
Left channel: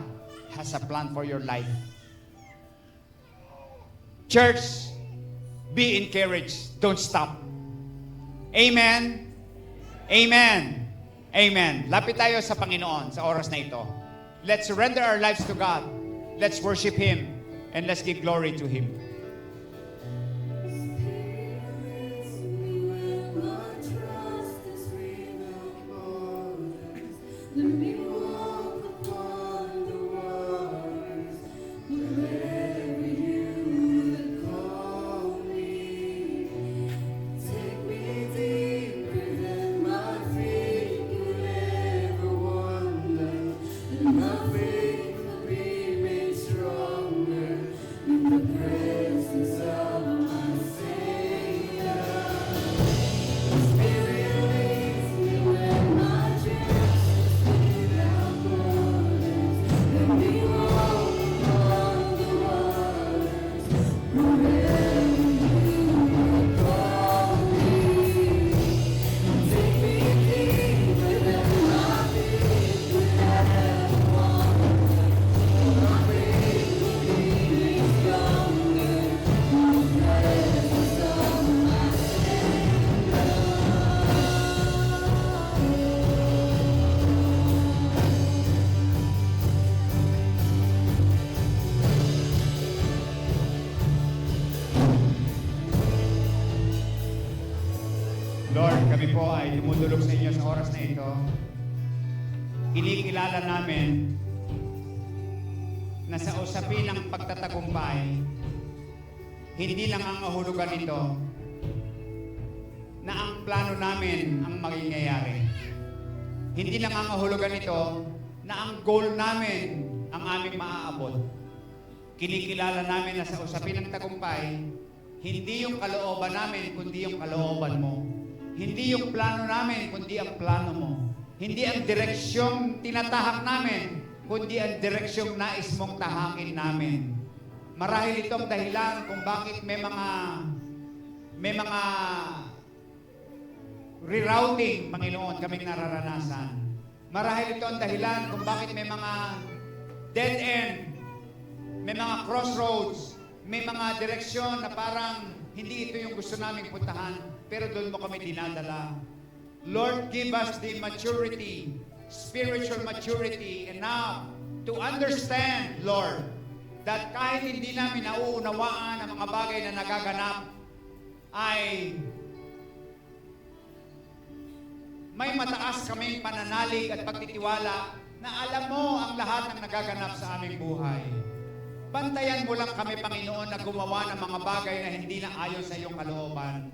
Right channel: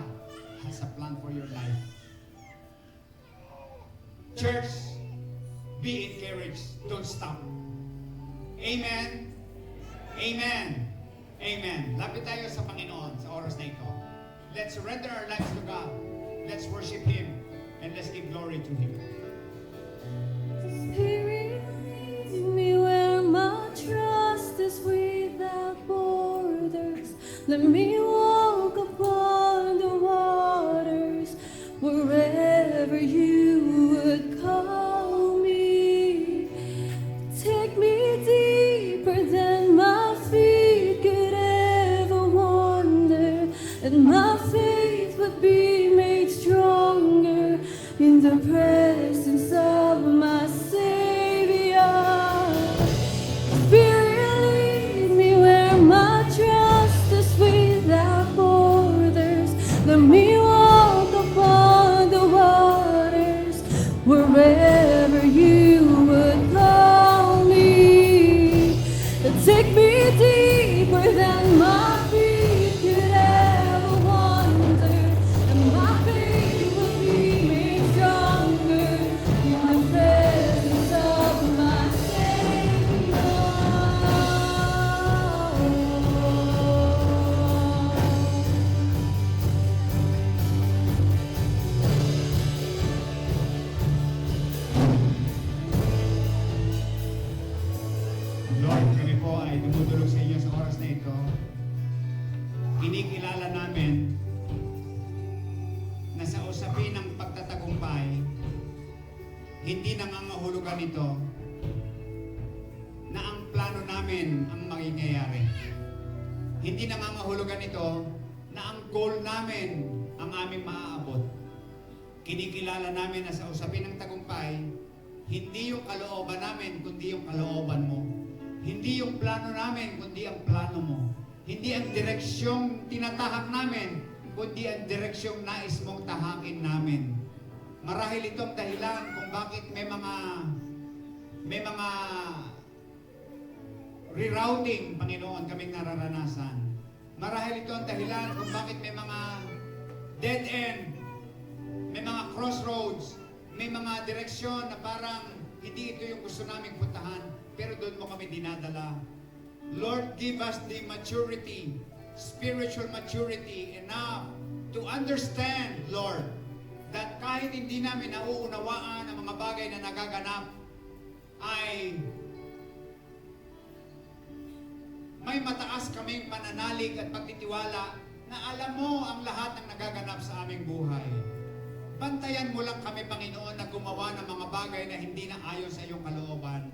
has a plan for your life. Church, be encouraged. Don't stop. Amen? Amen. Amen. Lapit tayo sa Panginoon sa oras na ito. Let's surrender our lives to God. Let's worship Him. And let's give glory to Him. Spirit leads me where my trust is without borders. Let me walk upon the waters wherever you would call me. Take me deeper than my feet could ever wander, and my faith would be made stronger in the presence of my Savior. Spirit leads me where my trust is without borders. Let me walk upon the waters wherever you would call me. And take me deeper than my feet could ever wander. My faith will be made stronger in the presence of my Lord, kami po ay dumudulog sa inyo sa oras na ito. Kinikilala namin na sa usapin ng pagtatagumpay, hindi lang ang kahulugan nito na ang plano namin ang mangyayari. Hindi lang ang kahulugan nito na ang goal namin ang aming maaabot. Kinikilala namin na sa usapin ng tagumpay, hindi yung kalooban namin, kundi yung kalooban mo. Hindi yung plano namin, kundi ang plano mo. Hindi ang direksyong tinatahak namin, kundi ang direksyong nais mong tahakin namin. Marahil itong dahilan kung bakit may mga rerouting, Panginoon, kami nararanasan. Marahil itong dahilan kung bakit may mga dead end, may mga crossroads, may mga direksyon na parang hindi ito yung gusto namin puntahan, pero doon mo kami dinadala. Lord, give us the maturity, spiritual maturity, and now to understand, Lord, that kahit hindi namin nauunawaan ang mga bagay na nagaganap, ay may mataas kaming pananalig at pagtitiwala na alam mo ang lahat na nagaganap sa aming buhay. Bantayan mo lang kami, Panginoon, na gumawa ng mga bagay na hindi na ayon sa iyong kalooban.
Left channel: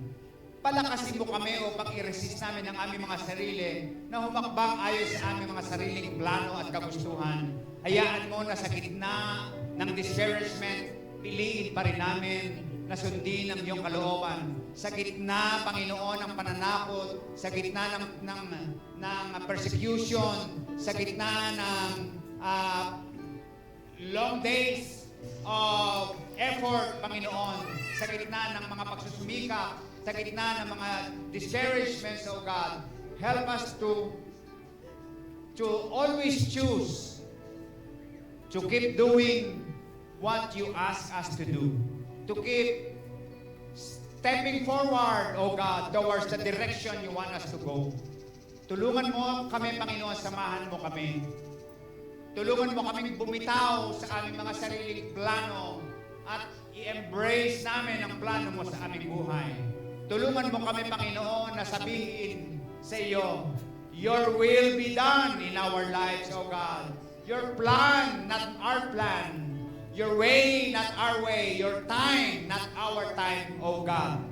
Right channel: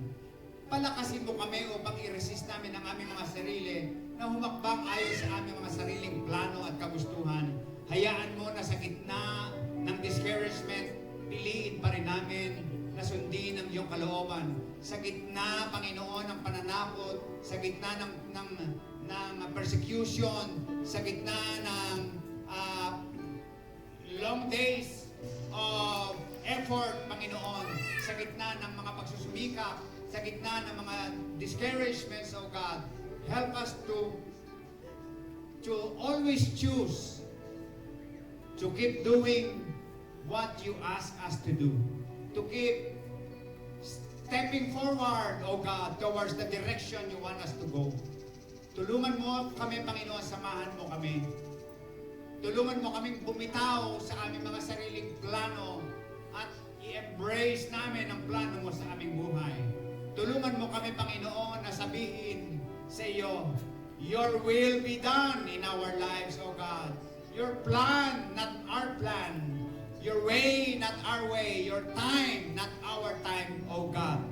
Palakasin mo kami upang i-resist namin ang aming mga sarili na humakbang ayon sa aming mga sariling plano at kagustuhan. Hayaan mo na sa gitna ng discouragement, piliin pa rin namin na sundin ang iyong kalooban. Sa gitna, Panginoon, ng pananakot, sa gitna ng persecution, sa gitna ng long days of effort, Panginoon, sa gitna ng mga pagsumika, sa gitna ng mga discouragements, O God, help us to always choose to keep doing what you ask us to do, to keep stepping forward, O God, towards the direction you want us to go. Tulungan mo kami, Panginoon, samahan mo kami. Tulungan mo kaming bumitaw sa aming mga sariling plano at i-embrace namin ang plano mo sa aming buhay. Tulungan mo kami, Panginoon, na sabihin sa iyo, your will be done in our lives, O God. Your plan, not our plan. Your way, not our way. Your time, not our time, O God.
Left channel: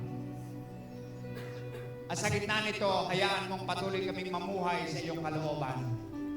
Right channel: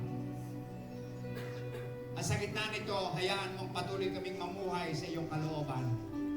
At sa gitna nito, hayaan mong patuloy kaming mamuhay sa iyong kalooban.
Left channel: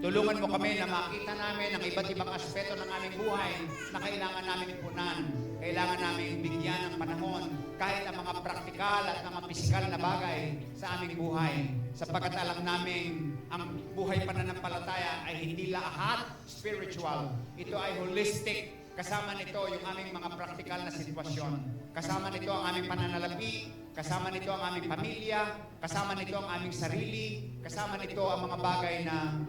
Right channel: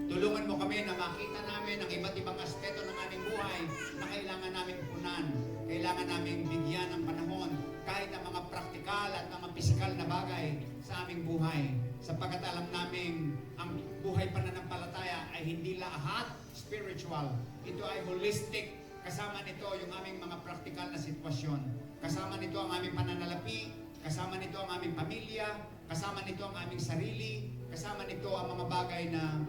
Tulungan mo kami na makita namin ang iba't ibang aspeto ng aming buhay na kailangan namin punan. Kailangan namin bigyan ng panahon kahit ang mga praktikal at mga pisikal na bagay sa aming buhay. Sapagkat alam namin ang buhay pananampalataya ay hindi lahat spiritual. Ito ay holistic. Kasama nito yung aming mga praktikal na sitwasyon. Kasama nito ang aming pananalapi. Kasama nito ang aming pamilya. Kasama nito ang aming sarili. Kasama nito ang mga bagay na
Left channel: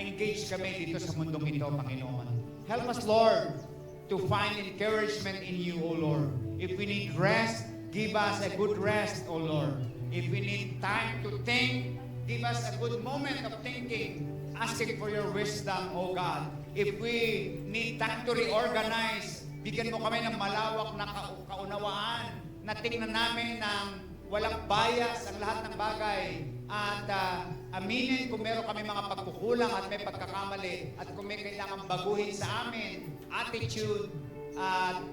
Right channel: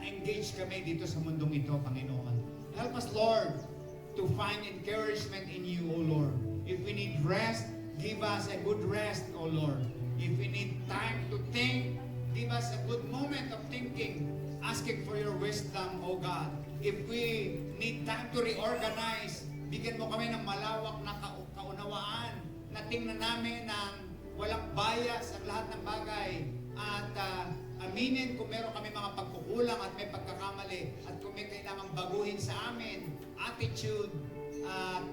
engage kami dito sa mundong ito, Panginoon. Help us, Lord, to find encouragement in you, O Lord. If we need rest, give us a good rest, O Lord. If we need time to think, give us a good moment of thinking, asking for your wisdom, O God. If we need time to reorganize, bigyan mo kami ng malawak na kaunawaan na tingnan namin walang bias sa lahat ng bagay, at aminin kung meron kami mga pagkukulang at may pagkakamali, at kung may kailangan baguhin sa amin, attitude,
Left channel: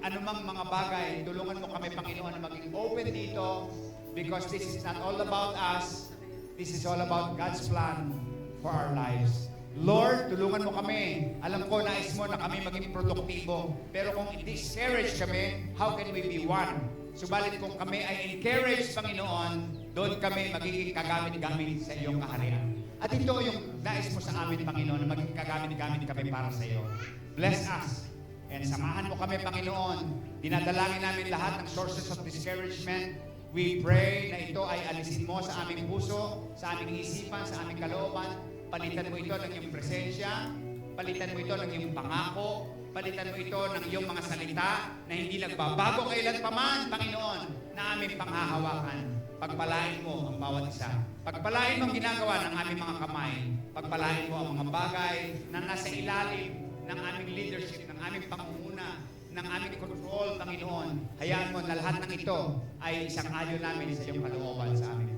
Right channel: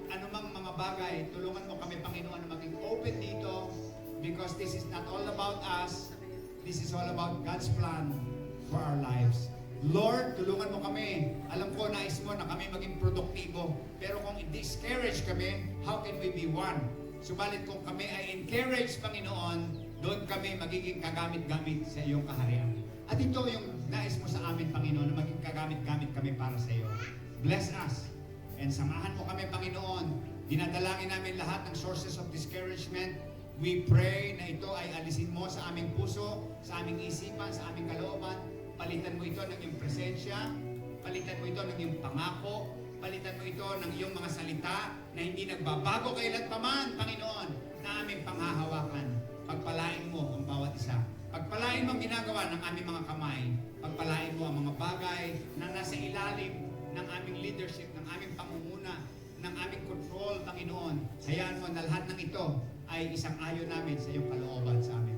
anumang mga bagay, tulungan mo kami, Panginoon, maging open dito, because this is not all about us, this is all about God's plan for our lives. Lord, tulungan mo kami. Alam ko, nais mo na kami maging produktibo. Pero kung i-discourage kami, how can we be one? Subalit kung kami ay encourage, Panginoon, doon kami magiging kagamit-gamit sa iyong kaharian. At ito yung nais mo sa amin, Panginoon, maging kagamit-gamit kami para sa iyo. Bless us. And samahan mo kami, Panginoon. Dinadalangin namin lahat ng sources of discouragement. We pray na ito ay alisin mo sa aming puso, sa aming isipan, sa aming kalooban. Palitan mo ito ng iyong presensya, palitan mo ito ng iyong pangako, palitan mo ito ng iyong mga salita na hindi nagbabago kailan pa man, Panginoon, na aming panghahawakan. Pagpalain mo ang bawat isa. Pagpalain mo ang ginagawa ng aming mga kamay. Pagpalain mo ang mga bagay na nasa ilalim ng aming leadership, ng aming pangunguna, ng aming control, Panginoon. Hayaan mo na lahat ng ito ay isang ayon namin sa iyong kalooban sa amin.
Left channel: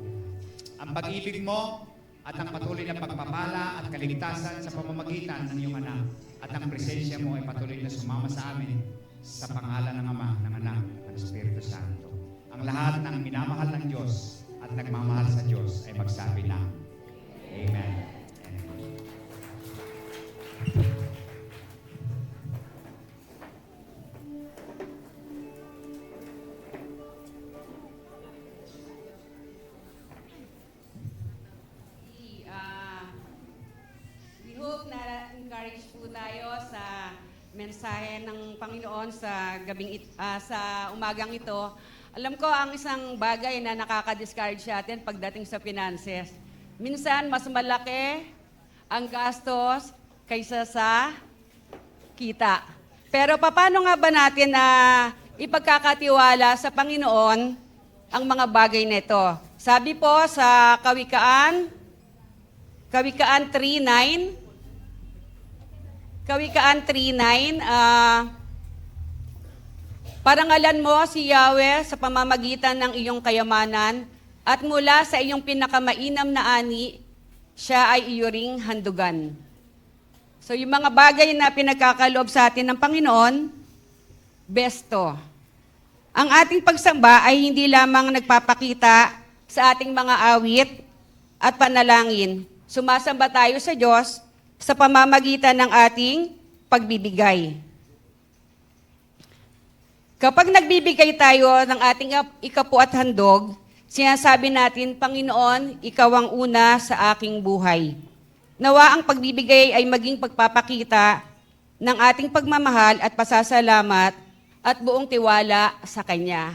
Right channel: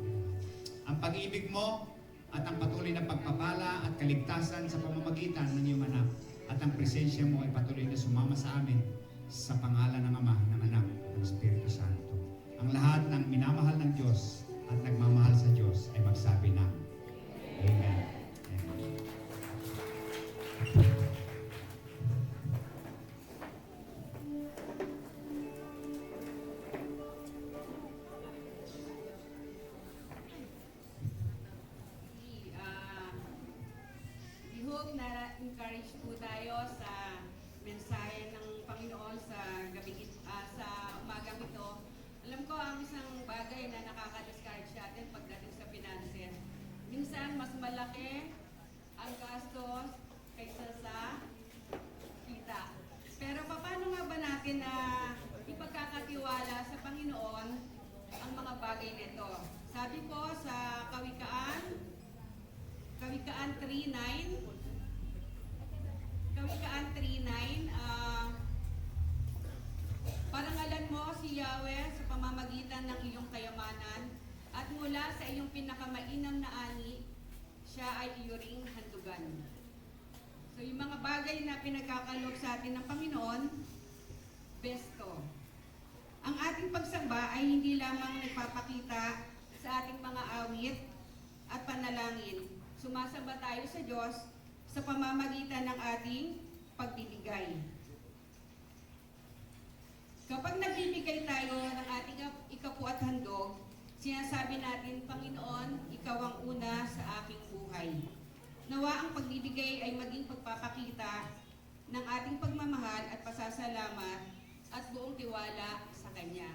Ang pag-ibig mo, at ang patuloy na pagpapala at kaligtasan sa pamamagitan ng iyong anak at ang presensya mo ay patuloy na sumama sa amin sa pangalan ng Ama, ng Anak, at ng Espiritu Santo. Ang lahat ng minamahal ng Diyos at nagmamahal sa Diyos ay magsabi na, Amen. Hope na encourage po tayo sa mensahe ng Panginoon sa sa umagang ito. Alam ko ang isang bagay na nakaka-discourage sa atin pagdating sa finances. Minsan mas malaki ang gastos kaysa sa kita. Pero paano nga ba natin na ipagkakatiwala sa Panginoon ang mga bagay nito? Sabi po sa Kawikaan 3:9, parangalan mo si Yahweh sa pamamagitan ng iyong kayamanan at mula sa iyong pinakamainam na ani, siya ay iyuring handugan. So yung mga bagay na pinagkakaloob sa atin ng Panginoon, besto. Ang ating pagsamba ay hindi lamang nagpapakita sa ating mga awit at panalangin. Sumasamba tayo sa Diyos sa pamamagitan ng ating pagbibigay. Kapag nagbibigay tayo ng ating ikapu at handog, sinasabi natin, Panginoon, Ikaw ang una sa aking buhay. Nawa ang pagbibigay ay maging pagpapakita ng ating pagmamahal at pasasalamat at buong tiwala sa Kanya.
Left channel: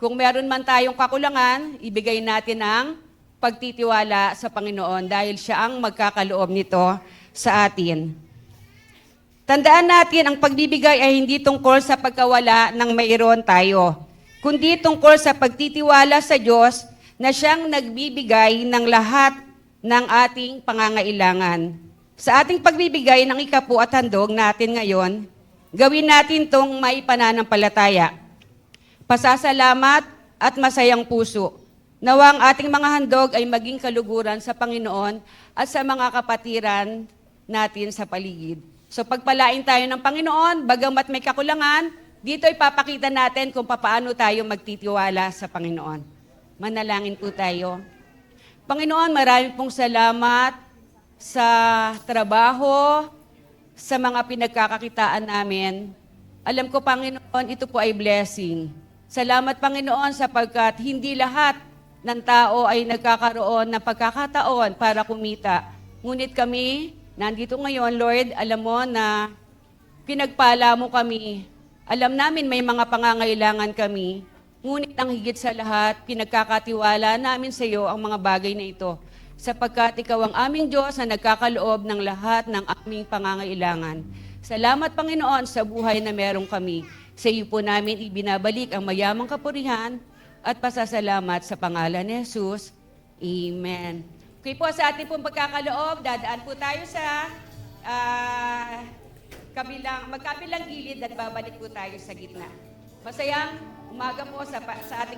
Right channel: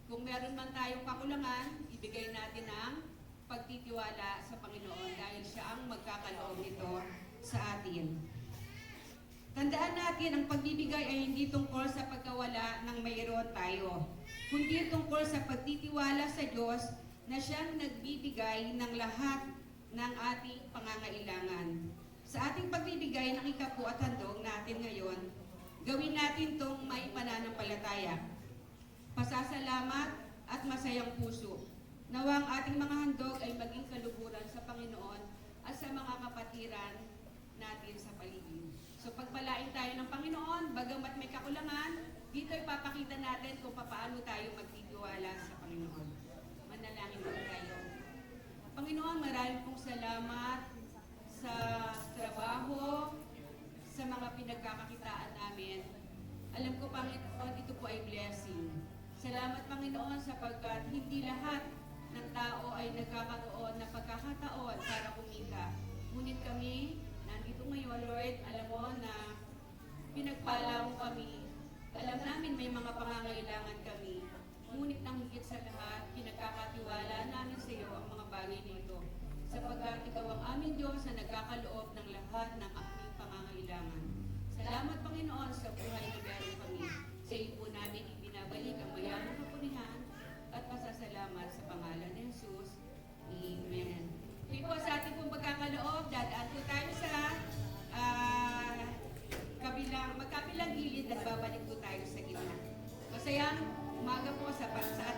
Kung meron man tayong kakulangan, ibigay natin ang pagtitiwala sa Panginoon dahil siya ang magkakaloob nito sa atin. Tandaan natin, ang pagbibigay ay hindi tungkol sa pagkawala ng mayroon tayo, kundi tungkol sa pagtitiwala sa Diyos na siyang nagbibigay ng lahat ng ating pangangailangan. Sa ating pagbibigay ng ikapu at handog natin ngayon, gawin natin itong may pananampalataya, pasasalamat at masayang puso. Nawa ang ating mga handog ay maging kaluguran sa Panginoon at sa mga kapatiran natin sa paligid. So pagpalain tayo ng Panginoon, bagamat may kakulangan, dito ipapakita natin kung paano tayo magtitiwala sa Panginoon. Manalangin po tayo. Panginoon, marami pong salamat sa trabaho, sa mga pinagkakakitaan namin. Alam ko, Panginoon, ito po ay blessing. Salamat, Panginoon, sapagkat hindi lahat ng tao ay nagkakaroon ng pagkakataon para kumita. Ngunit kami, nandito ngayon, Lord, alam mo na pinagpala mo kami. Alam namin may mga pangangailangan kami. Ngunit ang higit sa lahat, pinagkakatiwala namin sa iyo ang mga bagay na ito. Sapagkat ikaw ang aming Diyos na nagkakaloob ng lahat ng aming pangangailangan. Salamat, Panginoon, sa buhay na meron kami. Sa iyo po namin ibinabalik ang mayamang kapurihan at pasasalamat sa pangalan ni Jesus. Amen. Okay po, sa ating pong pagkakaloob, dadaan po tayo sa magkabilang gilid at babalik po tayo sa gitna. Masayang umaga po sa ating